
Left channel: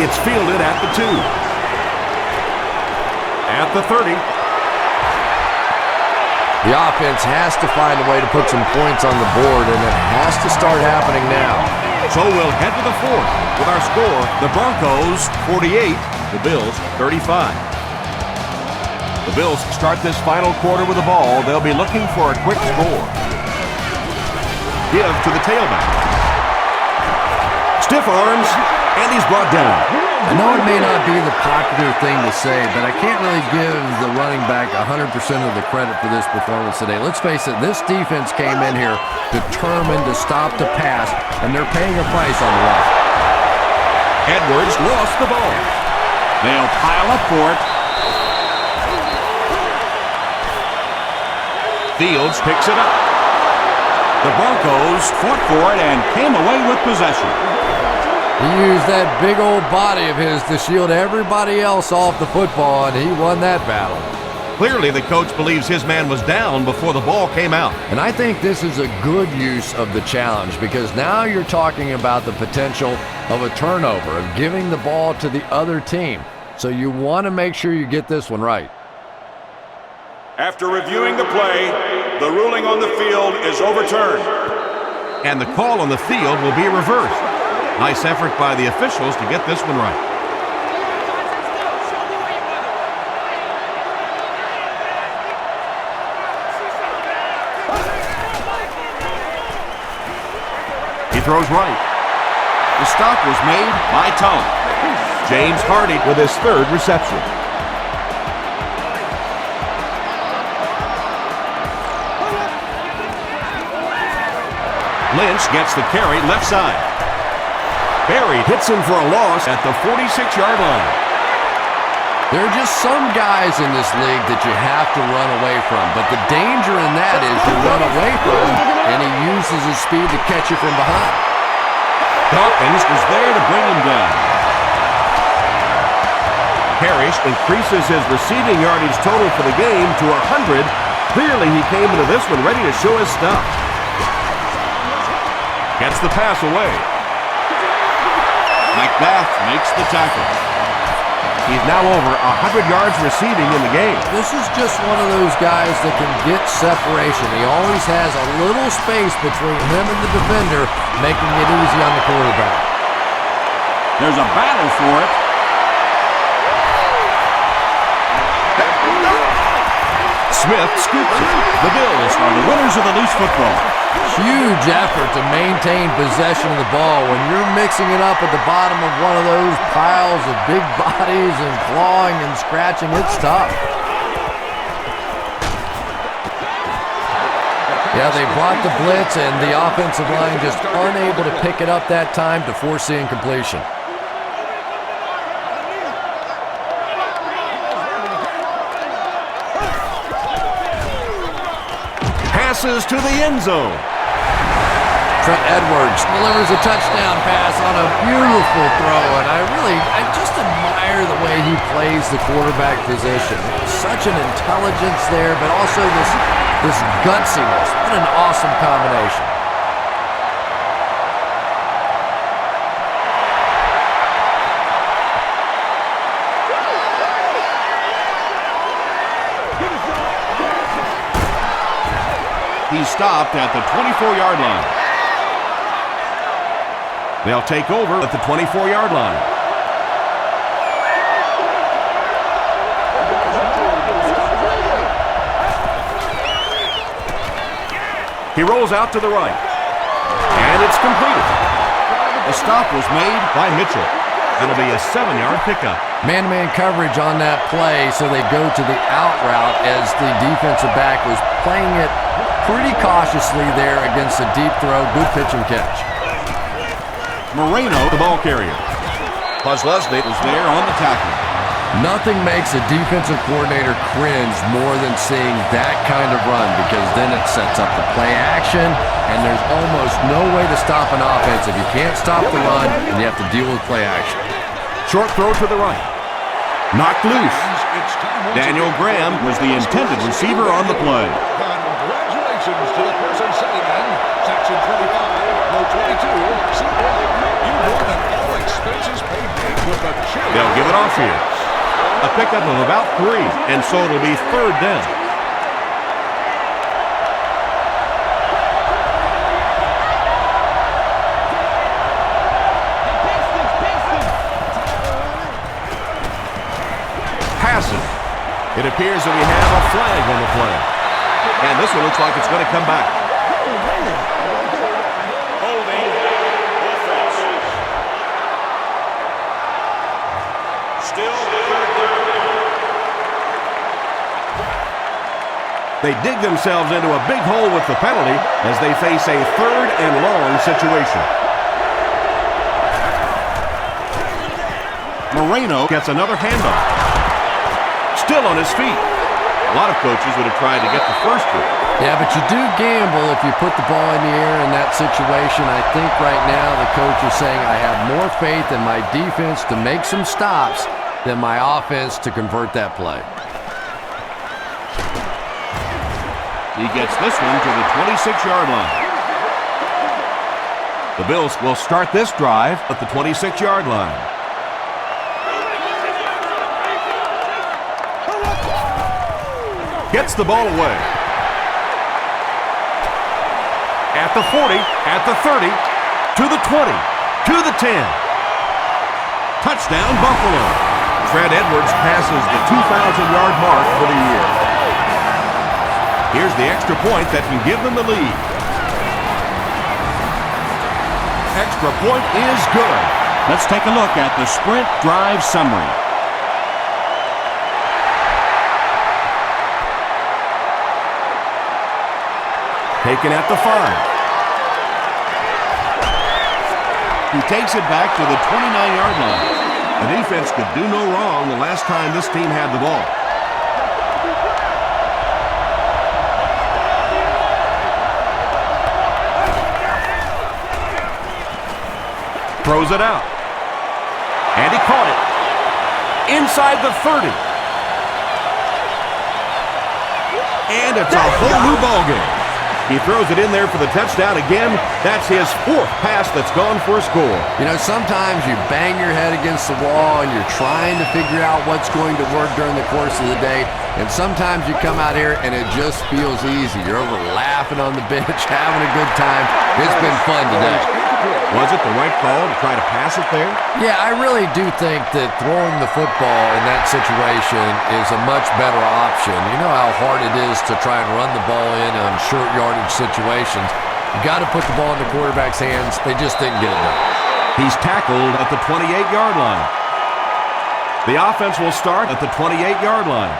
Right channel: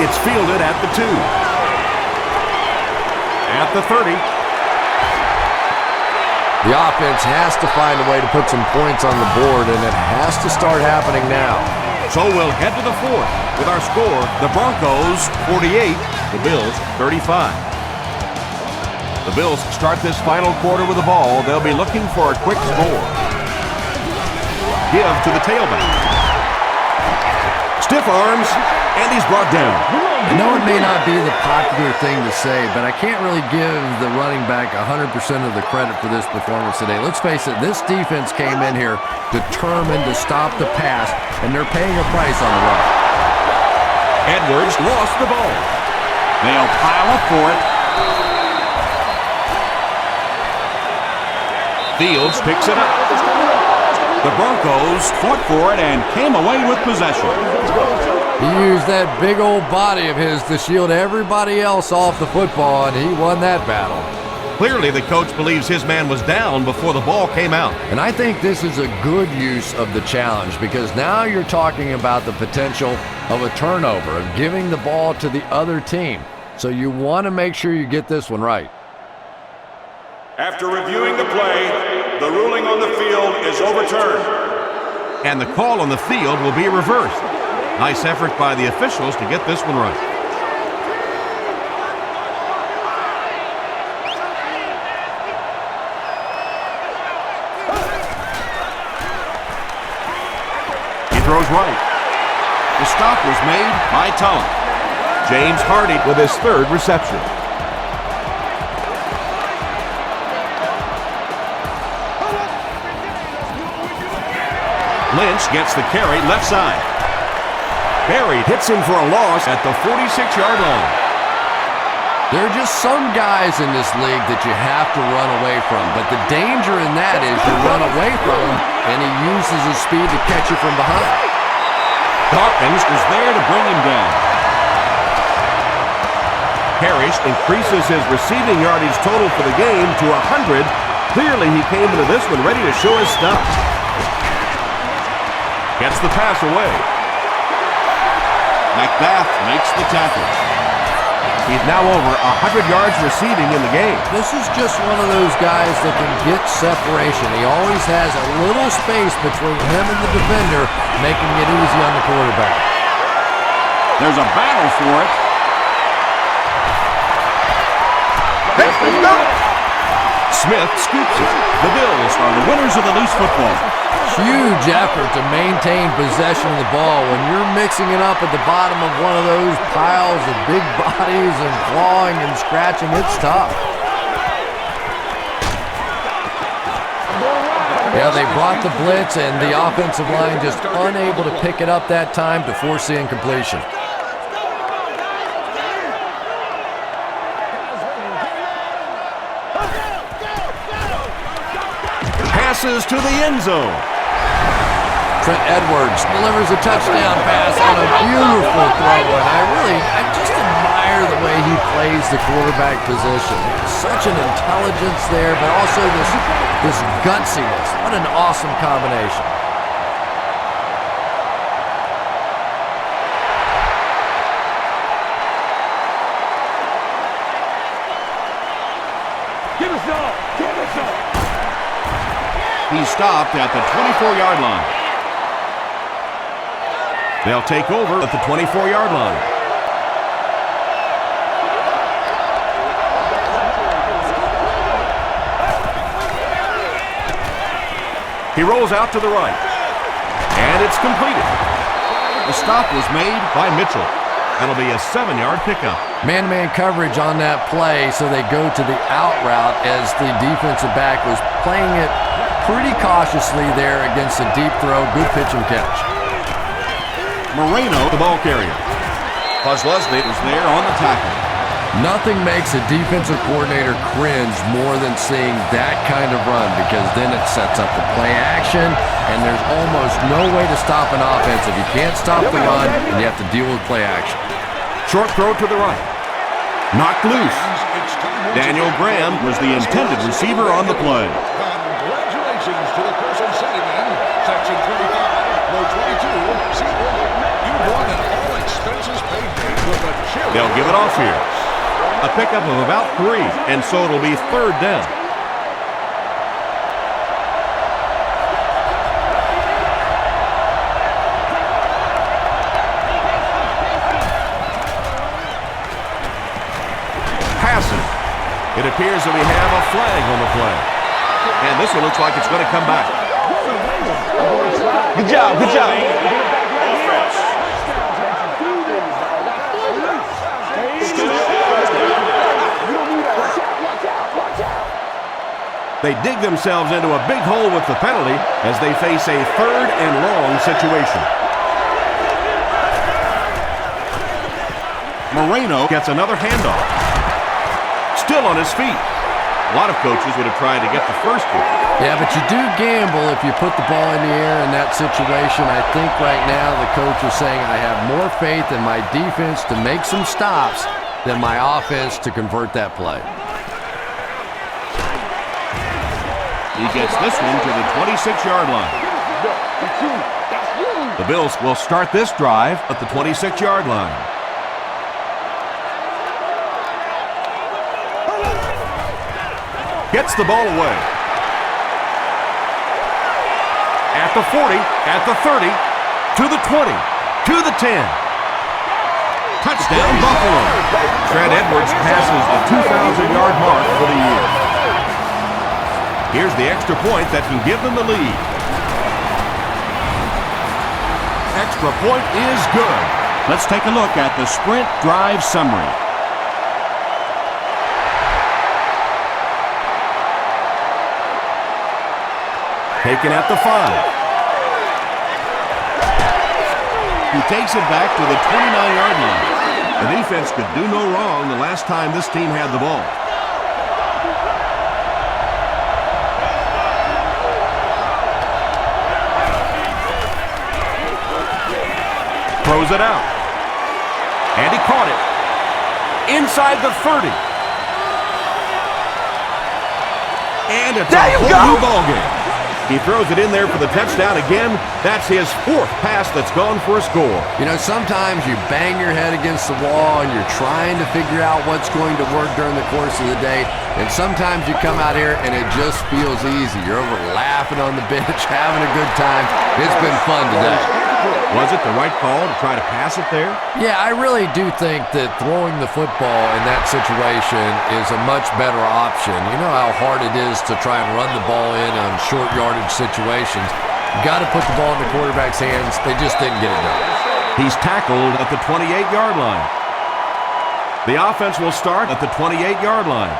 It's fielded at the 2. At the 30. The offense has to find a way to put some points on the board, and it has to start happening now. So we'll head to the 4th with our score, the Broncos 48, the Bills 35. The Bills start this final quarter with the ball. They'll be looking for a quick score. Give to the tailback. Stiff arms, and he's brought down. I know it may not be the popular thing to say, but I can't really give the running back 100% of the credit for this performance today. Let's face it, this defense came in here determined to stop the pass, and they're paying a price on the run. Edwards lost the ball. They'll pile up for it. Fields picks it up. The Broncos fought for it and came away with possession. He used that big old body of his to shield everybody else off the football, and he won that battle. Clearly, the coach believes his man was down before the ball came out. And I think this is a good use of the challenge, because now you're talking about the potential of a turnover, of giving the ball to the other team. So you want to make sure you get this one right. After reviewing the play, the ruling on the field is overturned. And the call on the field will be reversed. Nice effort by the officials to get this one right. He throws right. The stop was made by Tulloch. James Hardy with his 3rd reception. Lynch gets the carry left side. Barry hits him for a loss at the 46-yard line. There are just some guys in this league that you have to run away from, but the danger in that is you run away from him, and he uses his speed to catch you from behind. Dawkins was there to bring him down. Parrish increases his receiving yardage total for the game to 100. Clearly, he came into this one ready to show his stuff. Gets the pass away. McBath makes the tackle. He's now over 100 yards receiving in the game. This is just one of those guys that can get separation. He always has a little space between him and the defender, making it easy on the quarterback. There's a battle for it. Smith scoops it. The Bills are the winners of the loose football. Huge effort to maintain possession of the ball. When you're mixing it up at the bottom of one of those piles of big bodies and clawing and scratching, it's tough. Yeah, they brought the blitz, and the offensive line just unable to pick it up that time to force the incompletion. Passes to the end zone. Trent Edwards delivers a touchdown pass on a beautiful throw, and I just admire the way he plays the quarterback position. Such an intelligence there, but also this gutsiness. What an awesome combination. He stopped at the 24-yard line. They'll take over at the 24-yard line. He rolls out to the right. And it's completed. The stop was made by Mitchell. That'll be a 7-yard pickup. Man-to-man coverage on that play, so they go to the out route as the defensive back was playing it pretty cautiously there against a deep throw. Good pitch and catch. Moreno, The ball carrier. Leslie was there on the tackle. Nothing makes a defensive coordinator cringe more than seeing that kind of run, because then it sets up the play action, and there's almost no way to stop an offense if you can't stop the run and you have to deal with play action. Short throw to the right. Knocked loose. Daniel Graham was the intended receiver on the play. Congratulations to the person sitting in section 25, row 22, seat 1. You won an all-expenses-paid date with a cheer. They'll give it off here. A pickup of about 3, and so it'll be 3rd down. Passes. It appears that we have a flag on the play. And this one looks like it's going to come back. Good job, good job. Offense. Still first down. They dig themselves into a big hole with the penalty as they face a 3rd and long situation. Moreno gets another handoff. Still on his feet. A lot of coaches would have tried to get the first one. Yeah, but you do gamble if you put the ball in the air in that situation. I think right now the coach is saying I have more faith in my defense to make some stops than my offense to convert that play. He gets this one to the 26-yard line. The Bills will start this drive at the 26-yard line. Gets the ball away. At the 40, at the 30, to the 20, to the 10. Touchdown, Buffalo. Trent Edwards passes the 2,000-yard mark for the year. Here's the extra point that can give them the lead. Extra point is good. Let's take a look at the sprint drive summary. Taken at the 5. He takes it back to the 29-yard line. The defense could do no wrong the last time this team had the ball. Throws it out. And he caught it. Inside the 30. And it's a whole new ball game. He throws it in there for the touchdown again. That's his 4th pass that's gone for a score. You know, sometimes you bang your head against the wall and you're trying to figure out what's going to work during the course of the day. And sometimes you come out here and it just feels easy. You're over laughing on the bench, having a good time. It's been fun today. Was it the right call to try to pass it there? Yeah, I really do think that throwing the football in that situation is a much better option. You know how hard it is to try and run the ball in on short yardage situations. You got to put the ball in the quarterback's hands. They just didn't get it done. He's tackled at the 28-yard line. The offense will start at the 28-yard line.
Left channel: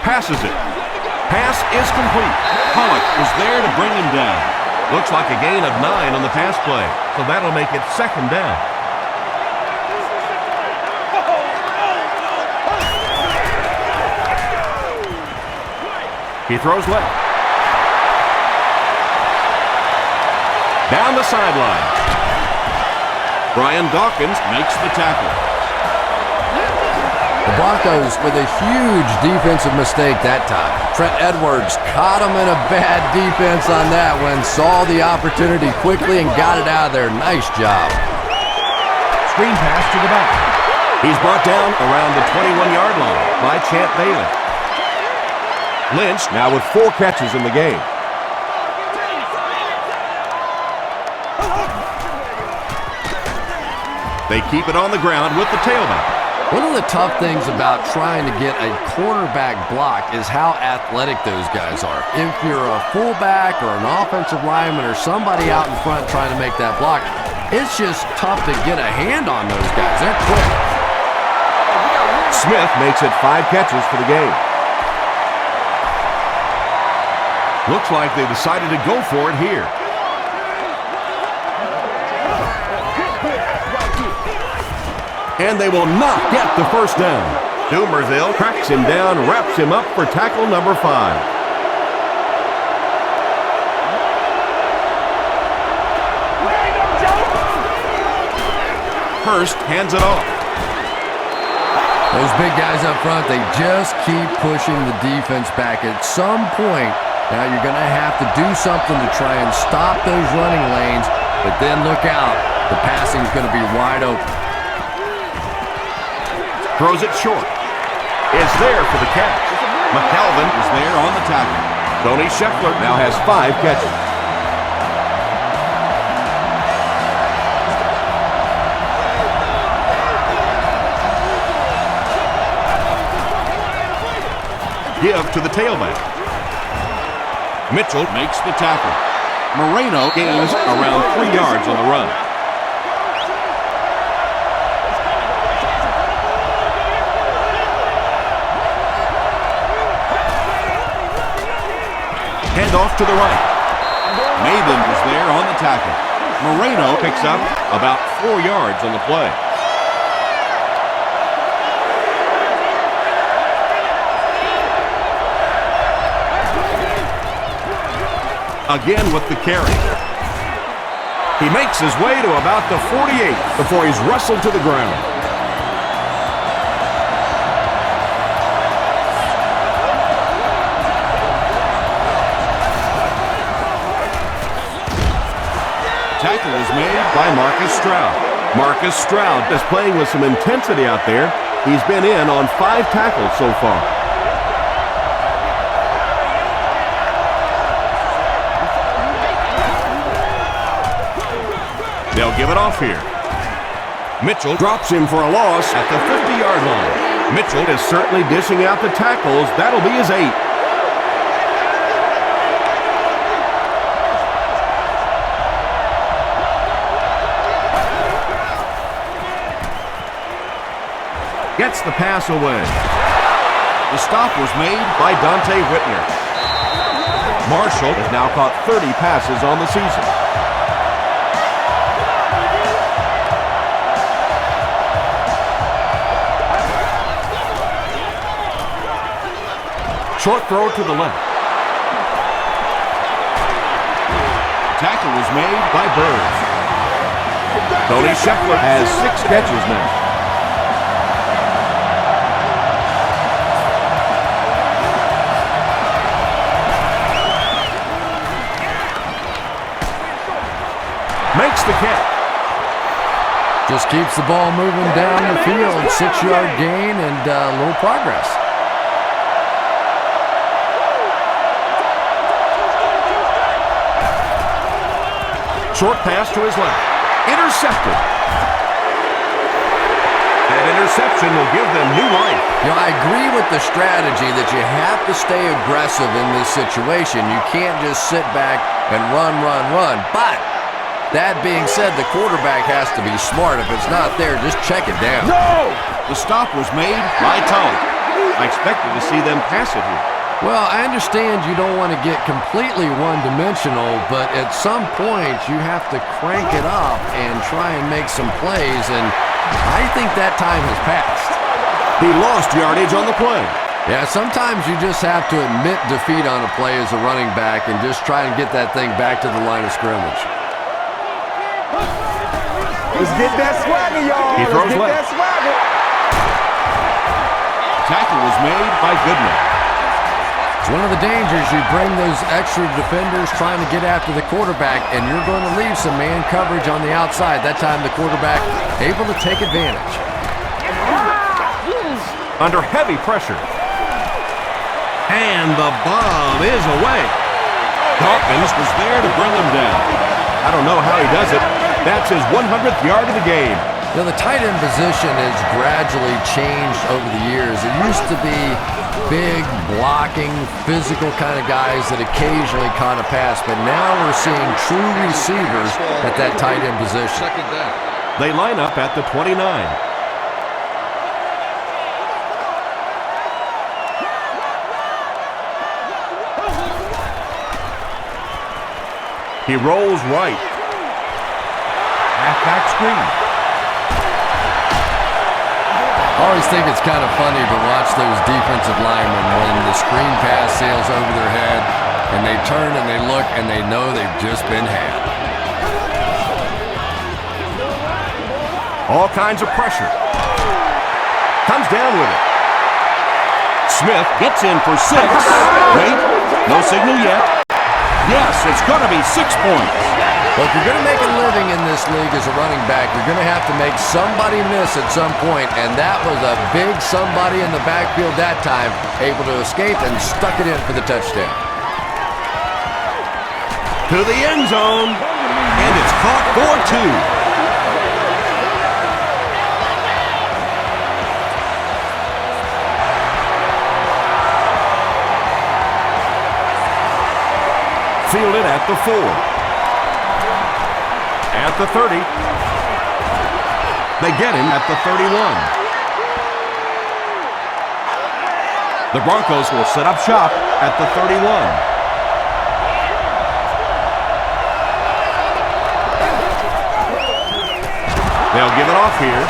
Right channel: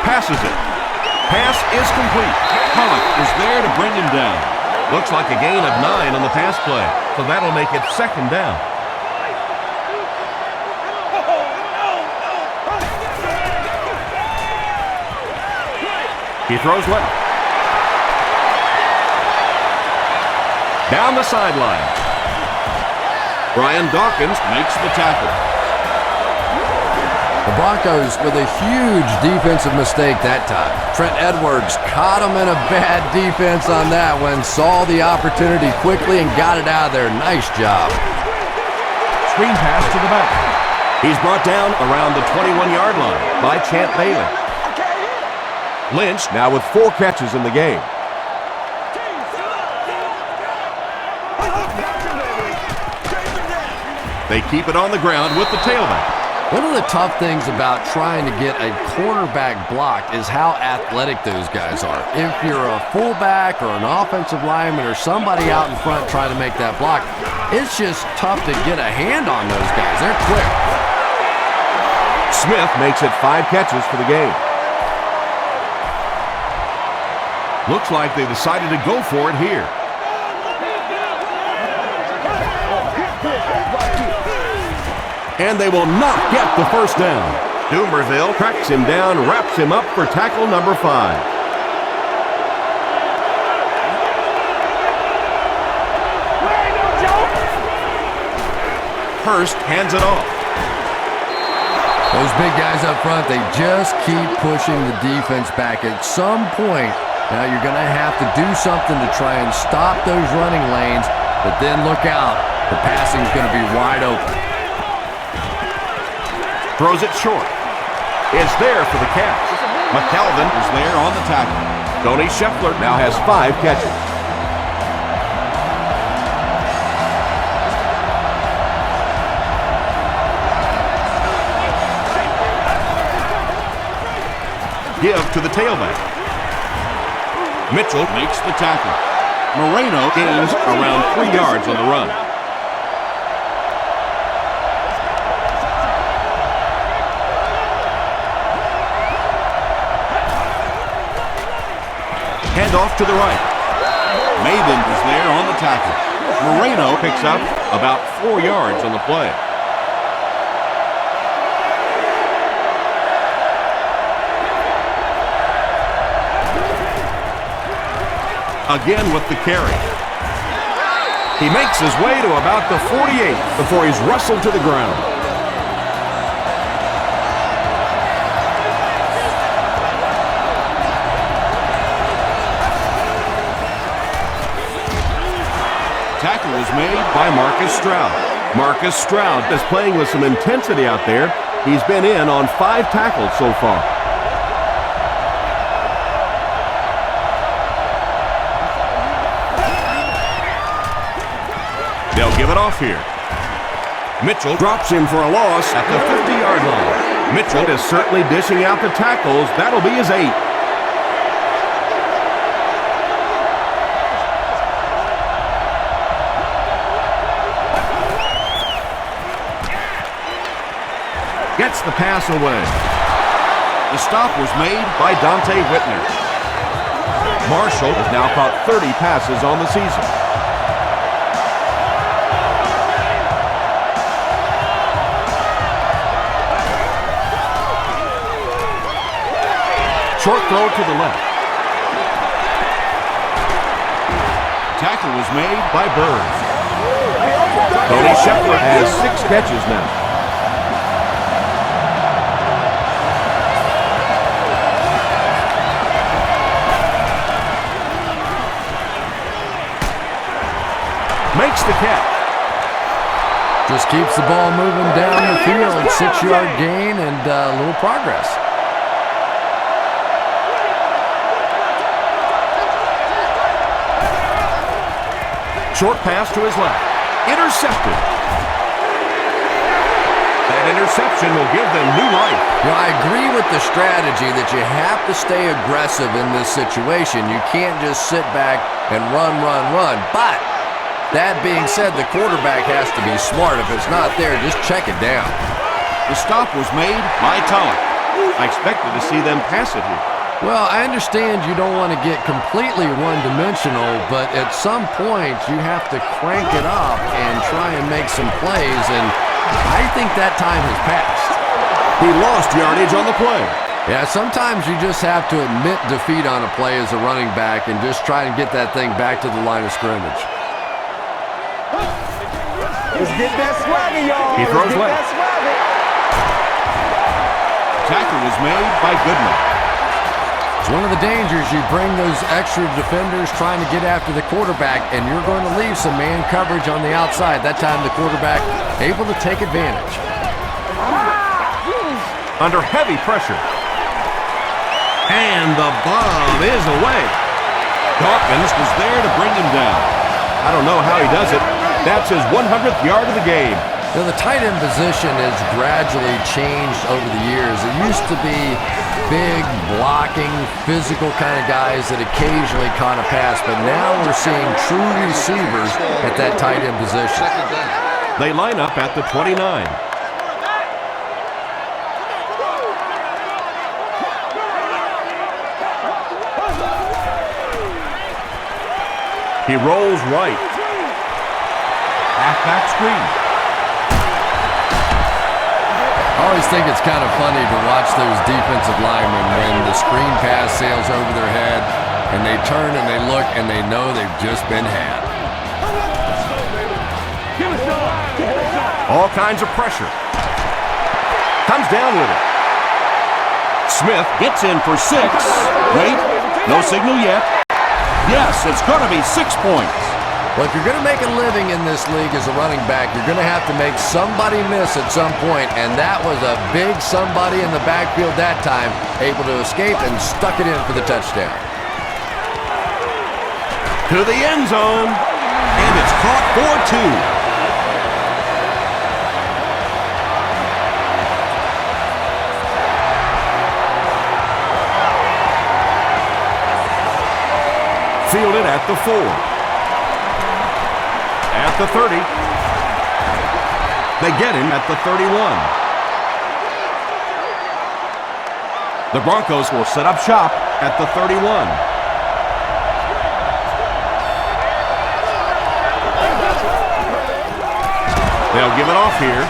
Passes it. Pass is complete. Pollock is there to bring him down. Looks like a gain of 9 on the pass play, so that'll make it 2nd down. He throws left. Down the sideline. Brian Dawkins makes the tackle. The Broncos with a huge defensive mistake that time. Trent Edwards caught him in a bad defense on that one, saw the opportunity quickly and got it out of there. Nice job. Screen pass to the back. He's brought down around the 21-yard line by Champ Bailey. Lynch now with 4 catches in the game. They keep it on the ground with the tailback. One of the tough things about trying to get a cornerback blocked is how athletic those guys are. If you're a fullback or an offensive lineman or somebody out in front trying to make that block, it's just tough to get a hand on those guys. They're quick. Smith makes it 5 catches for the game. Looks like they decided to go for it here. And they will not get the first down. Doomerville tracks him down, wraps him up for tackle number 5. Hurst hands it off. Those big guys up front, they just keep pushing the defense back. At some point, now you're going to have to do something to try and stop those running lanes, but then look out. The passing's going to be wide open. Throws it short. It's there for the catch. McKelvin Is there on the tackle. Tony Scheffler now has 5 catches. Give to the tailback. Mitchell Makes the tackle. Moreno gains around 3 yards on the run. Hand off to the right. Maben is there on the tackle. Moreno picks up about 4 yards on the play. Again with the carry. He makes his way to about the 48 before he's wrestled to the ground. Tackle was made by Marcus Stroud. Marcus Stroud is playing with some intensity out there. He's been in on 5 tackles so far. They'll give it off here. Mitchell drops him for a loss at the 50-yard line. Mitchell is certainly dishing out the tackles. That'll be his 8th. Gets the pass away. The stop was made By Dante Whitner. Marshall has now caught 30 passes on the season. Short throw to the left. tackle was made by Bird. Tony Scheffler has 6 catches now. Makes the catch. Just keeps the ball moving down the field. 6-yard gain and a little progress. Short pass to his left. Intercepted. That interception will give them new life. You know, I agree with the strategy that you have to stay aggressive in this situation. You can't just sit back and run. But that being said, the quarterback has to be smart. If it's not there, just check it down. The stop was made by Tulloch. I expected to see them pass it here. Well, I understand you don't want to get completely one-dimensional, but at some point you have to crank it up and try and make some plays, and I think that time has passed. He lost yardage on the play. Yeah, sometimes you just have to admit defeat on a play as a running back and just try and get that thing back to the line of scrimmage. Let's get that swagger, y'all. He throws Let's get left. that swagger. Tackle was made by Goodman. It's one of the dangers. You bring those extra defenders trying to get after the quarterback, and you're going to leave some man coverage on the outside. That time the quarterback able to take advantage. Under heavy pressure. And the bomb is away. Dawkins was there to bring him down. I don't know how he does it. That's his 100th yard of the game. You know, the tight end position has gradually changed over the years. It used to be big, blocking, physical kind of guys that occasionally caught a pass, but now we're seeing true receivers at that tight end position. Second down. They line up at the 29. He rolls right. Halfback screen. I always think it's kind of funny to watch those defensive linemen when the screen pass sails over their head and they turn and they look and they know they've just been had. All kinds of pressure. Comes down with it. Smith Gets in for 6. Wait, no signal yet. Yes, it's going to be 6 points. Well, if you're going to make a living in this league as a running back, you're going to have to make somebody miss at some point, and that was a big somebody in the backfield that time, able to escape and stuck it in for the touchdown. to the end zone, and it's caught for 2. Fielded at the 4. At the 30. They get him at the 31. The Broncos will set up shop at the 31. They'll give it off here.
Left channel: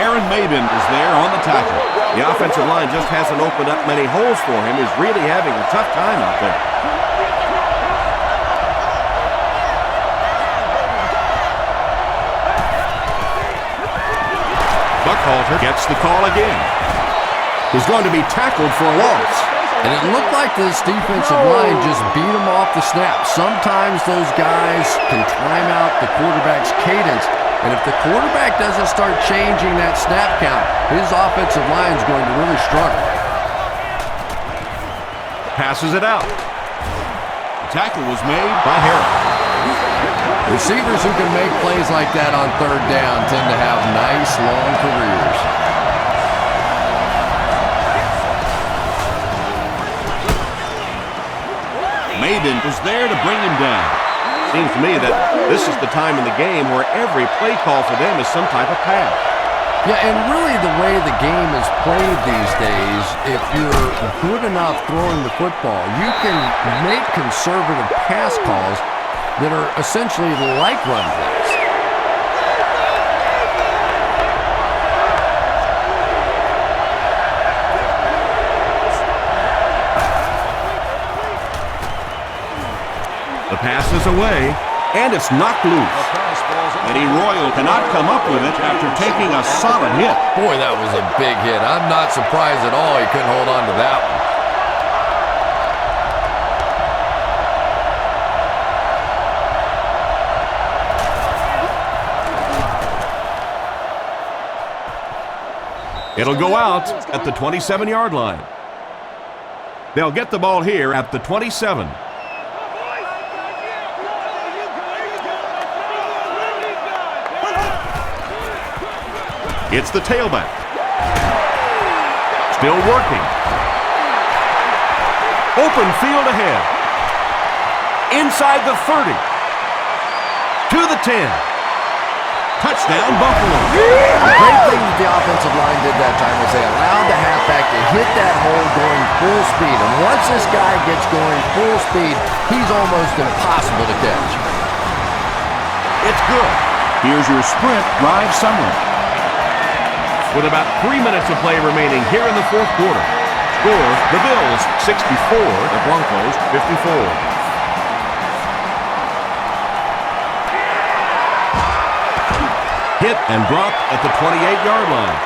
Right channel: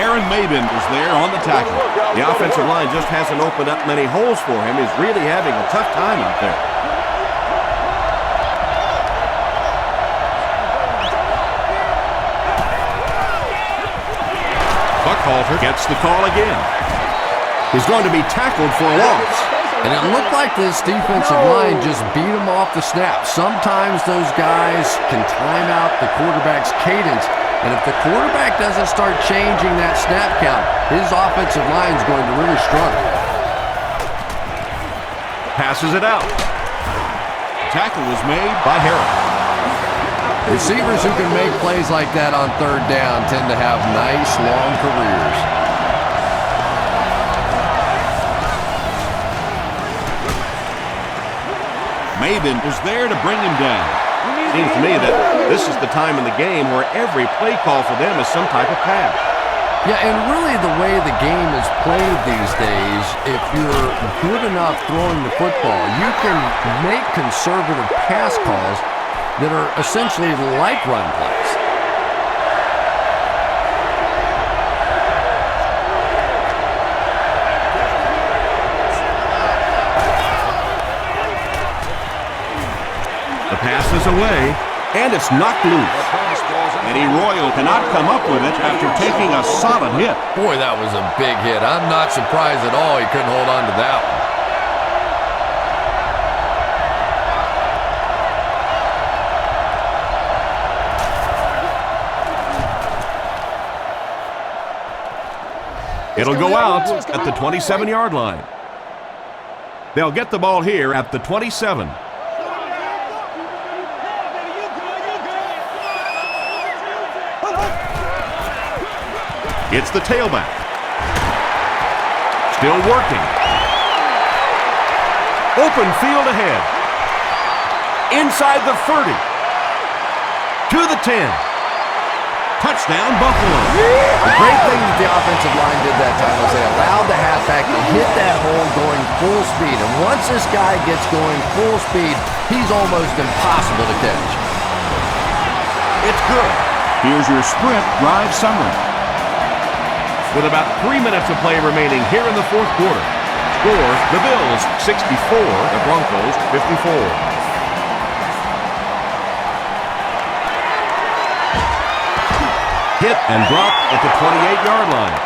Aaron Mabin is there on the tackle. The offensive line just hasn't opened up many holes for him. He's really having a tough time out there. Buckhalter gets the call again. He's going to be tackled for a loss. And it looked like this defensive line just beat him off the snap. Sometimes those guys can time out the quarterback's cadence. And if the quarterback doesn't start changing that snap count, his offensive line is going to really struggle. Passes it out. The tackle was made By Harris. Receivers who can make plays like that on third down tend to have nice, long careers. Mabin is there to bring him down. Seems to me that this is the time in the game where every play call for them is some type of pass. Yeah, and really the way the game is played these days, if you're good enough throwing the football, you can make conservative pass calls that are essentially like run plays. The pass is away, and it's knocked loose. Eddie Royal cannot come up with it after taking a solid hit. Boy, that was a big hit. I'm not surprised at all he couldn't hold on to that one. It'll go out at the 27-yard line. They'll get the ball here at the 27. It's the tailback. Still working. Open field ahead. Inside the 30. To the 10. Touchdown, Buffalo. The great thing that the offensive line did that time was they allowed the halfback to hit that hole going full speed. And once this guy gets going full speed, he's almost impossible to catch. It's good. Here's your sprint drive summary. With about 3 minutes of play remaining here in the fourth quarter. Score, the Bills 64, the Broncos 54. Hit and dropped at the 28-yard line.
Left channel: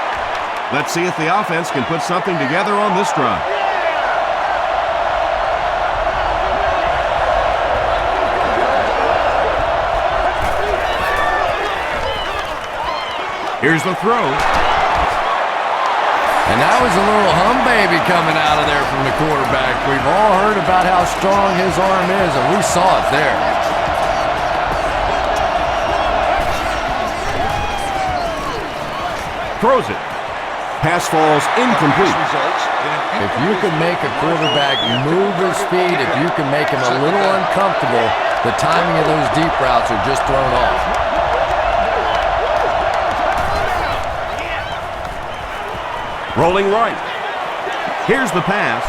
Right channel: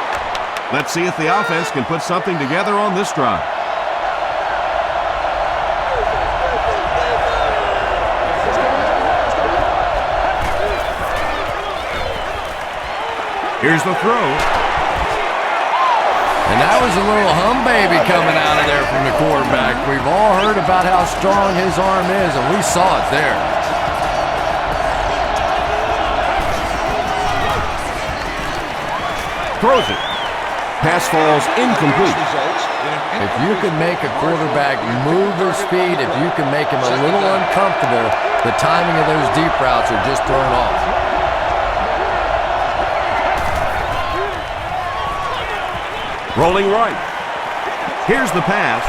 Let's see if the offense can put something together on this drive. Here's the throw. And that was a little hum baby coming out of there from the quarterback. We've all heard about how strong his arm is, and we saw it there. Throws it. Pass falls incomplete. If you can make a quarterback move his feet, if you can make him a little uncomfortable, the timing of those deep routes are just thrown off. Rolling right. Here's the pass.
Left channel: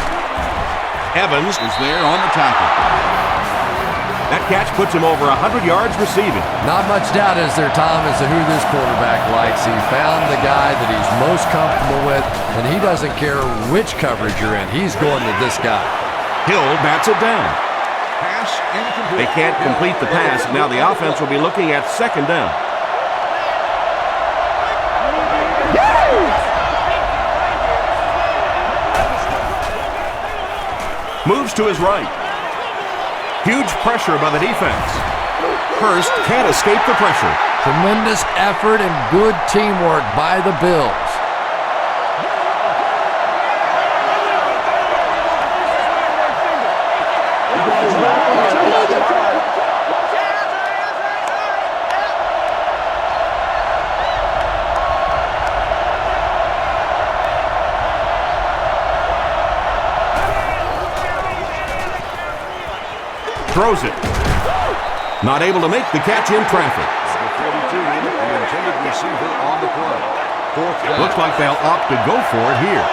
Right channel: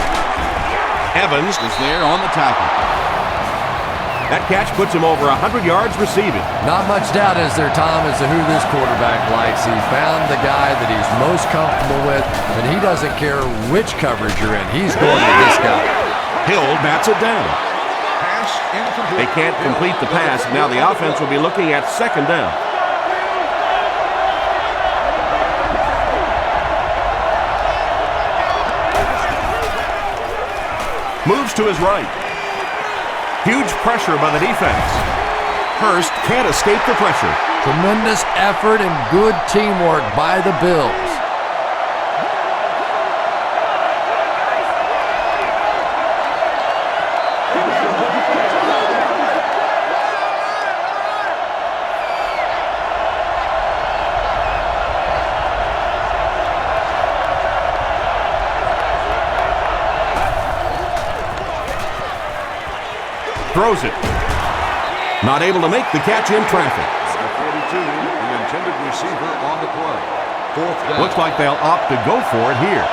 Evans is there on the tackle. That catch puts him over 100 yards receiving. Not much doubt is there, Tom, as to who this quarterback likes. He found the guy that he's most comfortable with, and he doesn't care which coverage you're in. He's going with this guy. Hill bats it down. Pass incomplete. They can't complete the pass. Now the offense will be looking at second down. Moves to his right. Huge pressure by the defense. Hurst can't escape the pressure. Tremendous effort and good teamwork by the Bills. Throws it. Not able to make the catch in traffic. Number 42, the intended receiver on the play. Fourth down. Looks like they'll opt to go for it here.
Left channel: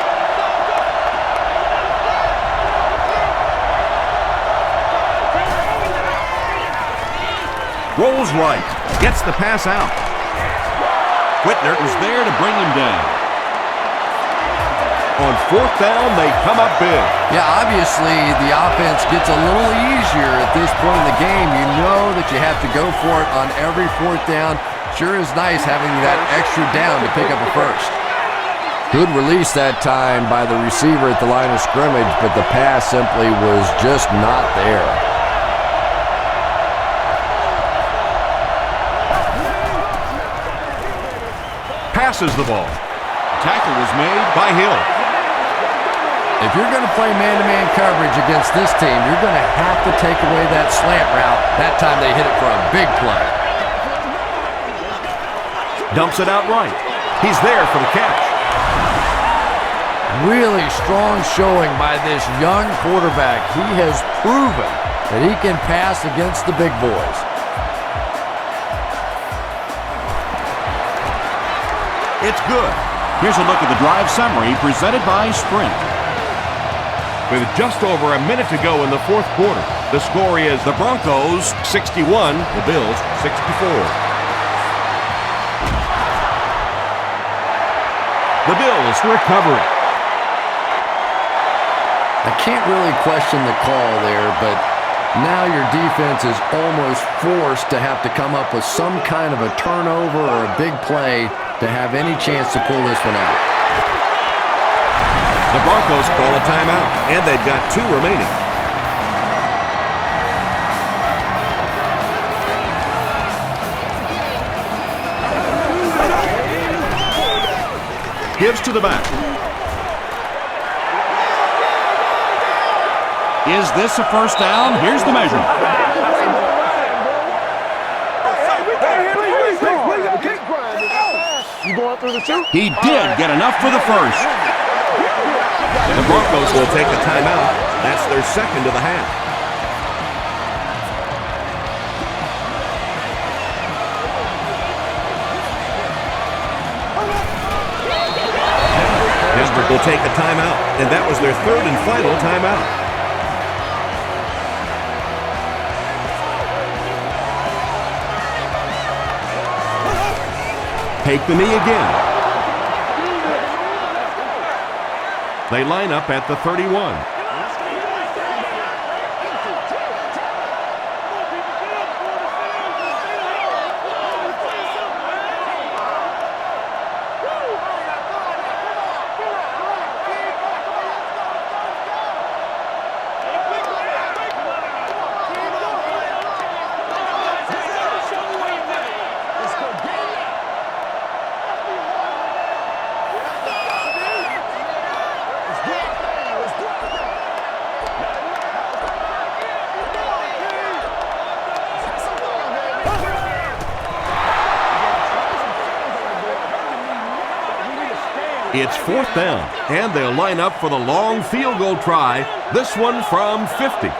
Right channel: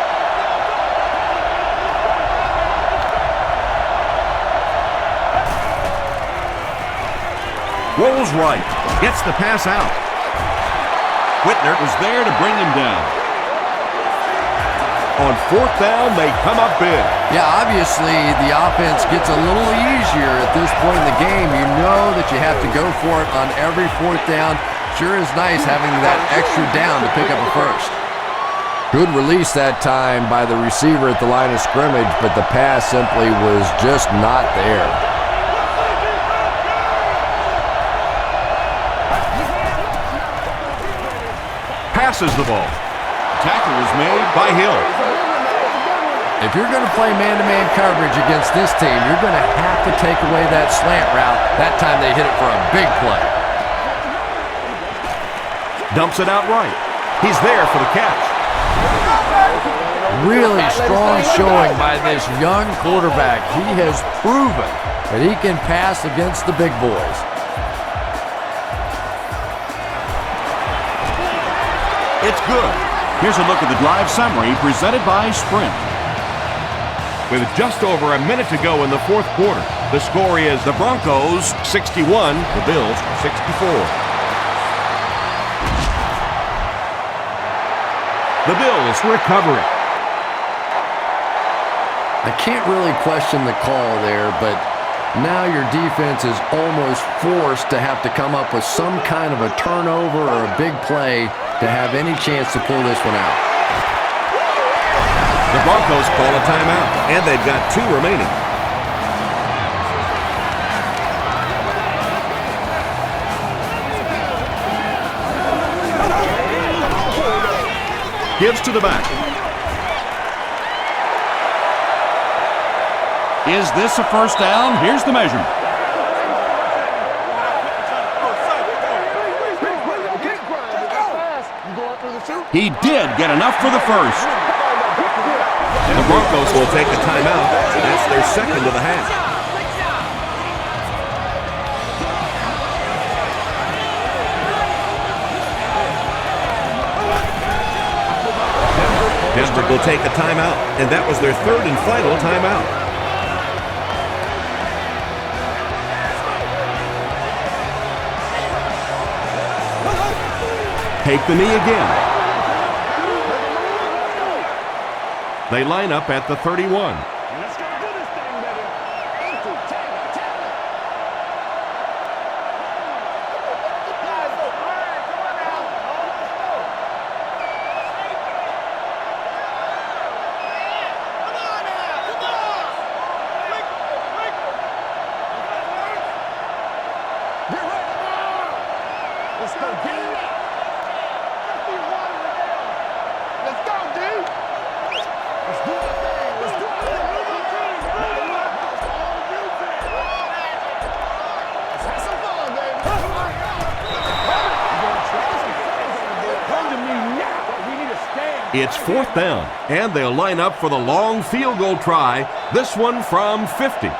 Rolls right. Gets the pass out. Whitner Was there to bring him down. on fourth down. They come up big. Yeah, obviously the offense gets a little easier at this point in the game. You know that you have to go for it on every fourth down. Sure is nice having that extra down to pick up a first. Good release that time by the receiver at the line of scrimmage, but the pass simply was just not there. Passes the ball. Tackle was made By Hill. If you're going to play man-to-man coverage against this team, you're going to have to take away that slant route. That time they hit it for a big play. Dumps it out right. He's there for the catch. Really strong showing by this young quarterback. He has proven that he can pass against the big boys. It's good. Here's a look at the drive summary presented by Sprint. With just over a minute to go in the fourth quarter, the score is the Broncos 61, the Bills 64. The Bills recover it. I can't really question the call there, but now your defense is almost forced to have to come up with some kind of a turnover or a big play to have any chance to pull this one out. The Broncos call a timeout, and they've got 2 remaining. Gives to the back. Is this a first down? Here's the measurement. He did get enough for the first. The Broncos will take a timeout. That's their second of the half. Denver will take a timeout, and that was their third and final timeout. Take the knee again. They line up at the 31. Let's go do this thing, baby. Empty. Tag him. Tag him. Let's go. Let's go get it now. Let's be harder than they are. Let's go, dude. Let's do our thing. Let's do our thing. Not in my house. Let's have some fun, baby. Come to me now. We need to stand. It's fourth down, and they'll line up for the long field goal try, this one from 50.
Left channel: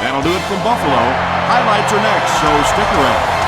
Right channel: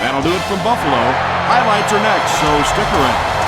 That'll do it from Buffalo. Highlights are next, so stick around.